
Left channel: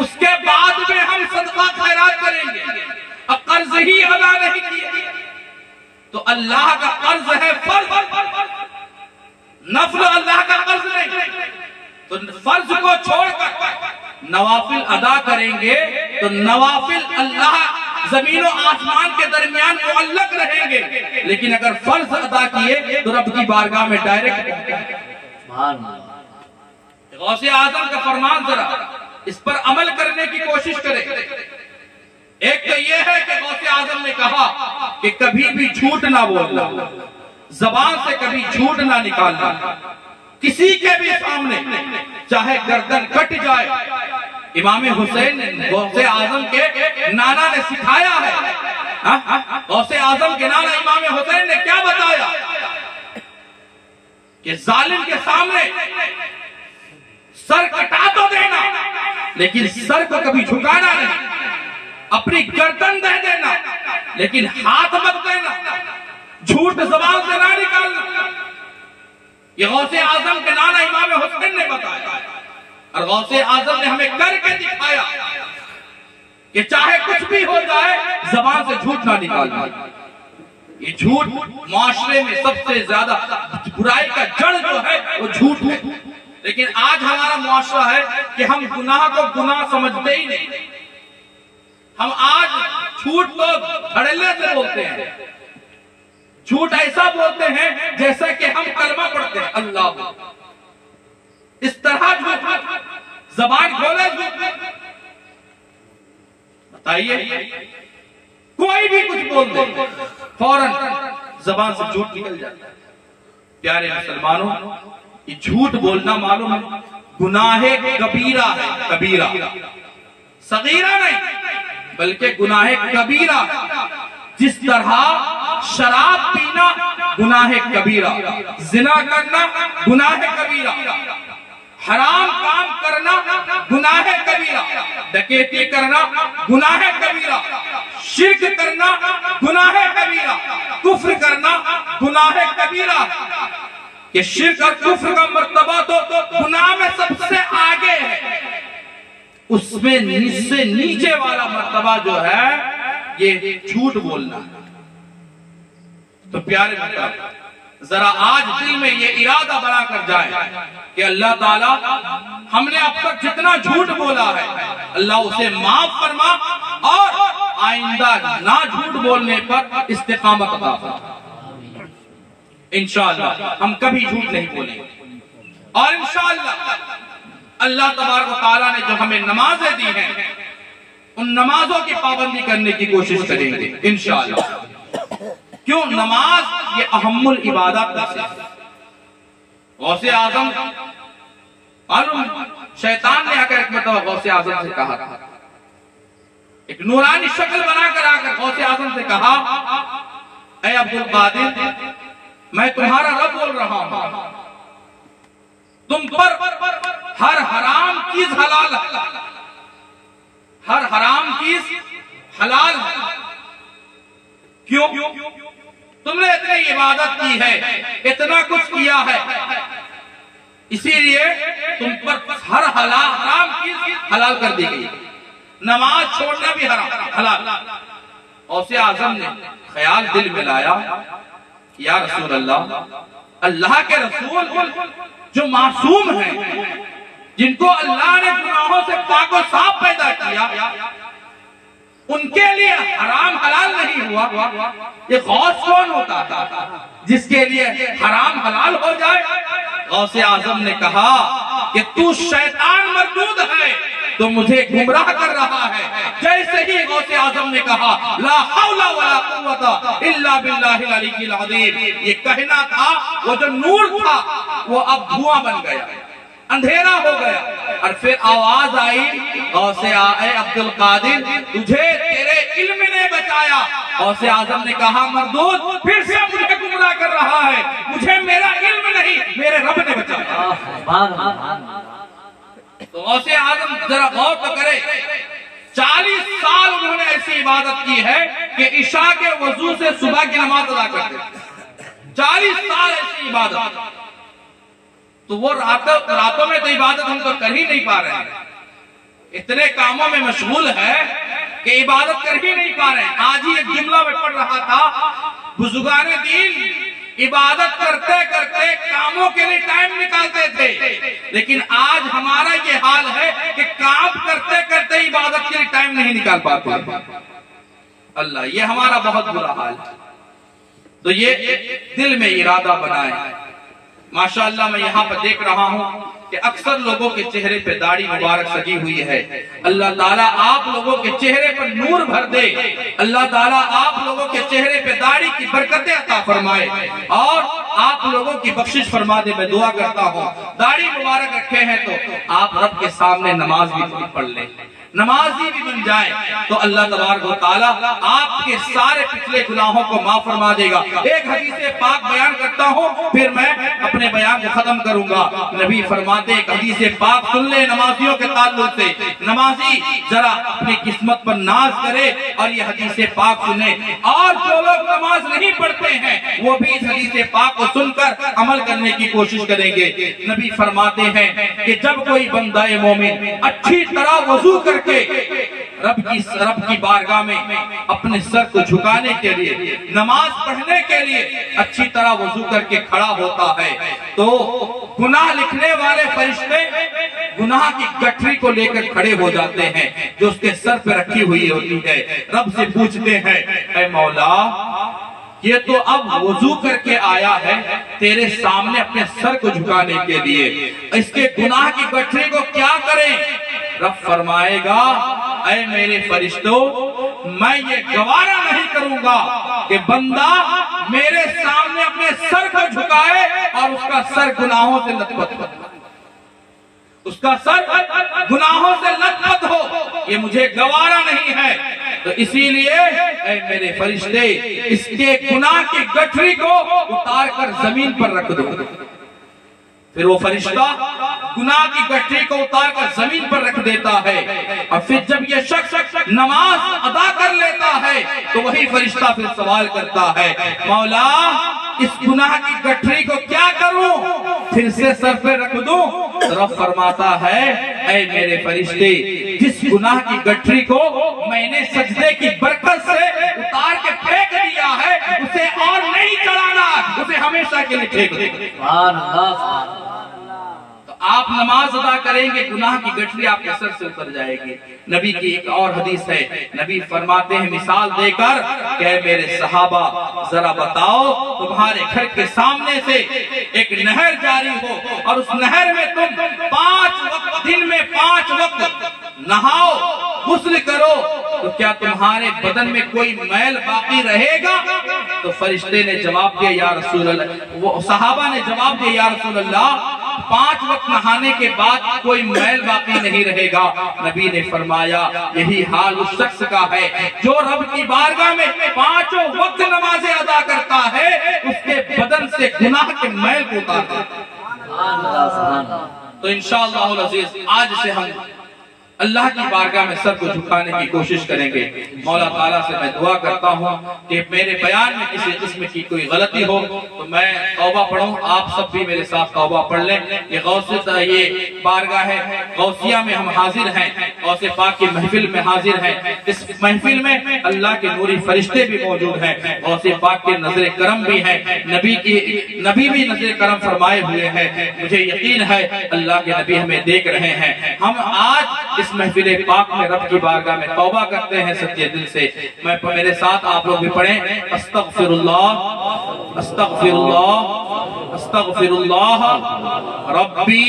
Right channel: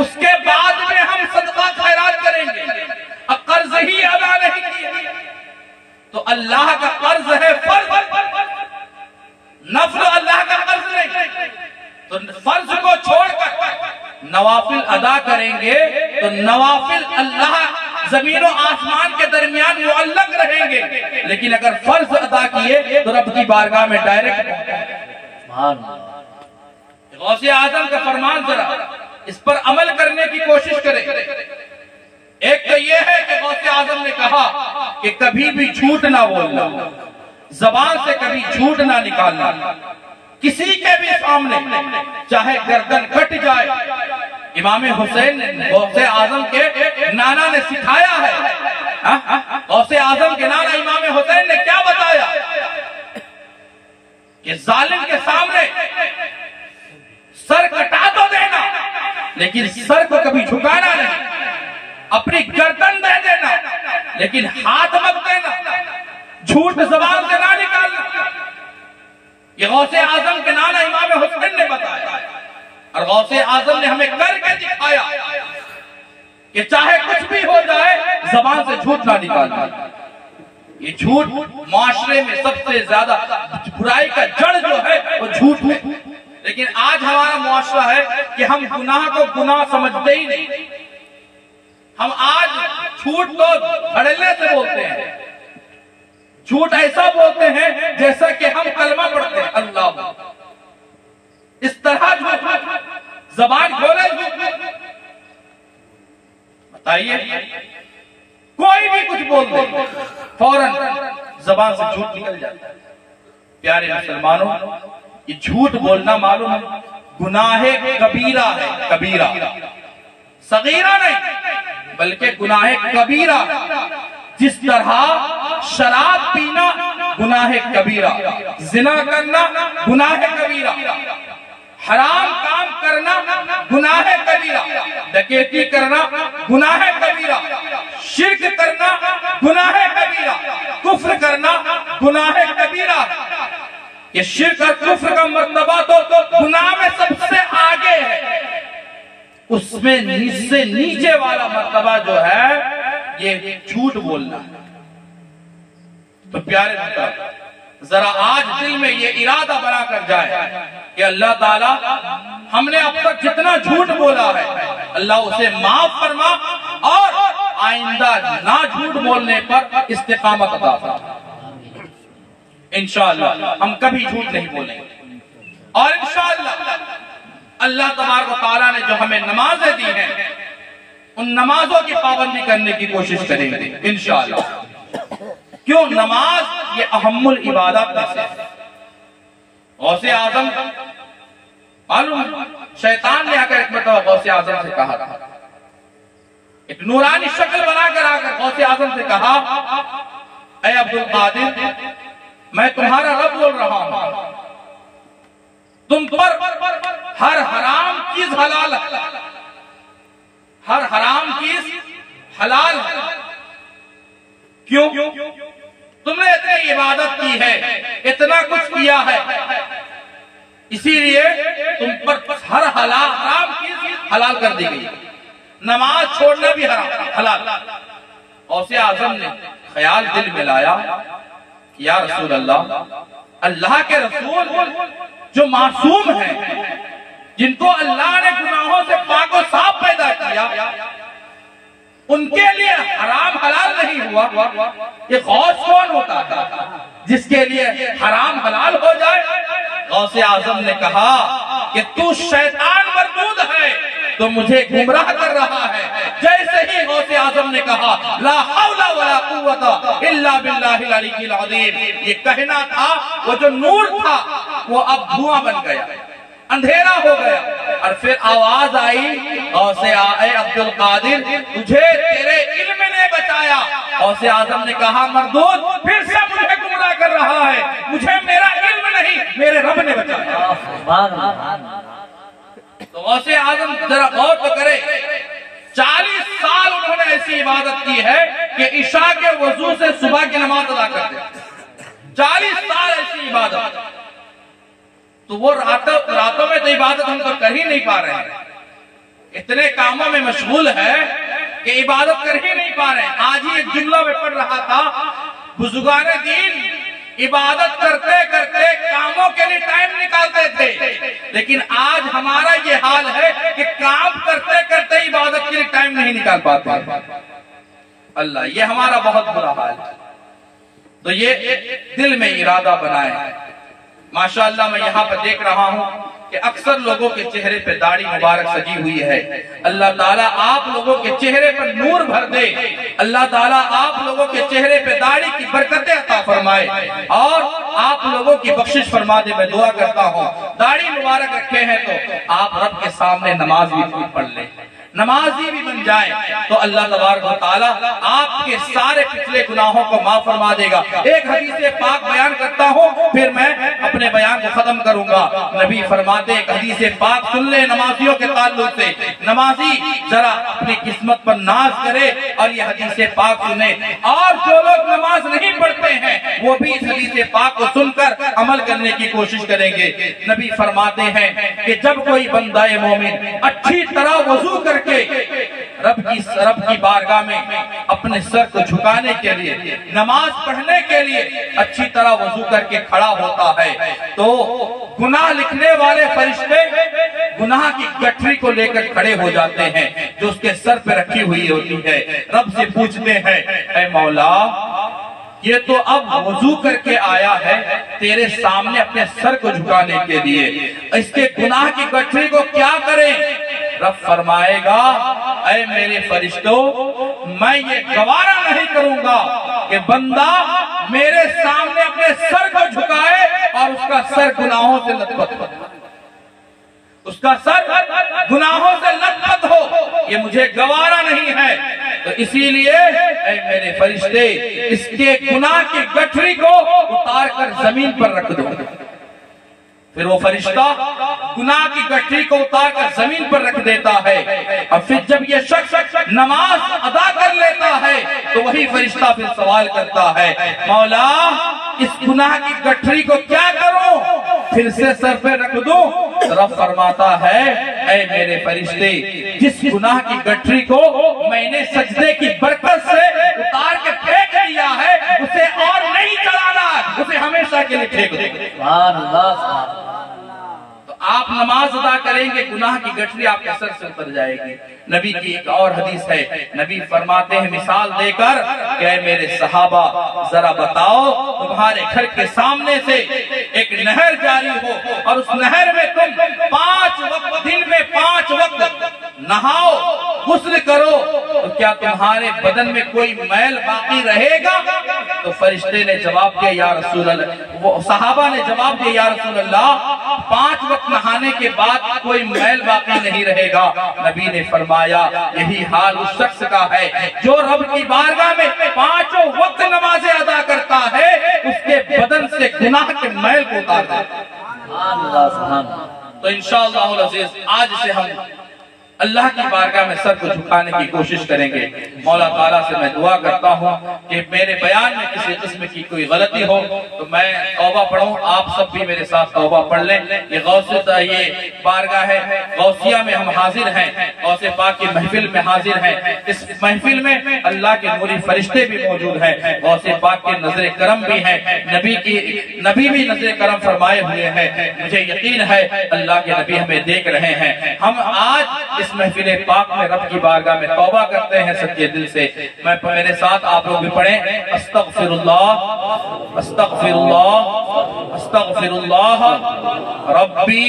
اس کے بعد میں ہم صدقہ خیرات کریں گے۔ اب قرض ہی ادا نہیں کیا تو اللہ کا قرض ہے فرض، نفل اللہ کا قرض نہیں، تو فرض کو چھوڑ کر نوافل ادا کریں گے تو نوافل اللہ زمین و آسمان کے درمیان معلق رہیں گے، لیکن اگر فرض ادا کیے تو رب کی بارگاہ میں ڈائریکٹ۔ غوث اعظم کا فرمان ذرا اس پر عمل کرنے کی کوشش کریں۔ ایک تو یہ ہے کہ غوث اعظم نے کہا کہ کبھی بھی جھوٹ نہ بولنا، زبان سے کبھی جھوٹ نہ نکالنا، کسی کے بھی سامنے چاہے گردن کٹ جائے۔ امام حسین نے غوث اعظم کے نانا نے سکھایا ہے، غوث اعظم کے نانا امام حسین نے کیا بتایا کہ ظالم کے سامنے سر کٹا تو دینا لیکن سر کو کبھی جھکانا نہیں، اپنی گردن دے دینا لیکن ہاتھ مت دینا، جھوٹ زبان سے نہ نکالنا۔ یہ غوث اعظم کے نانا امام حسین نے بتایا، اور غوث اعظم نے ہمیں کر کے دکھایا کہ چاہے کچھ بھی ہو جائے زبان سے جھوٹ نہ نکالنا۔ یہ جھوٹ معاشرے میں سب سے زیادہ برائی کا جڑ جو ہے وہ جھوٹ ہے، لیکن آج ہمارا معاشرہ ہے کہ ہم گناہ کو گناہ سمجھتے ہی نہیں، ہم آج جھوٹ تو دھڑلے سے بولتے ہیں، جھوٹ ایسا بولتے ہیں جیسا کہ ہم کلمہ پڑھتے ہیں اللہ، اس طرح جھوٹ، زبان کھولے جھوٹ۔ بتائیے کوئی بھی کچھ بول دے فوراً زبان سے جھوٹ نکل جاتا ہے۔ پیارے مسلمانوں، یہ جھوٹ بولنا معلوم ہے گناہ کبیرہ ہے، کبیرہ، صغیرہ نہیں بلکہ گناہ کبیرہ۔ جس طرح شراب پینا گناہ کبیرہ، زنا کرنا گناہ کبیرہ، حرام کام کرنا گناہ کبیرہ، ڈکیتی کرنا گناہ کبیرہ، شرک کرنا گناہ کبیرہ، کفر کرنا گناہ کبیرہ۔ یہ شرک اور کفر کا مرتبہ تو گناہ میں سب سے آگے ہے، اس میں سے نیچے والا مرتبہ جو ہے یہ جھوٹ بولنا ہے۔ تو پیارے مطلب ذرا آج دل میں یہ ارادہ بنا کر جائے کہ اللہ تعالیٰ ہم نے اب تک جتنا جھوٹ بولا ہے اللہ اسے معاف فرما اور آئندہ نہ جھوٹ بولنے پر استقامت عطا فرما۔ انشاءاللہ ہم کبھی جھوٹ نہیں بولیں گے، اور انشاءاللہ اللہ تبارک و تعالیٰ نے جو ہمیں نمازیں دی ہیں ان نمازوں کی پابندی کرنے کی کوشش کریں گے انشاءاللہ۔ کیوں؟ نماز یہ اہم العبادات میں سے غوث اعظم، شیطان نے آ کر ایک مرتبہ غوث اعظم سے کہا تھا، ایک نورانی شکل بنا کر آ کر غوث اعظم سے کہا، اے عبد القادر میں تمہارا رب بول رہا ہوں، تم پر ہر حرام چیز حلال ہے، ہر حرام چیز حلال ہے۔ کیوں؟ تم نے اتنی عبادت کی ہے، اتنا کچھ کیا ہے، اسی لیے تم پر ہر حرام چیز حلال کر دی گئی، نماز چھوڑنا بھی حلال۔ غوث اعظم نے خیال دل میں لایا، یا رسول اللہ، اللہ کے رسول جو معصوم ہیں، جن کو اللہ نے گناہوں سے پاک و صاف پیدا کیا، ان کے لیے حرام حلال نہیں ہوا، یہ غوث کون ہوتا تھا جس کے لیے حرام حلال ہو جائے؟ غوث اعظم نے کہا کہ تو شیطان مردود ہے، تو مجھے گمراہ کر رہا ہے۔ جیسے ہی غوث اعظم نے کہا لا حول ولا قوت الا باللہ العلی العظیم، یہ کہنا تھا، وہ جو نور تھا وہ اب دھواں بن گیا، اندھیرا ہو گیا، اور پھر آواز آئی، غوث عبد القادر تجھے تیرے علم نے بچایا۔ غوث اعظم نے کہا مردود پھر سے مجھے گمراہ کر رہا ہے، مجھے میرا علم نہیں میرے رب نے بچایا۔ تو غوث اعظم ذرا غور تو کرے، 40 سال انہوں نے ایسی عبادت کی ہے کہ عشاء کے وضو سے صبح کی نماز ادا کرتے ہیں، 40 سال ایسی عبادت۔ تو وہ راتوں میں تو عبادت ہم تو کر ہی نہیں پا رہے ہیں، اتنے کاموں میں مشغول ہے کہ عبادت کر ہی نہیں پا رہے ہیں۔ آج ہی ایک جملہ میں پڑھ رہا تھا، بزرگان دین عبادت کرتے کرتے کاموں کے لیے ٹائم نکالتے تھے، لیکن آج ہمارا یہ حال ہے کہ کام کرتے کرتے عبادت کے لیے ٹائم نہیں نکال پاتے۔ اللہ، یہ ہمارا بہت برا حال ہے۔ تو یہ دل میں ارادہ بنائیں۔ ماشاءاللہ میں یہاں پر دیکھ رہا ہوں کہ اکثر لوگوں کے چہرے پہ داڑھی مبارک سجی ہوئی ہے۔ اللہ تعالیٰ آپ لوگوں کے چہرے پر نور بھر دے، اللہ تعالیٰ آپ لوگوں کے چہرے پہ داڑھی کی برکتیں عطا فرمائے اور آپ لوگوں کی بخشش فرما دے۔ میں دعا کرتا ہوں داڑھی مبارک رکھے ہیں تو آپ رب کے سامنے نماز بھی پڑھ لیں، نمازی بھی بن جائیں، تو اللہ تبارک و تعالیٰ آپ کے سارے پچھلے گناہوں کو معاف فرما دے گا۔ ایک حدیث پاک بیان کرتا ہوں پھر میں اپنے بیان کو ختم کروں گا۔ نبی فرماتے ایک حدیث پاک سن لے نمازیوں کے تعلق سے، نمازی ذرا اپنی قسمت پر ناز کرے اور یہ حدیث پاک سنے، اور جو لوگ نماز نہیں پڑھتے ہیں وہ بھی اس حدیث پاک کو سن کر عمل کرنے کی کوشش کریں گے۔ نبی فرماتے ہیں کہ جب کوئی بندہ مومن اچھی طرح وضو کر کے رب کی بارگاہ میں اپنے سر کو جھکانے کے لیے، نماز پڑھنے کے لیے اچھی طرح وضو کر کے کھڑا ہوتا ہے تو گناہ لکھنے والے فرشتے گناہ کی گٹھری کو لے کر کھڑے ہو جاتے ہیں جو اس کے سر پہ رکھی ہوئی ہوتی ہے۔ رب سے پوچھتے ہیں اے مولا، یہ تو اب وضو کر کے آیا ہے تیرے سامنے اپنے سر کو جھکانے کے لیے، اس کے گناہ کی گٹھری کو کیا کریں؟ رب فرمائے گا اے میرے فرشتوں میں یہ گوارا نہیں کروں گا کہ بندہ میرے سامنے اپنے سر کو جھکائے اور اس کا سر گناہوں سے لت پت ہو، اس کا سر گناہوں سے لت پت ہو، یہ مجھے گوارا نہیں ہے۔ تو اسی لیے اے میرے فرشتے اس کے گناہ کی گٹھری کو اتار کر زمین پر رکھ دو۔ پھر وہ فرشتہ گناہ کی گٹھری کو اتار کر زمین پر رکھ دیتا ہے، اور پھر جب یہ شخص نماز ادا کر لیتا ہے تو وہی فرشتہ پھر سوال کرتا ہے مولا اس گناہ کی گٹھری کو کیا کروں، پھر سے سر پہ رکھ دوں؟ رب فرماتا ہے اے میرے فرشتے جس گناہ کی گٹھری کو میں نے سجدے کی برکت سے اتار کے پھینک دیا ہے اسے اور نہیں چلانا، اسے ہمیشہ کے لیے پھینک دے۔ سبحان اللہ۔ تو آپ نماز ادا کریں گے گناہ کی گٹھری آپ کے سر سے اتر جائے گی۔ نبی کی ایک اور حدیث ہے، نبی فرماتے ہیں مثال دے کر کہ اے میرے صحابہ ذرا بتاؤ تمہارے گھر کے سامنے سے ایک نہر جاری ہو اور اس نہر میں تم 5 وقت دن میں 5 وقت نہاؤ غسل کرو تو کیا تمہارے بدن میں کوئی میل باقی رہے گا؟ تو فرشتے نے جواب دیا یا رسول اللہ، وہ صحابہ نے جواب دیا یا رسول اللہ 5 وقت نہانے کے بعد کوئی میل باقی نہیں رہے گا۔ نبی نے فرمایا یہی حال اس شخص کا ہے جو رب کی بارگاہ میں 5 وقت نمازیں ادا کرتا ہے، اس کے بدن سے گناہ کے میل کو اتار دیتا ہے۔ تو انشاءاللہ العزیز آج سے ہم اللہ کی بارگاہ میں سر کو جھکانے کی کوشش کریں گے۔ مولا تعالیٰ سے میں دعا کرتا ہوں کہ میرے بیان میں کسی قسم کی کوئی غلطی ہو تو میں توبہ پڑھوں، آپ سب بھی میرے ساتھ توبہ پڑھ لیں۔ یہ بارگاہ ہے غوثیہ میں ہم حاضر ہیں، غوث پاک کی محفل میں حاضر ہیں۔ اس محفل میں اللہ کے نوری فرشتے بھی موجود ہیں، غوث پاک کے نظر کرم بھی ہیں، نبی بھی نظر کرم فرمائے ہوئے ہیں۔ مجھے یقین ہے اللہ کے نبی ہمیں دیکھ رہے ہیں۔ ہم آج اس محفل پاک میں رب کی بارگاہ میں توبہ کرتے ہیں سچے دل سے۔ میں میرے ساتھ آپ لوگ بھی پڑھیں استغفر اللہ استغفر اللہ استغفر اللہ ربی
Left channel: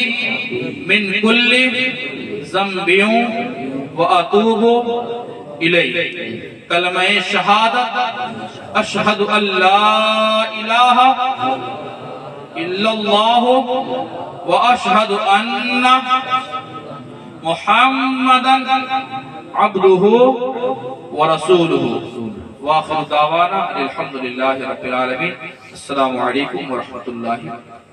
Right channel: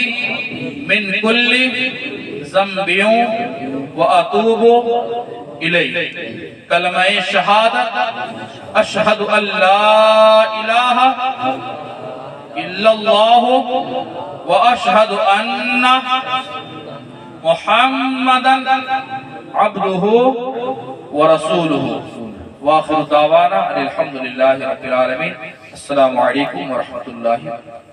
من کل ذنب واتوب الیہ۔ کلمہ شہادت اشہد ان لا الہ الا اللہ واشہد ان محمدًا عبده ورسوله وآخر دعوانا الحمد لله رب العالمين۔ السلام علیکم ورحمۃ اللہ۔